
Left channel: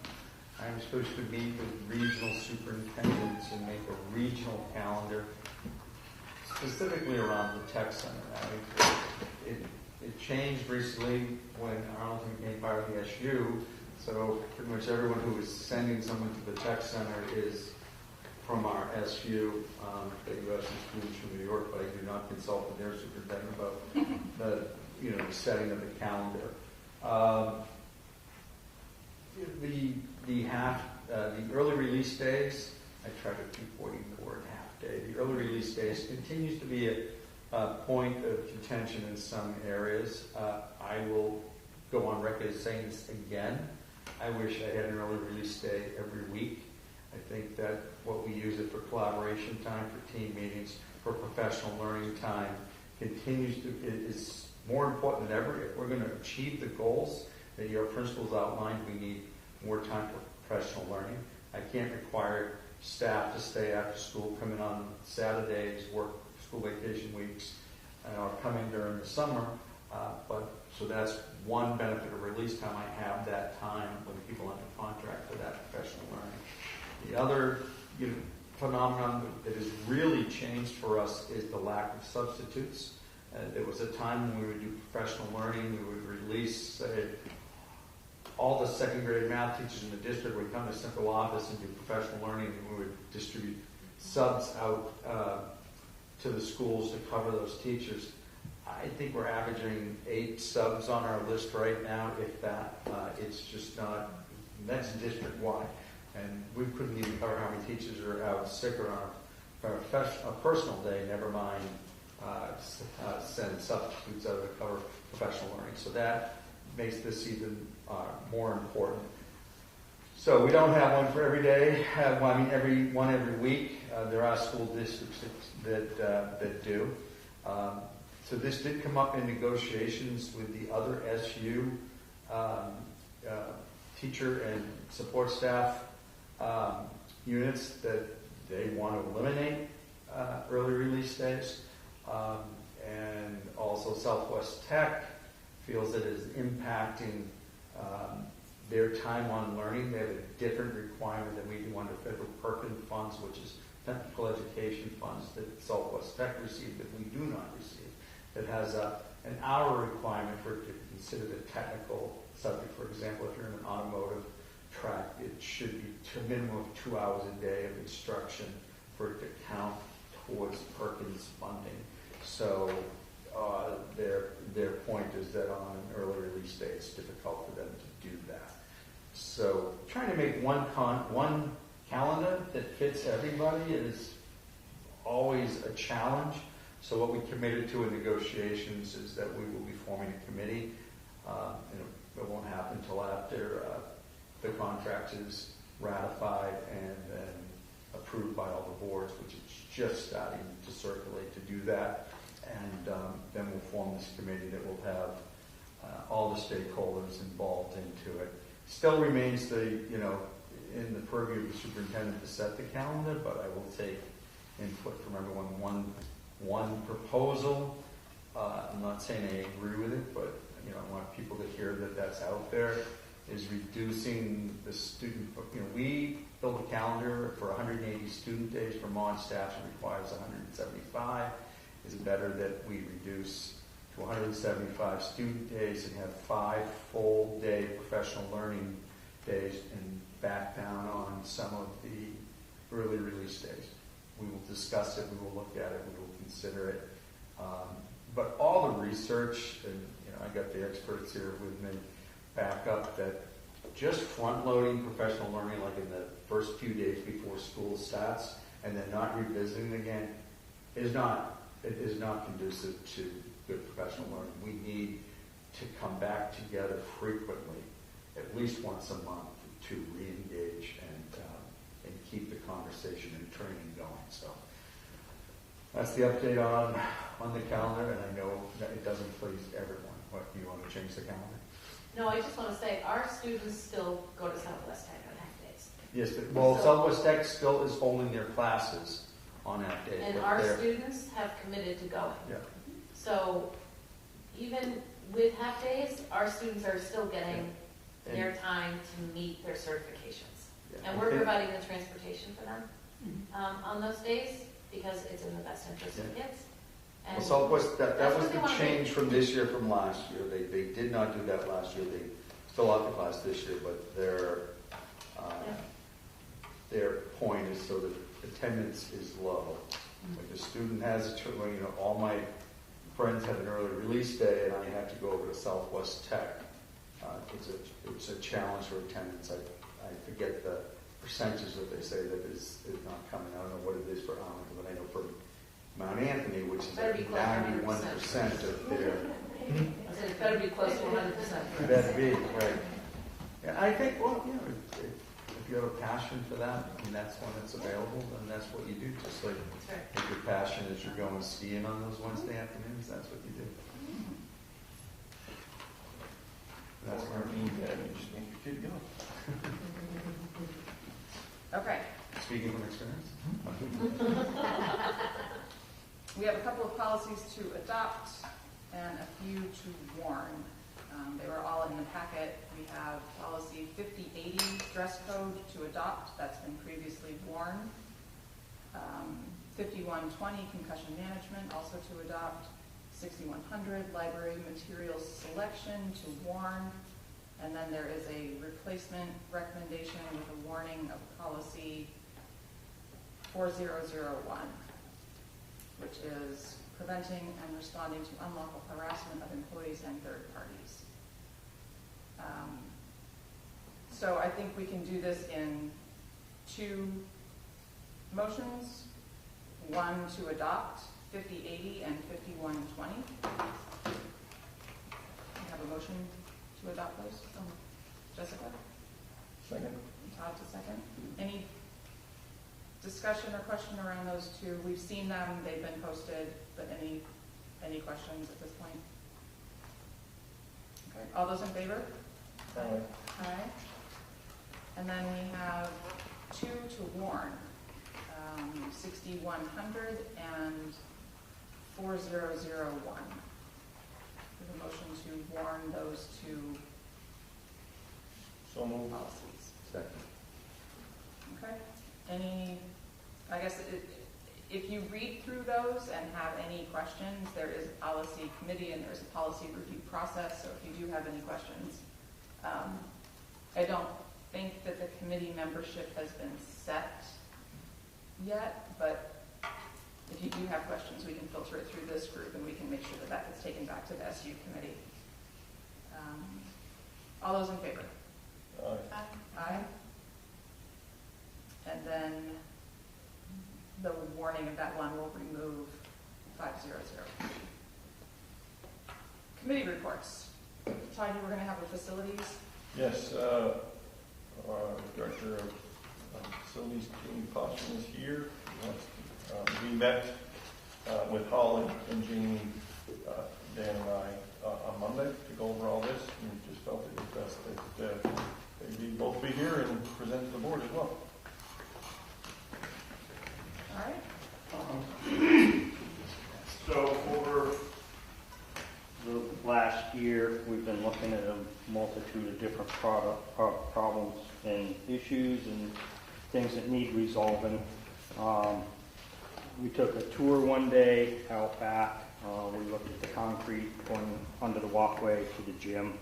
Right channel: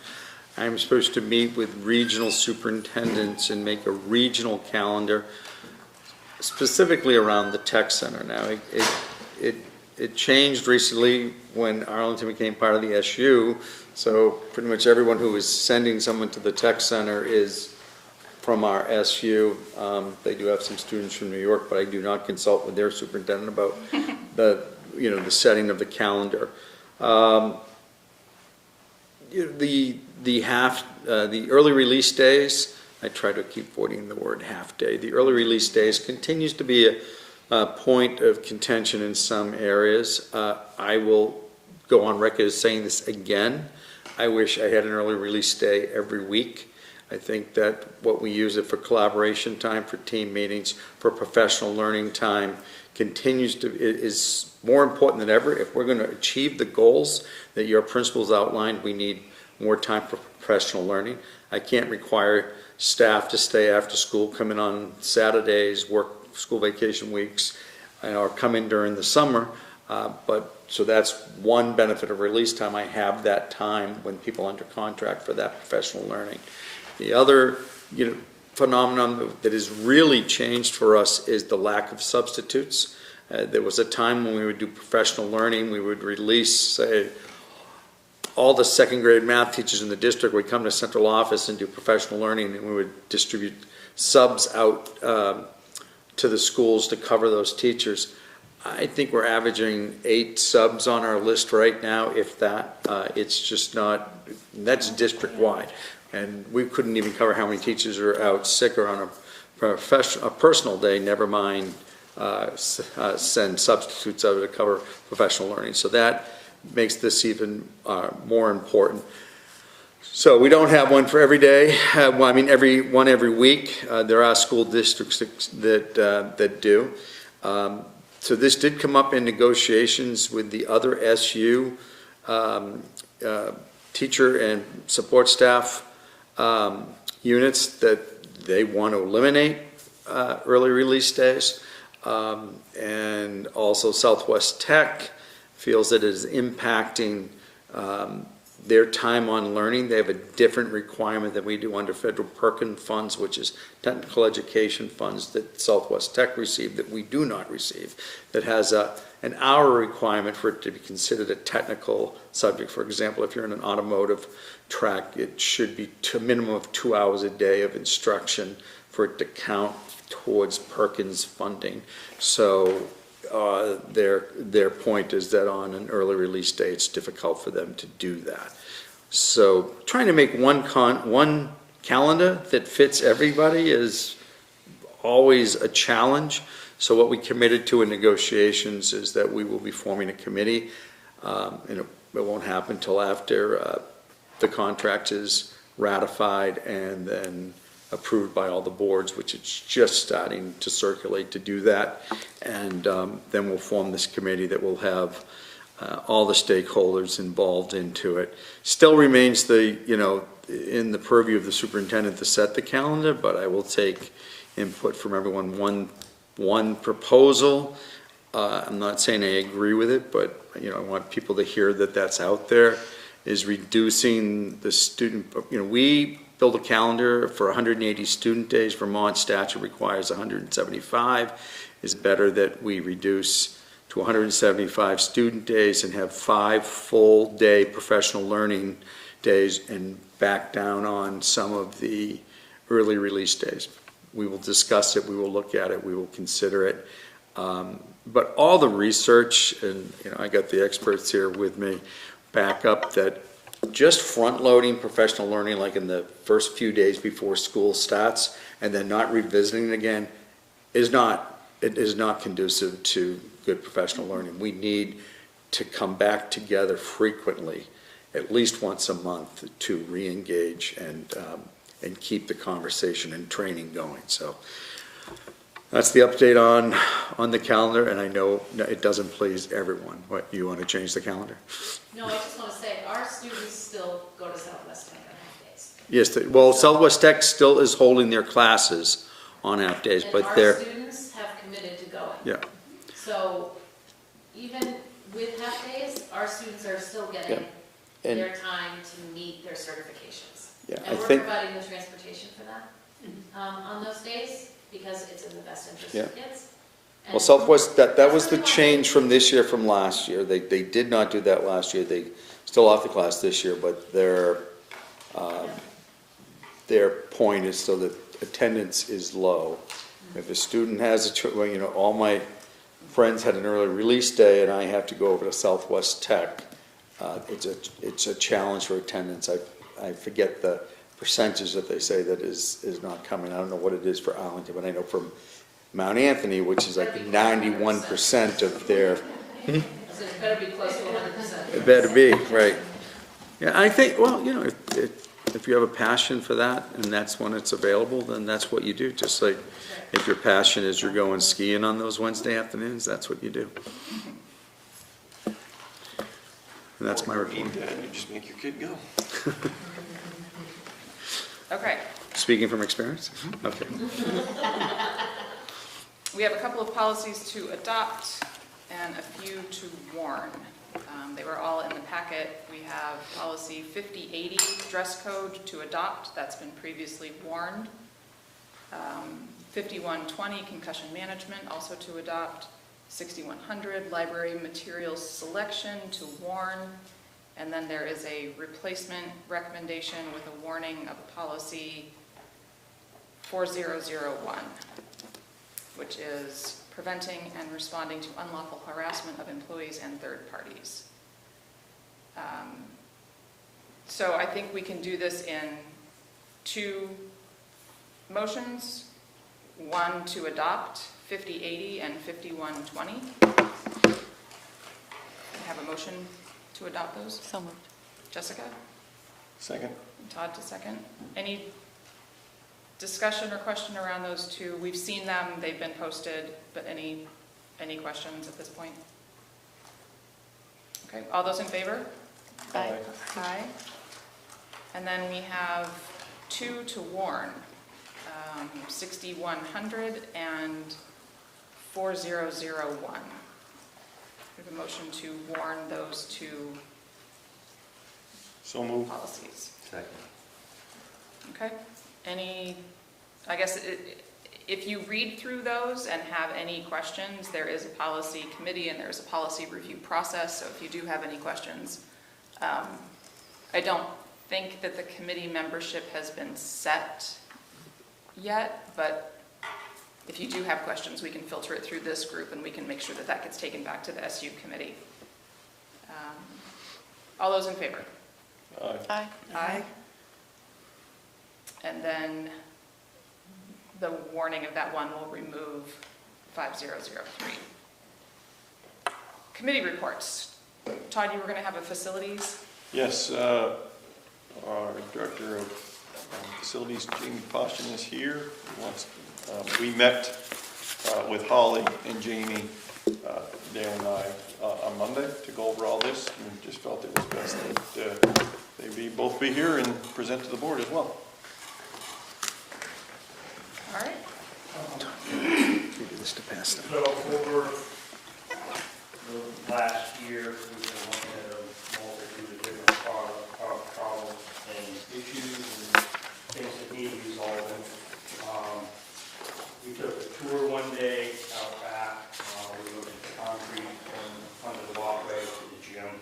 I'm supposed to meet with regional superintendents and make a regional calendar specifically around the tech center. Now, it changed recently when Arlington became part of the SU, so pretty much everyone who is sending someone to the tech center is from our SU. They do have some students from New York, but I do not consult with their superintendent about the setting of the calendar. The early release days, I try to keep avoiding the word half day. The early release days continues to be a point of contention in some areas. I will go on record as saying this again. I wish I had an early release day every week. I think that what we use it for collaboration time, for team meetings, for professional learning time, is more important than ever. If we're going to achieve the goals that your principals outlined, we need more time for professional learning. I can't require staff to stay after school, come in on Saturdays, work school vacation weeks, or come in during the summer. So that's one benefit of release time. I have that time when people are under contract for that professional learning. The other phenomenon that has really changed for us is the lack of substitutes. There was a time when we would do professional learning, we would release, say, all the second grade math teachers in the district would come to central office and do professional learning, and we would distribute subs out to the schools to cover those teachers. I think we're averaging 8 subs on our list right now, if that. It's just not, that's district-wide. And we couldn't even cover how many teachers are out sick or on a personal day, never mind send substitutes out to cover professional learning. So that makes this even more important. So we don't have one for every day. Every week. There are school districts that do. So this did come up in negotiations with the other SU teacher and support staff units that they want to eliminate early release days. And also Southwest Tech feels that it is impacting their time on learning. They have a different requirement than we do under federal Perkins funds, which is technical education funds that Southwest Tech receive that we do not receive, that has an hour requirement for it to be considered a technical subject. For example, if you're in an automotive track, it should be a minimum of 2 hours a day of instruction for it to count towards Perkins funding. So their point is that on an early release day, it's difficult for them to do that. So trying to make one calendar that fits everybody is always a challenge. So what we committed to in negotiations is that we will be forming a committee, and it won't happen until after the contract is ratified and then approved by all the boards, which it's just starting to circulate to do that. And then we'll form this committee that will have all the stakeholders involved into it. Still remains in the purview of the superintendent to set the calendar, but I will take input from everyone. One proposal, I'm not saying I agree with it, but I want people to hear that that's out there, is reducing the student, we build a calendar for 180 student days. Vermont statute requires 175. It's better that we reduce to 175 student days and have 5 full day professional learning days and back down on some of the early release days. We will discuss it, we will look at it, we will consider it. But all the research, and I got the experts here with me, back up that just front-loading professional learning like in the first few days before school starts and then not revisiting it again is not conducive to good professional learning. We need to come back together frequently, at least once a month, to re-engage and keep the conversation and training going. So that's the update on the calendar, and I know it doesn't please everyone. What, you want to change the calendar? No, I just want to say, our students still go to Southwest Tech on half days. Yes, Southwest Tech still is holding their classes on half days, and but our students have committed to going. Yeah. So even with half days, our students are still getting their time to meet their certifications. Yeah, And we're providing the transportation for them on those days. because it's in the best interest Yeah. of kids. Well, And Southwest, that that's was what the we want. change from this year, from last year. They did not do that last year. They still offer the class this year, but their point is so that attendance is low. If a student has well, you know, all my friends had an early release day and I have to go over to Southwest Tech, it's a challenge for attendance. I forget the percentage that they say that is not coming. I don't know what it is for Arlington, but I know from Mount Anthony, which is like 91% of their. So it better be close to 100%. It better be, right. Yeah, I think, well, you know, if you have a passion for that and that's when it's available, then that's what you do. Just like if your passion is you're going skiing on those Wednesday afternoons, that's what you do. And that's my report. You just make your kid go. Okay. Speaking from experience? Okay. We have a couple of policies to adopt and a few to warn. They were all in the packet. We have policy 5080, dress code, to adopt. That's been previously warned. 5120, concussion management, also to adopt. 6100, library materials selection, to warn. And then there is a replacement recommendation with a warning of policy 4001, which is preventing and responding to unlawful harassment of employees and third parties. So I think we can do this in two motions. One to adopt 5080 and 5120. Have a motion to adopt those? So moved. Jessica? Second. Todd to second. Any discussion or question around those two? We've seen them, they've been posted, but any questions at this point? Okay, all those in favor? Aye. Aye. And then we have two to warn, 6100 and 4001. We have a motion to warn those two So moved. policies. Second. Okay, I guess if you read through those and have any questions, there is a policy committee and there's a policy review process, so if you do have any questions, I don't think that the committee membership has been set yet, but if you do have questions, we can filter it through this group and we can make sure that that gets taken back to the SU committee. All those in favor? Aye. Aye. Aye. And then the warning of that one will remove 5003. Committee reports. Todd, you were going to have a facilities? Yes, our Director of Facilities, Jamie Poston, is here. We met with Holly and Jamie, Dan and I, on Monday to go over all this, and just felt it was best that they both be here and present to the board as well. All right. So over the last year, we've been looking at a multitude of different problems and issues and things that need resolving. We took a tour one day out back. We looked at the concrete going under the walkway to the gym.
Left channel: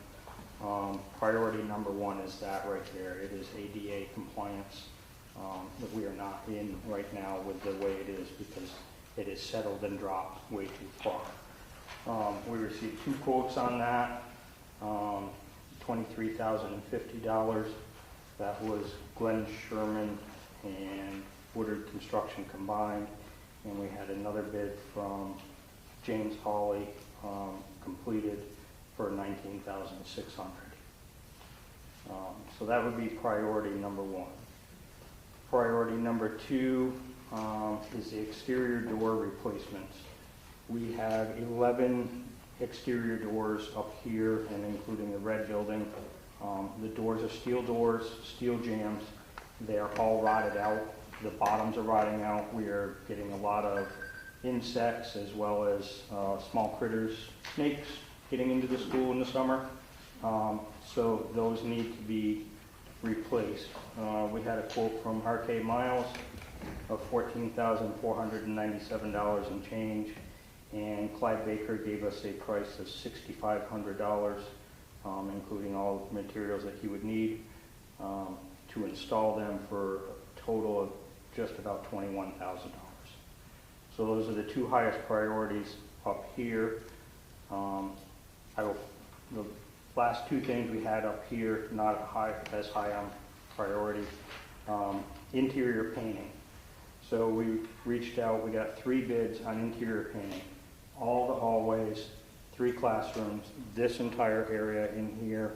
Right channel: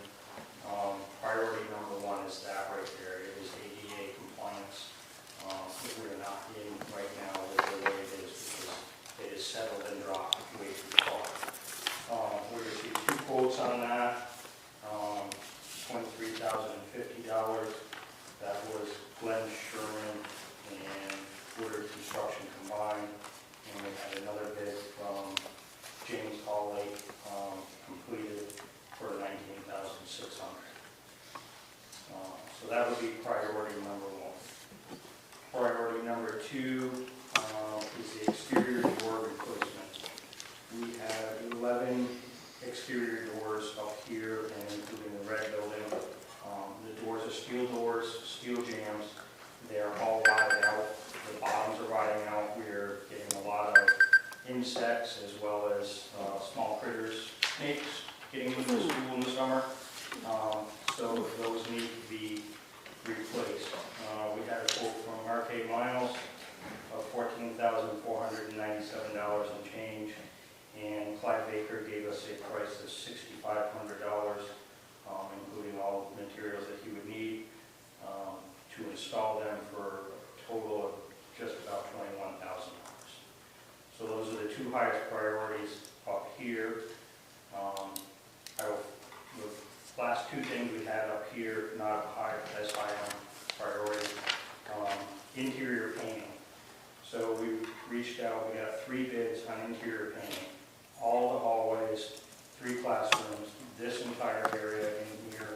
Priority number one is that right there. It is ADA compliance, but we are not in right now with the way it is because it is settled and dropped way too far. We received two quotes on that, $23,050. That was Glenn Sherman and Woodard Construction combined. And we had another bid from James Hawley, completed for $19,600. So that would be priority number one. Priority number two is the exterior door replacements. We have 11 exterior doors up here, and including the red building. The doors are steel doors, steel jambs. They are all rotted out. The bottoms are rotting out. We are getting a lot of insects as well as small critters, snakes, getting into the school in the summer. So those need to be replaced. We had a quote from RK Miles of $14,497 and change. And Clyde Baker gave us a price of $6,500, including all the materials that he would need to install them, for a total of just about $21,000. So those are the two highest priorities up here. The last two things we had up here, not as high on priority, interior painting. So we reached out, we got 3 bids on interior painting. All the hallways, 3 classrooms, this entire area in here,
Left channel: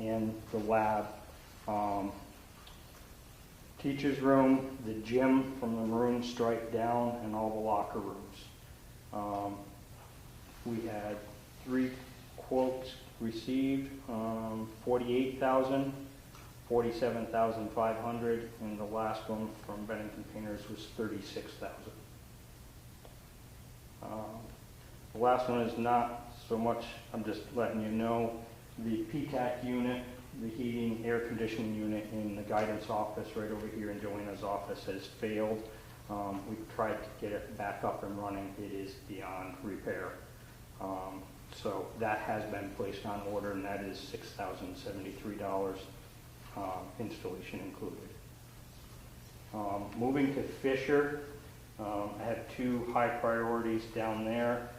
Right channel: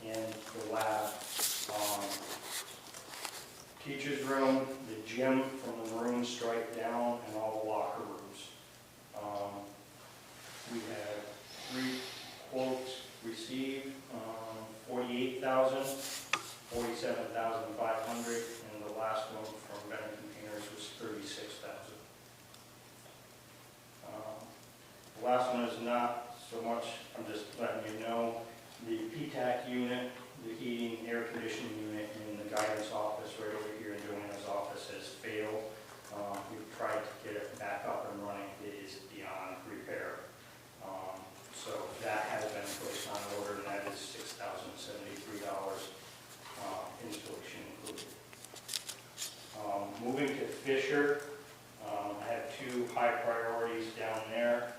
and the lab, teacher's room, the gym from the maroon stripe down, and all the locker rooms. We had 3 quotes received, $48,000, $47,500, and the last one from Bennington Painters was $36,000. The last one is not so much, I'm just letting you know, the PTAC unit, the heating, air conditioning unit in the guidance office right over here in Joanna's office has failed. We've tried to get it back up and running. It is beyond repair. So that has been placed on order, and that is $6,073, installation included. Moving to Fisher, I have 2 high priorities down there.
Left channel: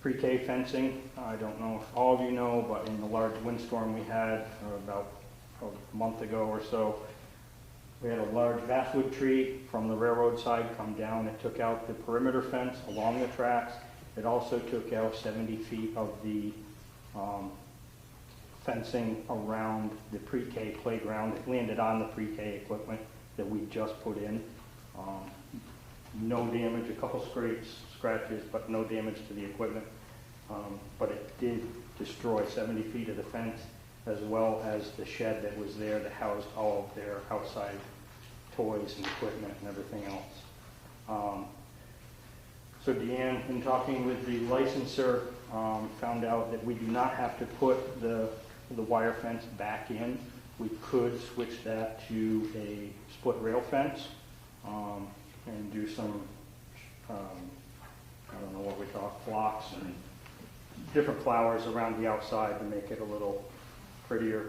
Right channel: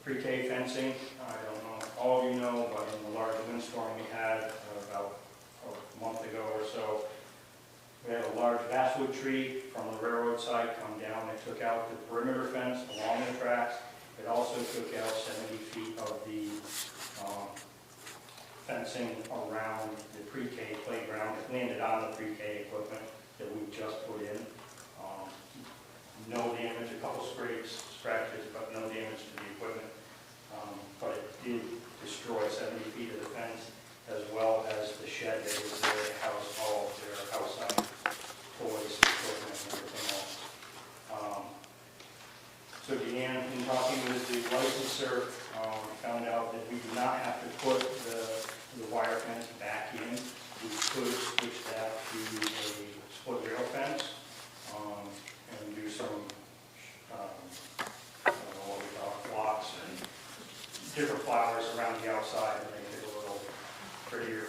Pre-K fencing, I don't know if all of you know, but in the large windstorm we had about a month ago or so, we had a large basswood tree from the railroad side come down. It took out the perimeter fence along the tracks. It also took out 70 feet of the fencing around the pre-K playground. It landed on the pre-K equipment that we just put in. No damage, a couple scratches, but no damage to the equipment. But it did destroy 70 feet of the fence, as well as the shed that was there to house all of their outside toys and equipment and everything else. So Deanne, in talking with the licensor, found out that we do not have to put the wire fence back in. We could switch that to a split rail fence and do some, I don't know what we call blocks and different flowers around the outside to make it a little prettier.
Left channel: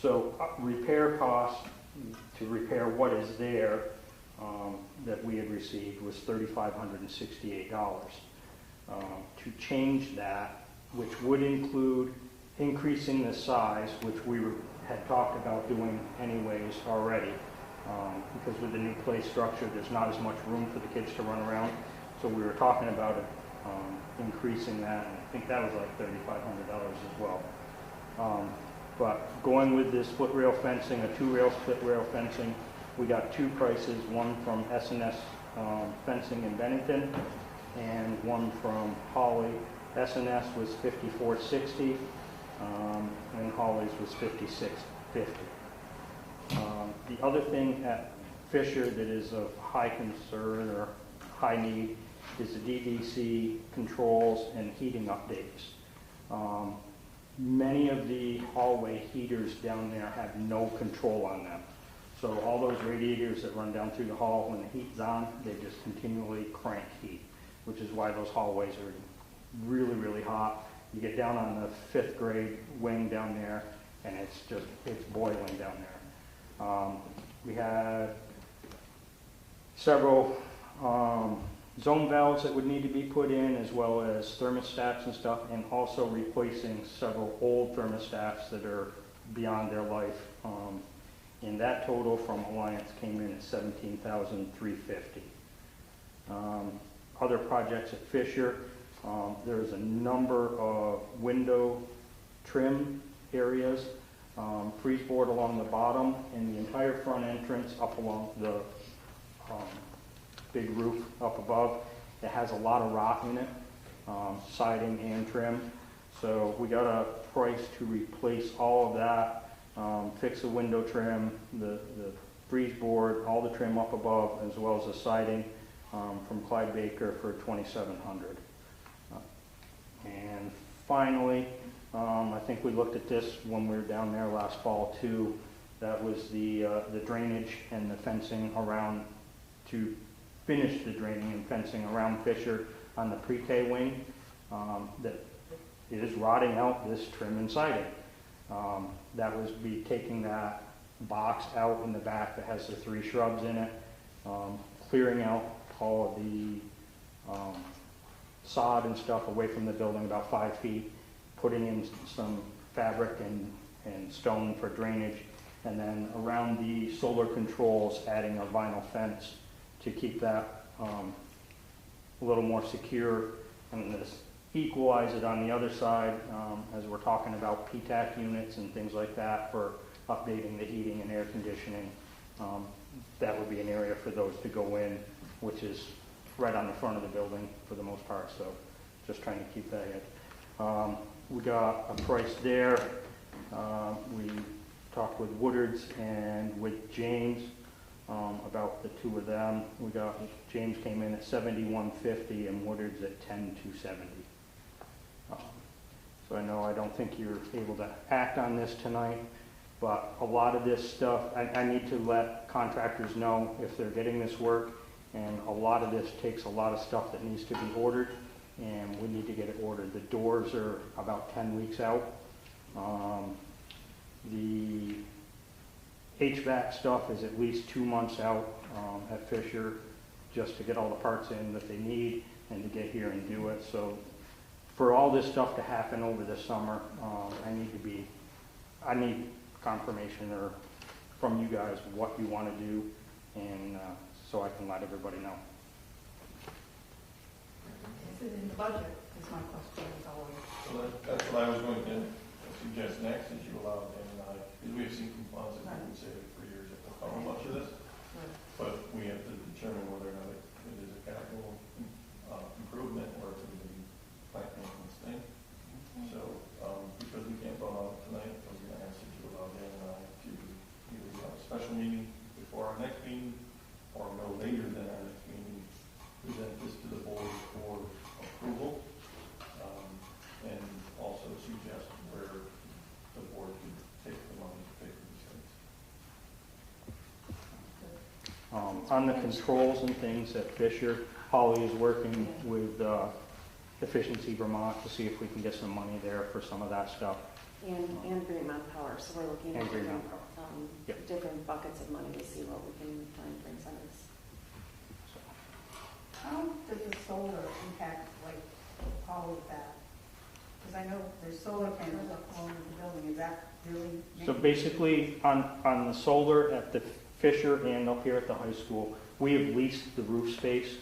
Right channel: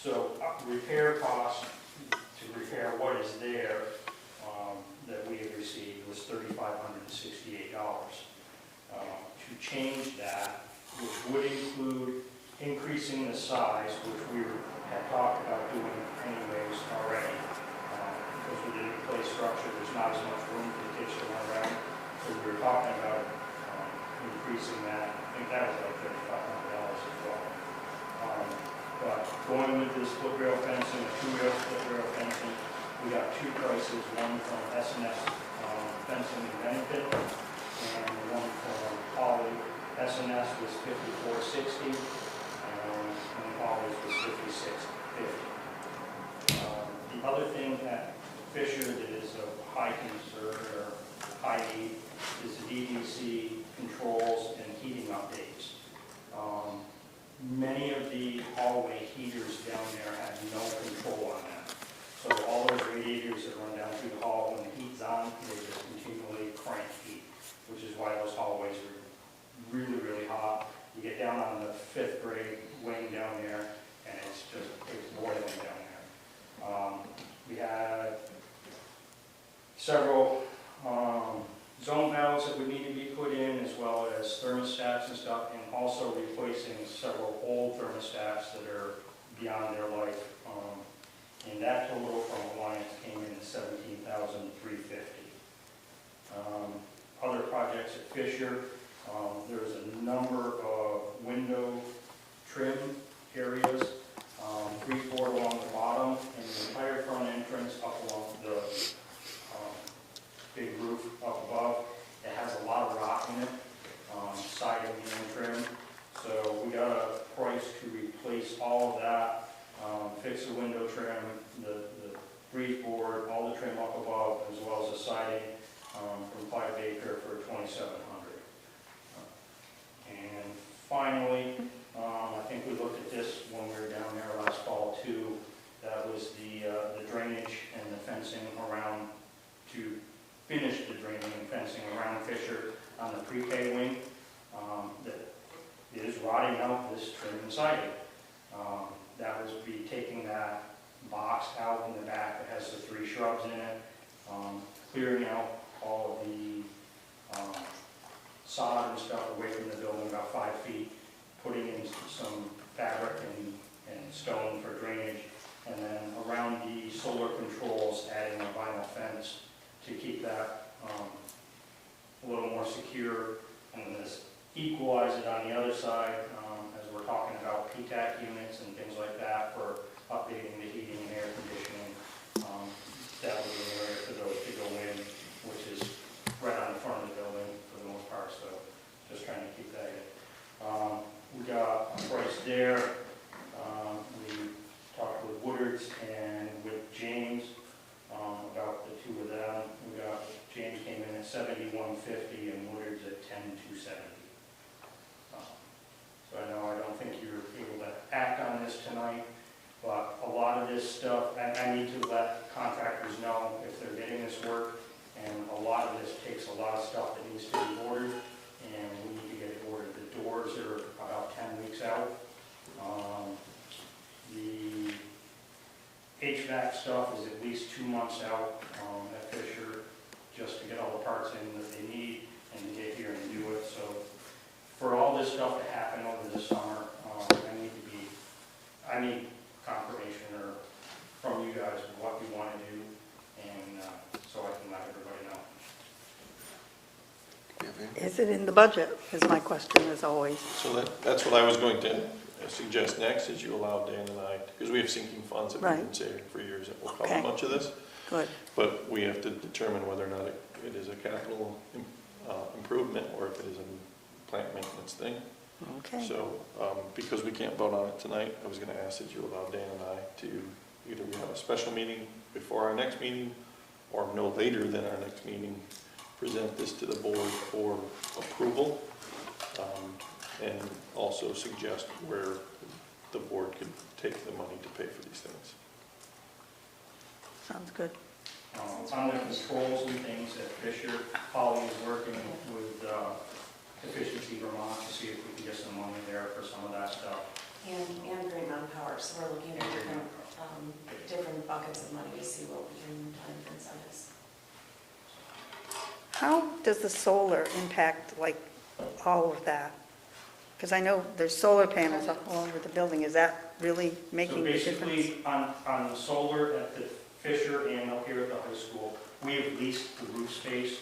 So repair costs to repair what is there that we had received was $3,568. To change that, which would include increasing the size, which we had talked about doing anyways already, because with the new play structure, there's not as much room for the kids to run around. So we were talking about it, increasing that, and I think that was like $3,500 as well. But going with this split rail fencing, a 2-rail split rail fencing, we got 2 prices, one from S&S Fencing in Bennington and one from Holly. S&S was $54.60 and Holly's was $56.50. The other thing at Fisher that is of high concern or high need is the DEC controls and heating updates. Many of the hallway heaters down there have no control on that. So all those radiators that run down through the hall, when the heat's on, they just continually crank heat, which is why those hallways are really, really hot. You get down on the 5th grade wing down there, and it's boiling down there. We had several zone valves that would need to be put in, as well as thermostats and stuff, and also replacing several old thermostats that are beyond their life. And that total from Alliance came in at $17,350. Other projects at Fisher, there's a number of window trim areas, freeboard along the bottom, and the entire front entrance up along the big roof up above. It has a lot of rock in it, siding and trim. So we got a price to replace all of that, fix the window trim, the breeze board, all the trim up above, as well as the siding from Clyde Baker for $2,700. And finally, I think we looked at this when we were down there last fall too, That was the drainage and the fencing around, to finish the draining and fencing around Fisher on the pre-K wing. That it is rotting out this trim and siding. That was be taking that box out in the back that has the 3 shrubs in it, clearing out all of the sod and stuff away from the building about 5 feet, putting in some fabric and stone for drainage, and then around the solar controls, adding a vinyl fence to keep that a little more secure, and this equalize it on the other side, as we're talking about PTAC units and things like that for updating the heating and air conditioning. That would be an area for those to go in, which is right on the front of the building for the most part, so just trying to keep that in. We got a price there. We talked with Woodard's and with James about the 2 of them. James came in at $71.50 and Woodard's at $10,270. So I know I don't think you're able to act on this tonight, but a lot of this stuff, I need to let contractors know if they're getting this work, and a lot of this takes a lot of stuff that needs to be ordered, and we need to get it ordered. The doors are about 10 weeks out. The HVAC stuff is at least 2 months out at Fisher, just to get all the parts in that they need and to get here and do it. So for all this stuff to happen over the summer, I need confirmation or from you guys what you want to do, and so I can let everybody know. Is it in the budget, is my question as always. So that's what I was going to suggest next, is you allow Dan and I, because we have sinking funds that we've been saving for years that will cover much of this. Good. But we have to determine whether or not it is a capital improvement or if it is a plant maintenance thing. Okay. So, because we can't vote on it tonight, I was going to ask that you allow Dan and I to either we have a special meeting before our next meeting or no later than our next meeting, present this to the board for approval, and also suggest where the board could take the money to pay for these things. Sounds good. On the controls and things at Fisher, Holly is working with Efficiency Vermont to see if we can get some money there for some of that stuff. And Green Mountain Power, so we're looking at And Green different buckets of money to see what we can find for incentives. How does the solar impact, like, all of that? Because I know there's solar panels all over the building. Is that really making So a difference? basically, on the solar at the Fisher and up here at the high school, we have leased the roof space,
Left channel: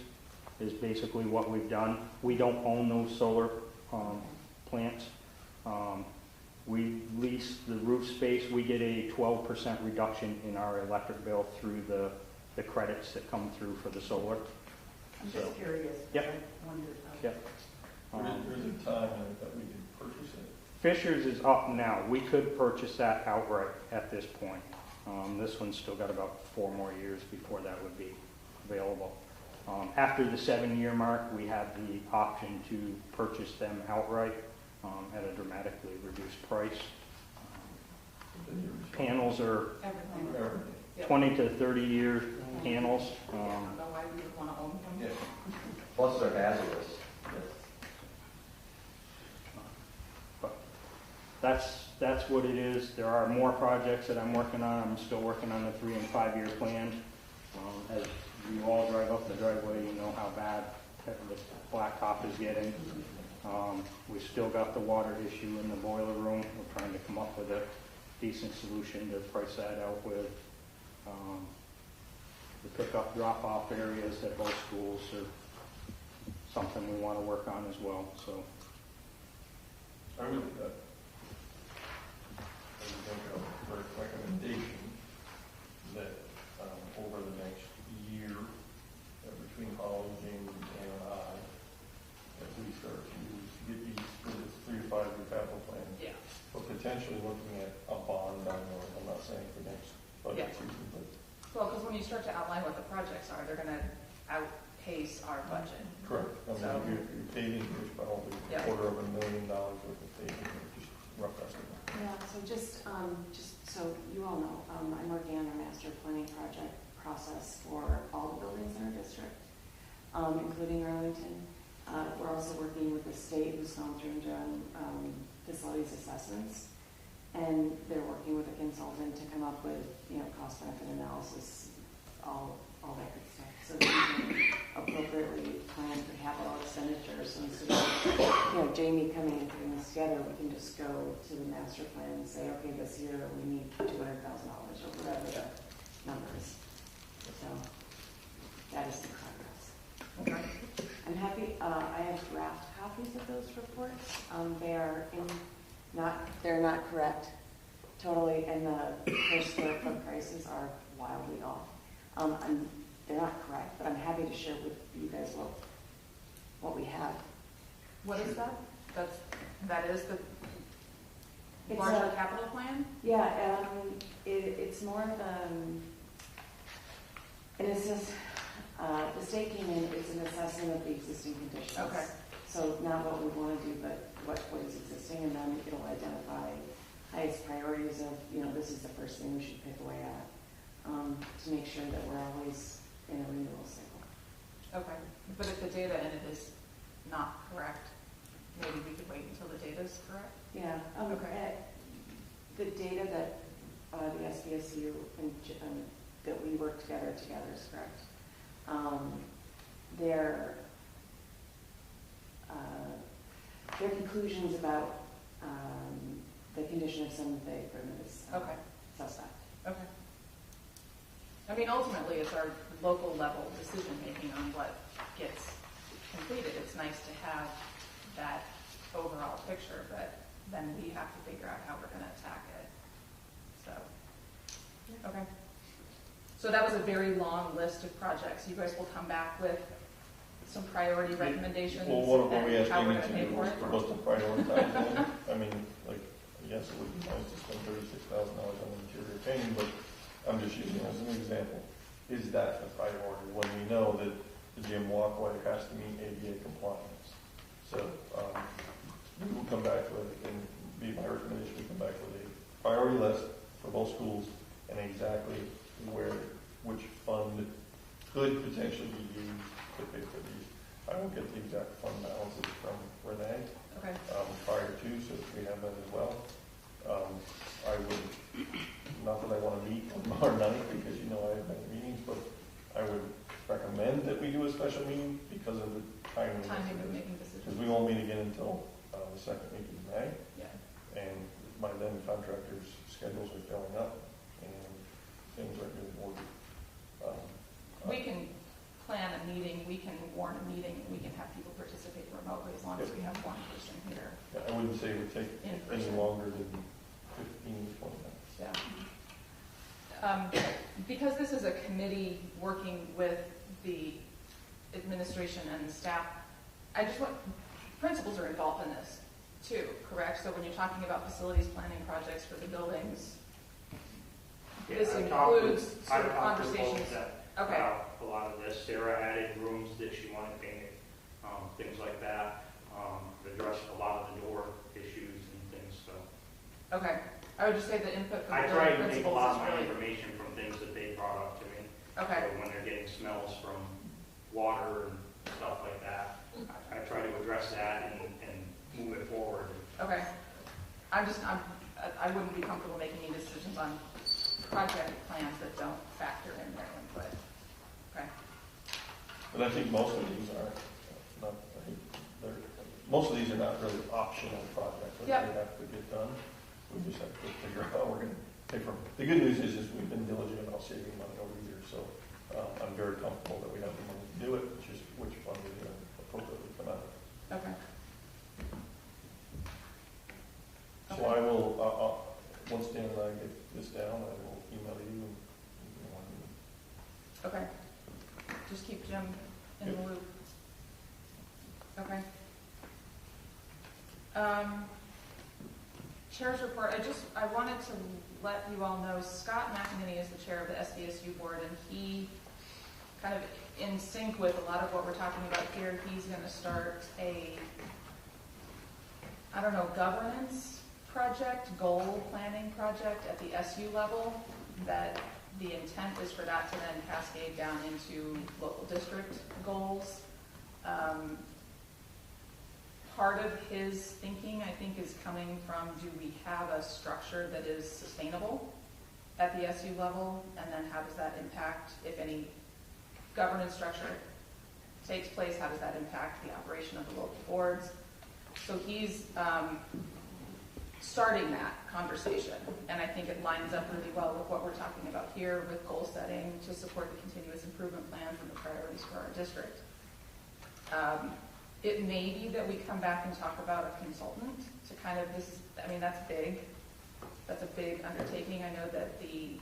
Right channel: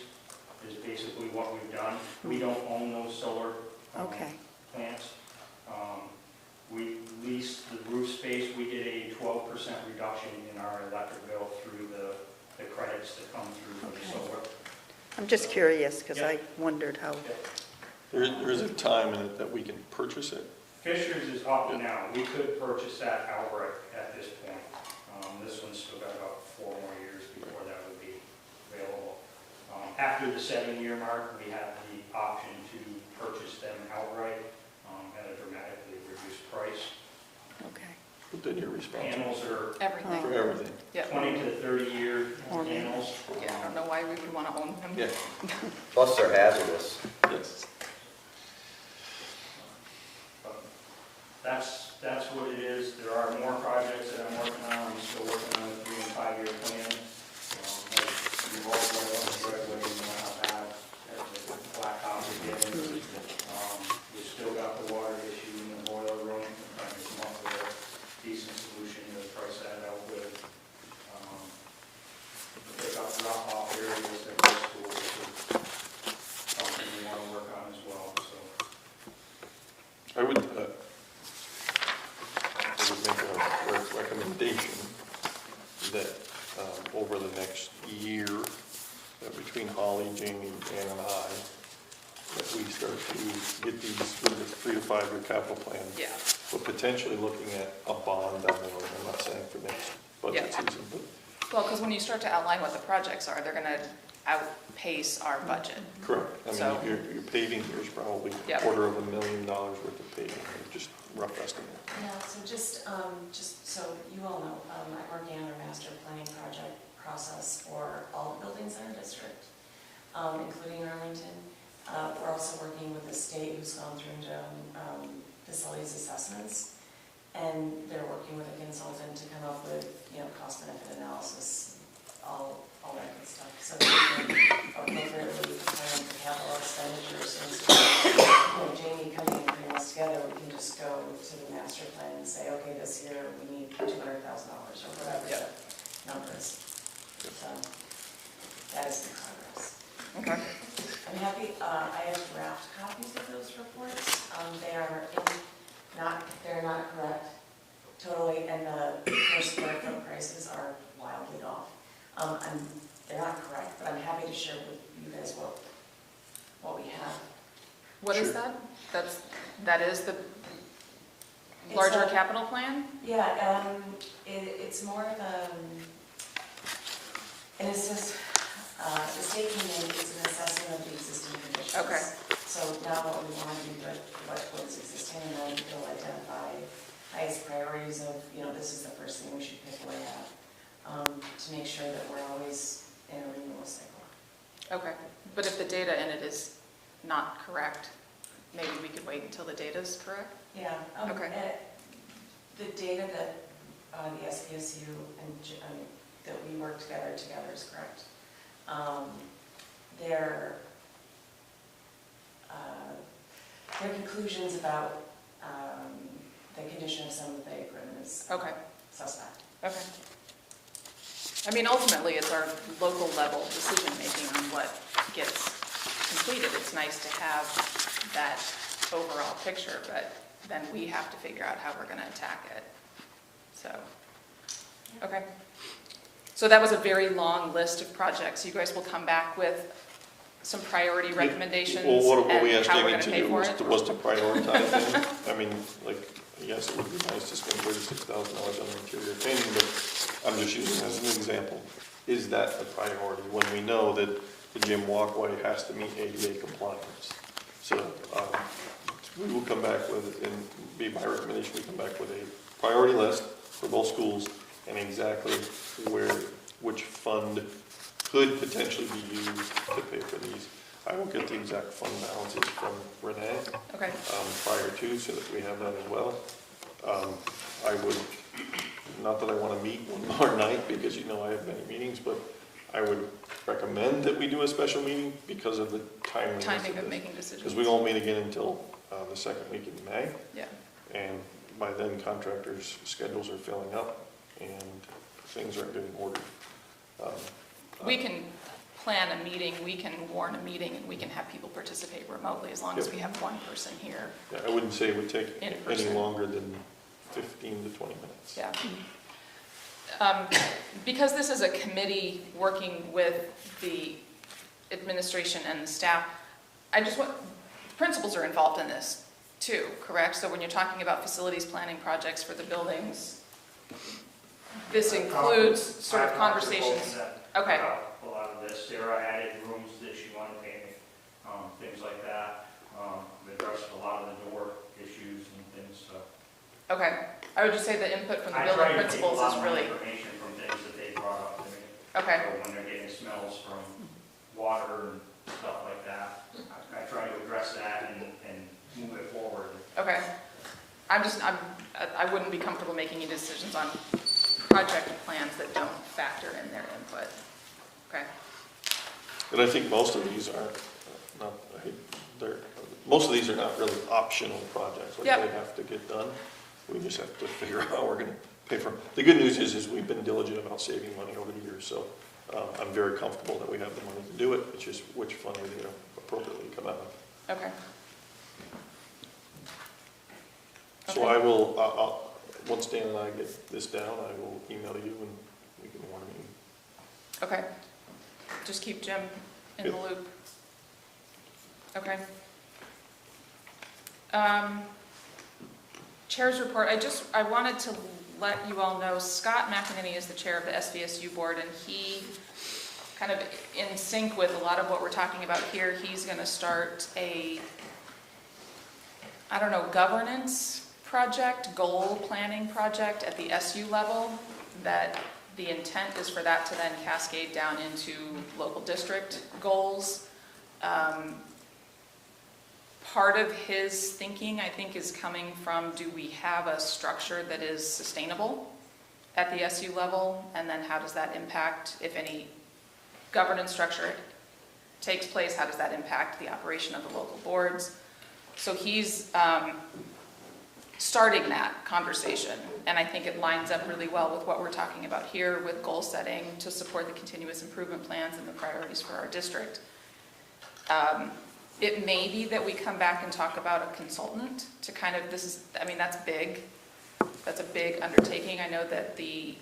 is basically what we've done. We don't own those solar Okay. plants. We lease the roof space. We get a 12% reduction in our electric bill through the credits that come through for the solar. I'm just curious, because Yeah. I wondered how. Yeah. There is a time in it that we can purchase it. Fisher's is up now. We could purchase that outright at this point. This one's still got about 4 more years before that would be available. After the 7-year mark, we have the option to purchase them outright at a dramatically reduced price. Okay. But then you're responsible Panels are Everything. for everything. Yeah. 20 to 30-year panels. Yeah, I don't know why we would want to own them. Yeah. Plus they're hazardous. Yes. But that's what it is. There are more projects that I'm working on. I'm still working on a 3- and 5-year plan. As you all drive up the driveway, you know how bad the blacktop is getting. We've still got the water issue in the boiler room. We're trying to come up with a decent solution to price that out with. We pick up drop-off areas at both schools is something we want to work on as well, so. I would make a recommendation that over the next year, between Holly, Jamie, and I, that we start to get these with this 3 to 5 year capital plan. Yeah. But potentially looking at a bond down the road. I'm not saying for next budget Yeah. season, but Well, because when you start to outline what the projects are, they're going to outpace our budget. Correct. I mean, So- your paving, there's probably Yep. $250,000 worth of paving, just rough estimate. Yeah, so just so you all know, I'm working on a master planning project process for all the buildings in our district, including Arlington. We're also working with the state who's gone through and done facilities assessments. And they're working with a consultant to come up with, cost benefit analysis, all that good stuff. So that we can appropriately plan for capital expenditures. And so, Jamie coming and putting us together, we can just go to the master plan and say, okay, this year we need $200,000 or whatever the number is. So that is in progress. Okay. I'm happy, I have draft copies of those reports. They're not correct totally, and the per square foot prices are wildly off. They're not correct, but I'm happy to share with you guys what we have. What is that? That is the It's larger like- capital plan? Yeah, it's more of and it's just, the state came in, it's an assessment of the existing conditions. Okay. So not what we want to do, but what's existing, and then it'll identify highest priorities of, this is the first thing we should pick away at, to make sure that we're always in a renewal cycle. Okay, but if the data in it is not correct, maybe we could wait until the data is correct? Yeah. Okay. The data that the SBSU and that we work together is correct. Their conclusions about the condition of some of the equipment is Okay. suspect. Okay. I mean, ultimately, it's our local level decision-making on what gets completed. It's nice to have that overall picture, but then we have to figure out how we're going to attack it. So, okay. So that was a very long list of projects. You guys will come back with some priority recommendations Well, what we and asked how we're Jamie going to to pay do for was it? was to prioritize them. I mean, yes, it would be nice to spend $36,000 on interior painting, but I'm just using it as an example. Is that the priority when we know that the gym walkway has to meet ADA compliance? So we will come back with, and be my recommendation, we come back with a priority list for both schools and exactly which fund could potentially be used to pay for these. I will get the exact fund balances from Renee Okay. prior to, so that we have that as well. I would, not that I want to meet one more night, because I have many meetings, but I would recommend that we do a special meeting because of the Timing of making decisions. because we won't meet again until the second week in May. Yeah. And by then, contractors' schedules are filling up and things are in good order. We can plan a meeting, we can warn a meeting, and we can have people participate remotely as long as we have one person here. Yeah, I wouldn't say it would take In any person. longer than 15 to 20 minutes. Yeah. Because this is a committee working with the administration and the staff, principals are involved in this too, correct? So when you're talking about facilities planning projects for the buildings, this includes sort of conversations. Okay. A lot of this, Sarah added rooms that she wanted painted, things like that. Addressed a lot of the door issues and things, so. Okay. I would just say the input from the I building try to take a principals lot is more really, information from things that they brought up to me. okay. So when they're getting smells from water and stuff like that, I try to address that and move it forward. Okay. I wouldn't be comfortable making any decisions on project plans that don't factor in their input. Okay. But I think most of these are most of these are not really optional projects. Like Yep. They have to get done. We just have to figure out how we're going to pay for them. The good news is we've been diligent about saving money over the years, so I'm very comfortable that we have the money to do it. It's just which fund we're going to appropriately come out of. Okay. So I will, once Dan and I get this down, I will email you and we can warn a meeting. Okay. Just keep Jim in the Yep. loop. Okay. Chair's report, I wanted to let you all know, Scott McEnany is the chair of the SVSU board, and he kind of in sync with a lot of what we're talking about here, he's going to start a, I don't know, governance project, goal planning project at the SU level, that the intent is for that to then cascade down into local district goals. Part of his thinking, I think, is coming from, do we have a structure that is sustainable at the SU level? And then how does that impact, if any governance structure takes place, how does that impact the operation of the local boards? So he's starting that conversation, and I think it lines up really well with what we're talking about here with goal setting to support the continuous improvement plans and the priorities for our district. It may be that we come back and talk about a consultant to kind of, this is, I mean, that's big. That's a big undertaking. I know that the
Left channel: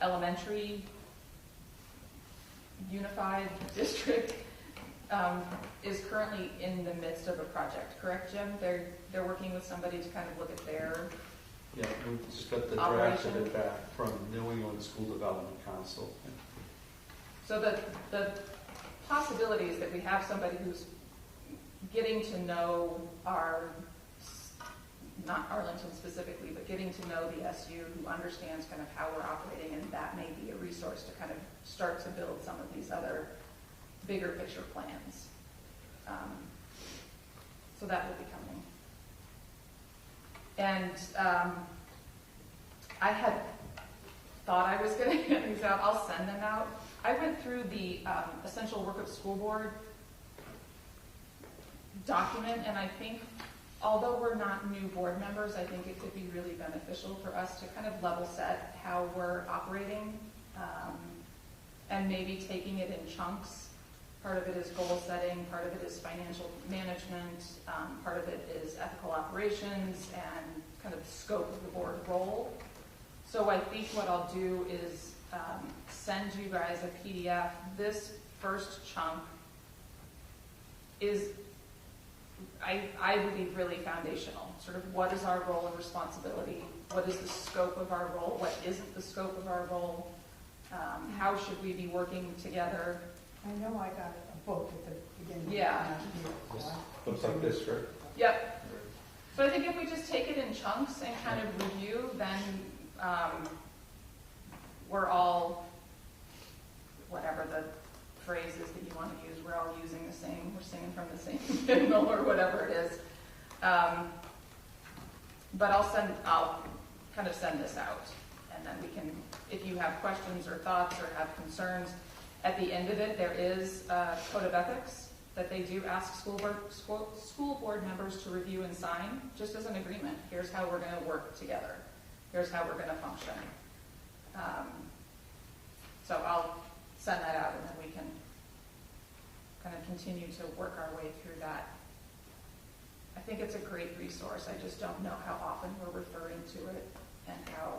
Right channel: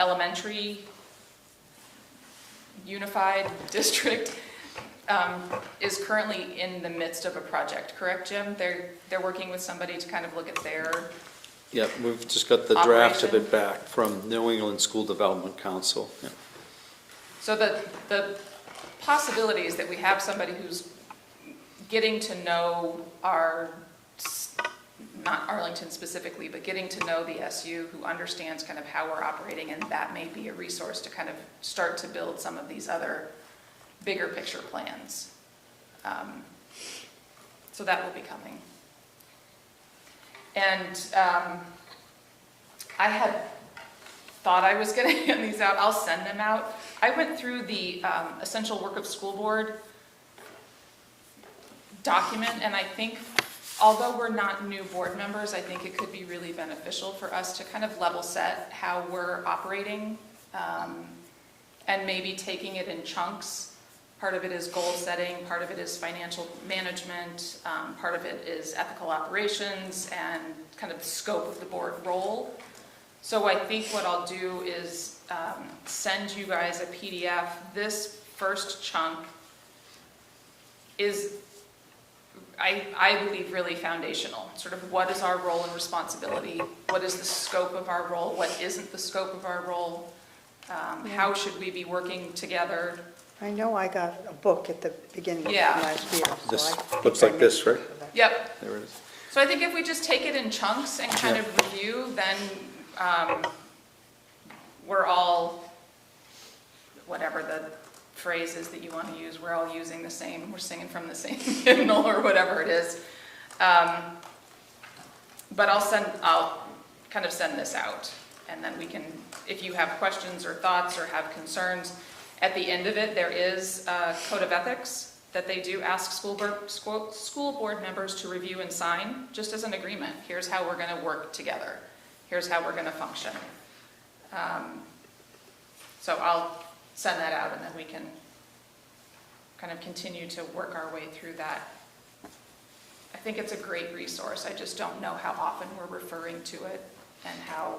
elementary unified district is currently in the midst of a project, correct, Jim? They're working with somebody to kind of look at their Yeah, we've just got the draft of operation. it back from New England School Development Council. Yeah. So the possibility is that we have somebody who's getting to know our, not Arlington specifically, but getting to know the SU, who understands kind of how we're operating, and that may be a resource to kind of start to build some of these other bigger picture plans. So that will be coming. And I had thought I was going to hand these out. I'll send them out. I went through the Essential Work of School Board document, and I think, although we're not new board members, I think it could be really beneficial for us to kind of level set how we're operating, and maybe taking it in chunks. Part of it is goal setting, part of it is financial management, part of it is ethical operations, and kind of the scope of the board role. So I think what I'll do is send you guys a PDF. This first chunk is, I believe, really foundational. Sort of what is our role and responsibility? What is the scope of our role? What isn't the scope of our role? How should we be working together? I know I got a book at the beginning of Yeah. last year. So This I think looks I like may this, right? do that. Yep. There it is. So I think if we just take it in chunks and kind of review, then we're all, whatever the phrase is that you want to use, we're all using the same, we're singing from the same hymnal or whatever it is. But I'll kind of send this out, and then we can, if you have questions or thoughts or have concerns, at the end of it, there is a code of ethics that they do ask school board members to review and sign, just as an agreement. Here's how we're going to work together. Here's how we're going to function. So I'll send that out, and then we can kind of continue to work our way through that. I think it's a great resource. I just don't know how often we're referring to it and how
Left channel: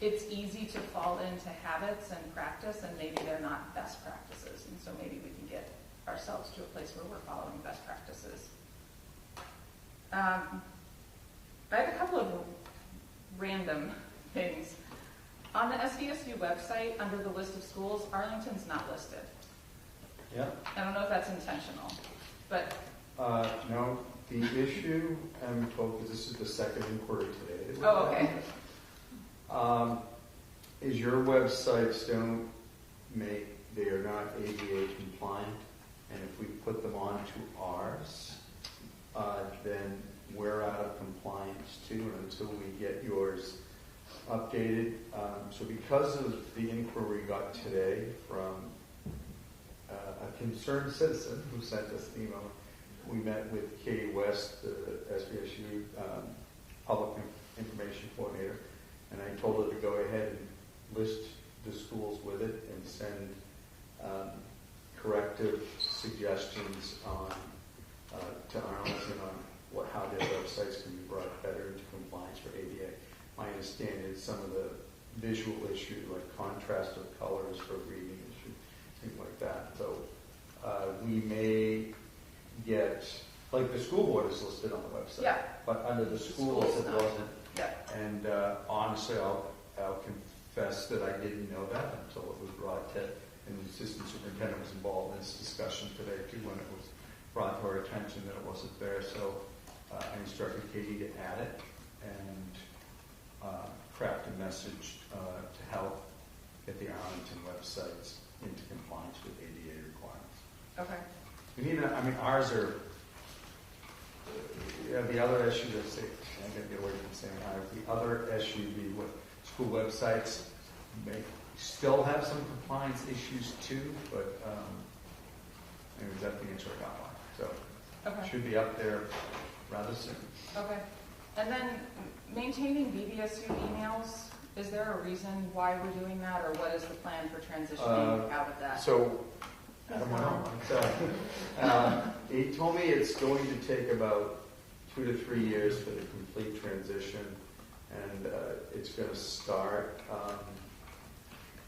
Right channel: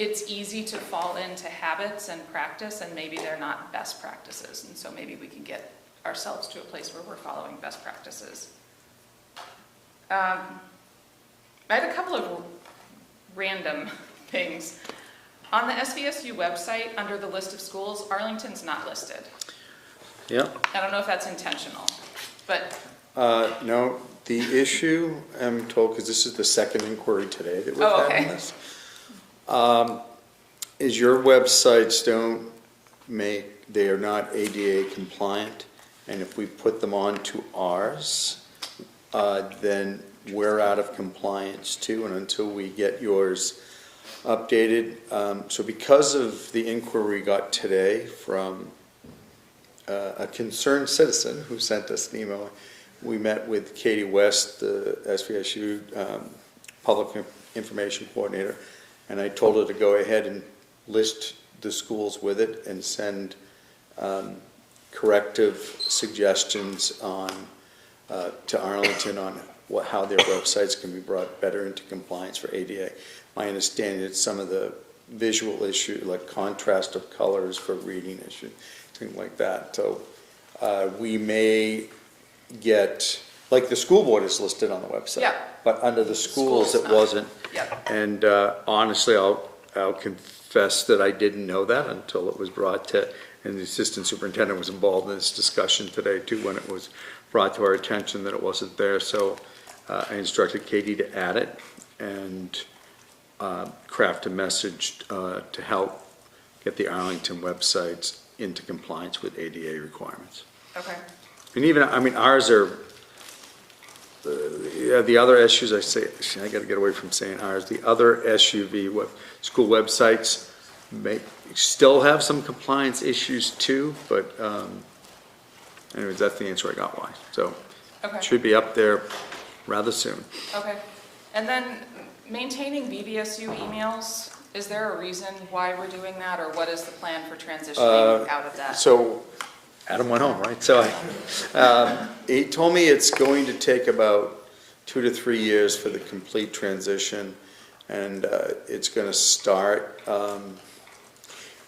it's easy to fall into habits and practice, and maybe they're not best practices. And so maybe we can get ourselves to a place where we're following best practices. I had a couple of random things. On the SVSU website, under the list of schools, Arlington's not listed. Yeah. I don't know if that's intentional, but No, the issue, I'm told, because this is the second inquiry today that we've had on this, is your websites they are not ADA compliant, and if we put them onto ours, then we're out of compliance too, and until we get yours updated. So because of the inquiry we got today from a concerned citizen who sent us an email, we met with Katie West, the SVSU Public Information Coordinator, and I told her to go ahead and list the schools with it and send corrective suggestions on to Arlington on how their websites can be brought better into compliance for ADA. My understanding is some of the visual issue, like contrast of colors for reading issue, things like that. So we may get, like the school board is listed on the website. Yeah. But under the schools, it not. wasn't. Yep. And honestly, I'll confess that I didn't know that until it was brought to, and the assistant superintendent was involved in this discussion today too, when it was brought to our attention that it wasn't there. So I instructed Katie to add it and craft a message to help get the Arlington websites into compliance with ADA requirements. Okay. And even, I mean, ours are, the other issues, I gotta get away from saying ours, the other SUV school websites may still have some compliance issues too, but anyways, that's the answer I got why. So Okay. it should be up there rather soon. Okay. And then maintaining BBSU emails, is there a reason why we're doing that, or what is the plan for transitioning out of that? So Adam went home, right? So he told me it's going to take about 2 to 3 years for the complete transition, and it's going to start.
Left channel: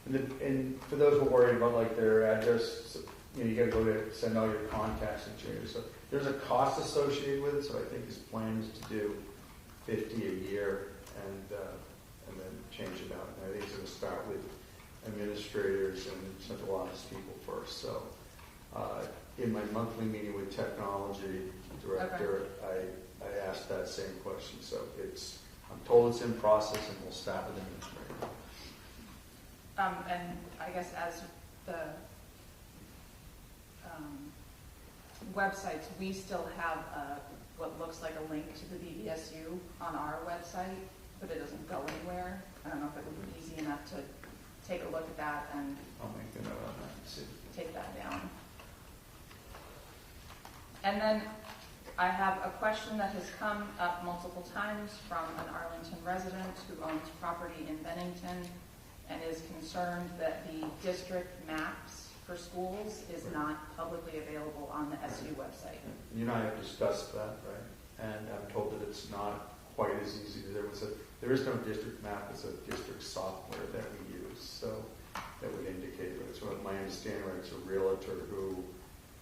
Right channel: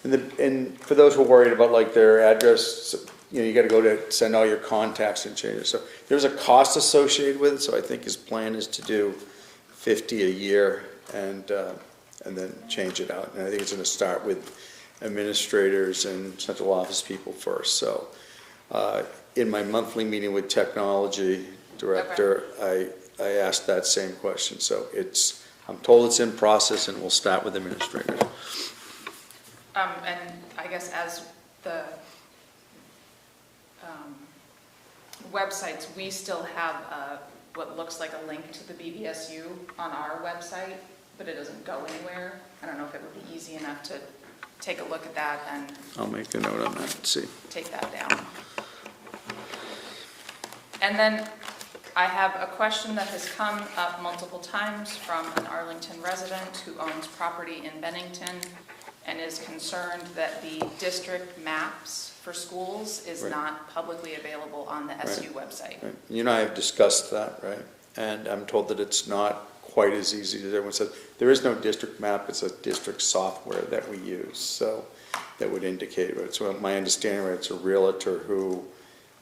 And for those who are worried about like their address, you know, you got to go to send all your contacts and change it. So there's a cost associated with it. So I think his plan is to do 50 a year and then change it out. And I think it's going to start with administrators and central office people first. So in my monthly meeting with technology director, I asked that same question. So I'm told it's in process, and we'll start with administrators. And I guess as the websites, we still have what looks like a link to the BBSU on our website, but it doesn't go anywhere. I don't know if it would be easy enough to take a look at that and I'll make a note on that and see. take that down. And then I have a question that has come up multiple times from an Arlington resident who owns property in Bennington and is concerned that the district maps for schools is Right. not publicly available on the SU website. Right. You and I have discussed that, right? And I'm told that it's not quite as easy as everyone says. There is no district map, it's a district software that we use, so that would indicate it. So my understanding, right, it's a realtor who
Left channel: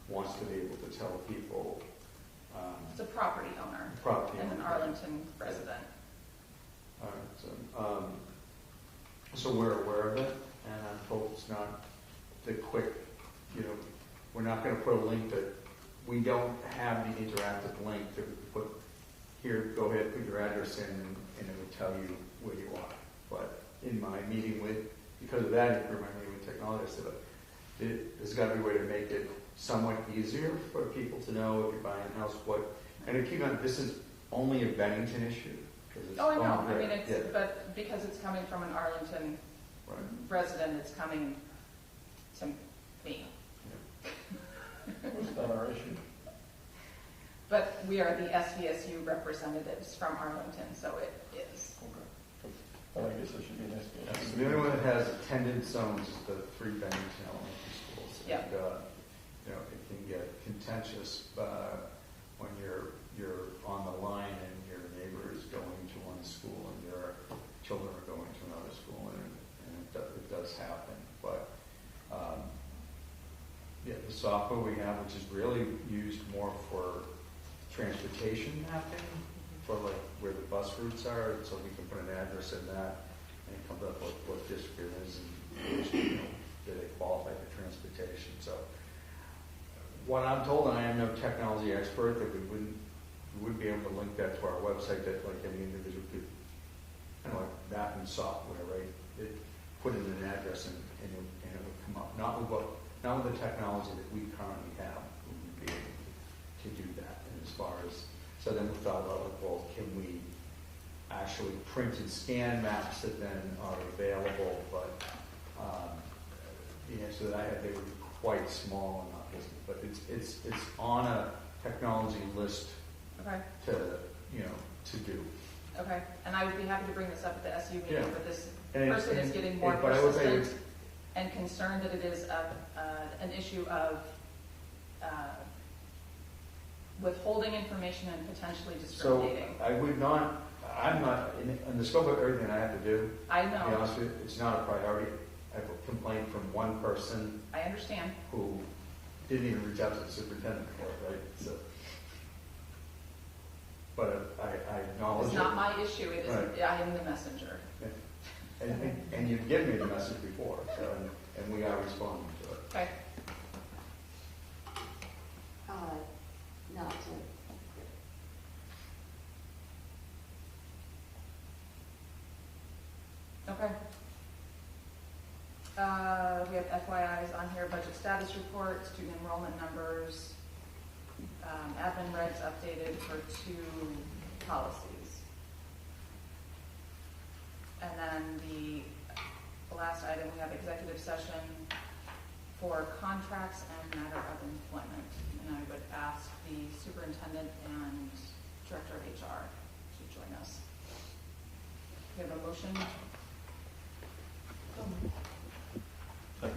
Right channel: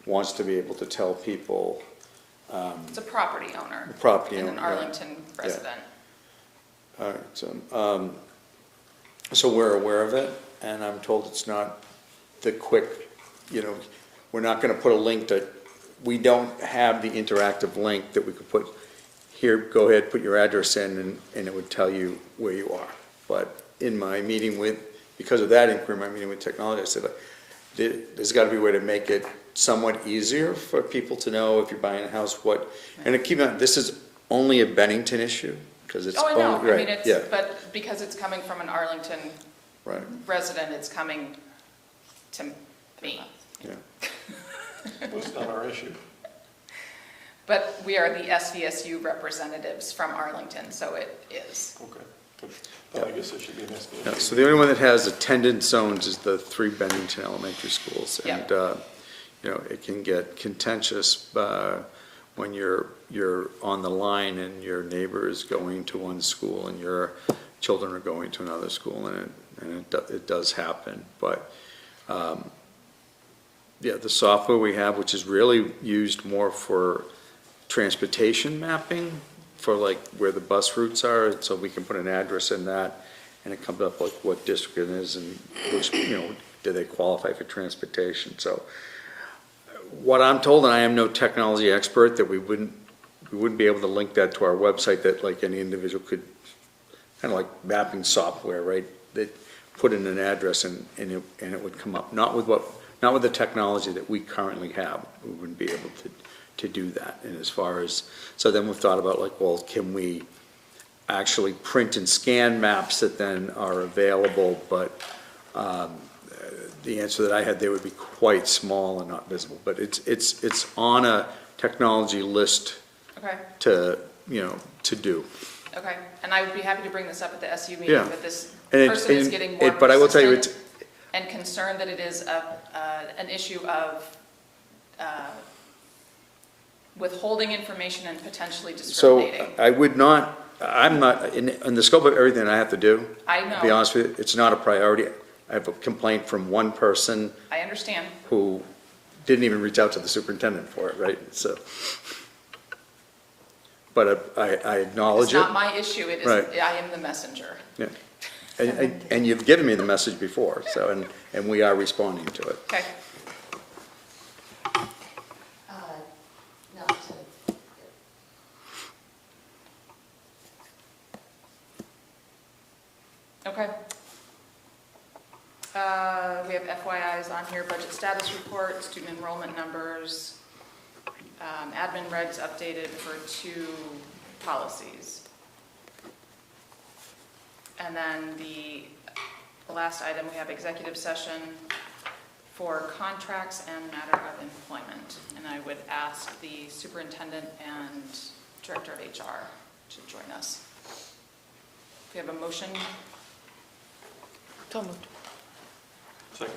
wants to be able to tell people. It's a property owner. Property and owner, an right. Arlington resident. All right, so we're aware of it, and I'm told it's not the quick, you know, we're not gonna put a link we don't have the interactive link that we could put, here, go ahead, put your address in, and it would tell you where you are. But in my meeting because of that inquiry, my meeting with technology, I said, there's gotta be a way to make it somewhat easier for people to know if you're buying a house, and to keep in mind, this is only a Bennington issue, because it's Oh, I know, only, I mean, right, yeah, but because it's coming from an Arlington right, resident, it's coming to me. yeah. Well, it's not our issue. But we are the SVSU representatives from Arlington, so it is. Okay. Then I guess it should be an SBA. No, so the only one that has attendance zones is the 3 Bennington elementary schools. Yeah. And, you know, it can get contentious when you're on the line and your neighbor is going to one school and your children are going to another school, and it does happen. But, yeah, the software we have, which is really used more for transportation mapping, for like where the bus routes are, so we can put an address in that, and it comes up like what district it is and which, you know, do they qualify for transportation. So what I'm told, and I am no technology expert, that we wouldn't be able to link that to our website, that like any individual could, kind of like mapping software, right? That put in an address and it would come up, not with the technology that we currently have. We wouldn't be able to do that. And as far as, so then we've thought about like, well, can we actually print and scan maps that then are available, but the answer that I had, they would be quite small and not visible. But it's on a technology list Okay, to, you know, to do. okay. And I would be happy to bring this up at the SU meeting, Yeah. that this And person is getting more but I will tell you, persistent and concerned that it is an issue of withholding information and potentially So discriminating. I'm not, in the scope of everything I have to do, I to be know, honest with you, it's not a priority. I have a complaint from one person I understand. who didn't even reach out to the superintendent for it, right? So, but I acknowledge It's it. not my issue, it is, Right. I am the messenger. Yeah. And you've given me the message before, so, and we are responding to it. Okay, Not to, okay. We have FYIs on here, budget status report, student enrollment numbers, admin regs updated for 2 policies. And then the last item, we have executive session for contracts and matter of employment. And I would ask the superintendent and director of HR to join us. If we have a motion. So moved. Second.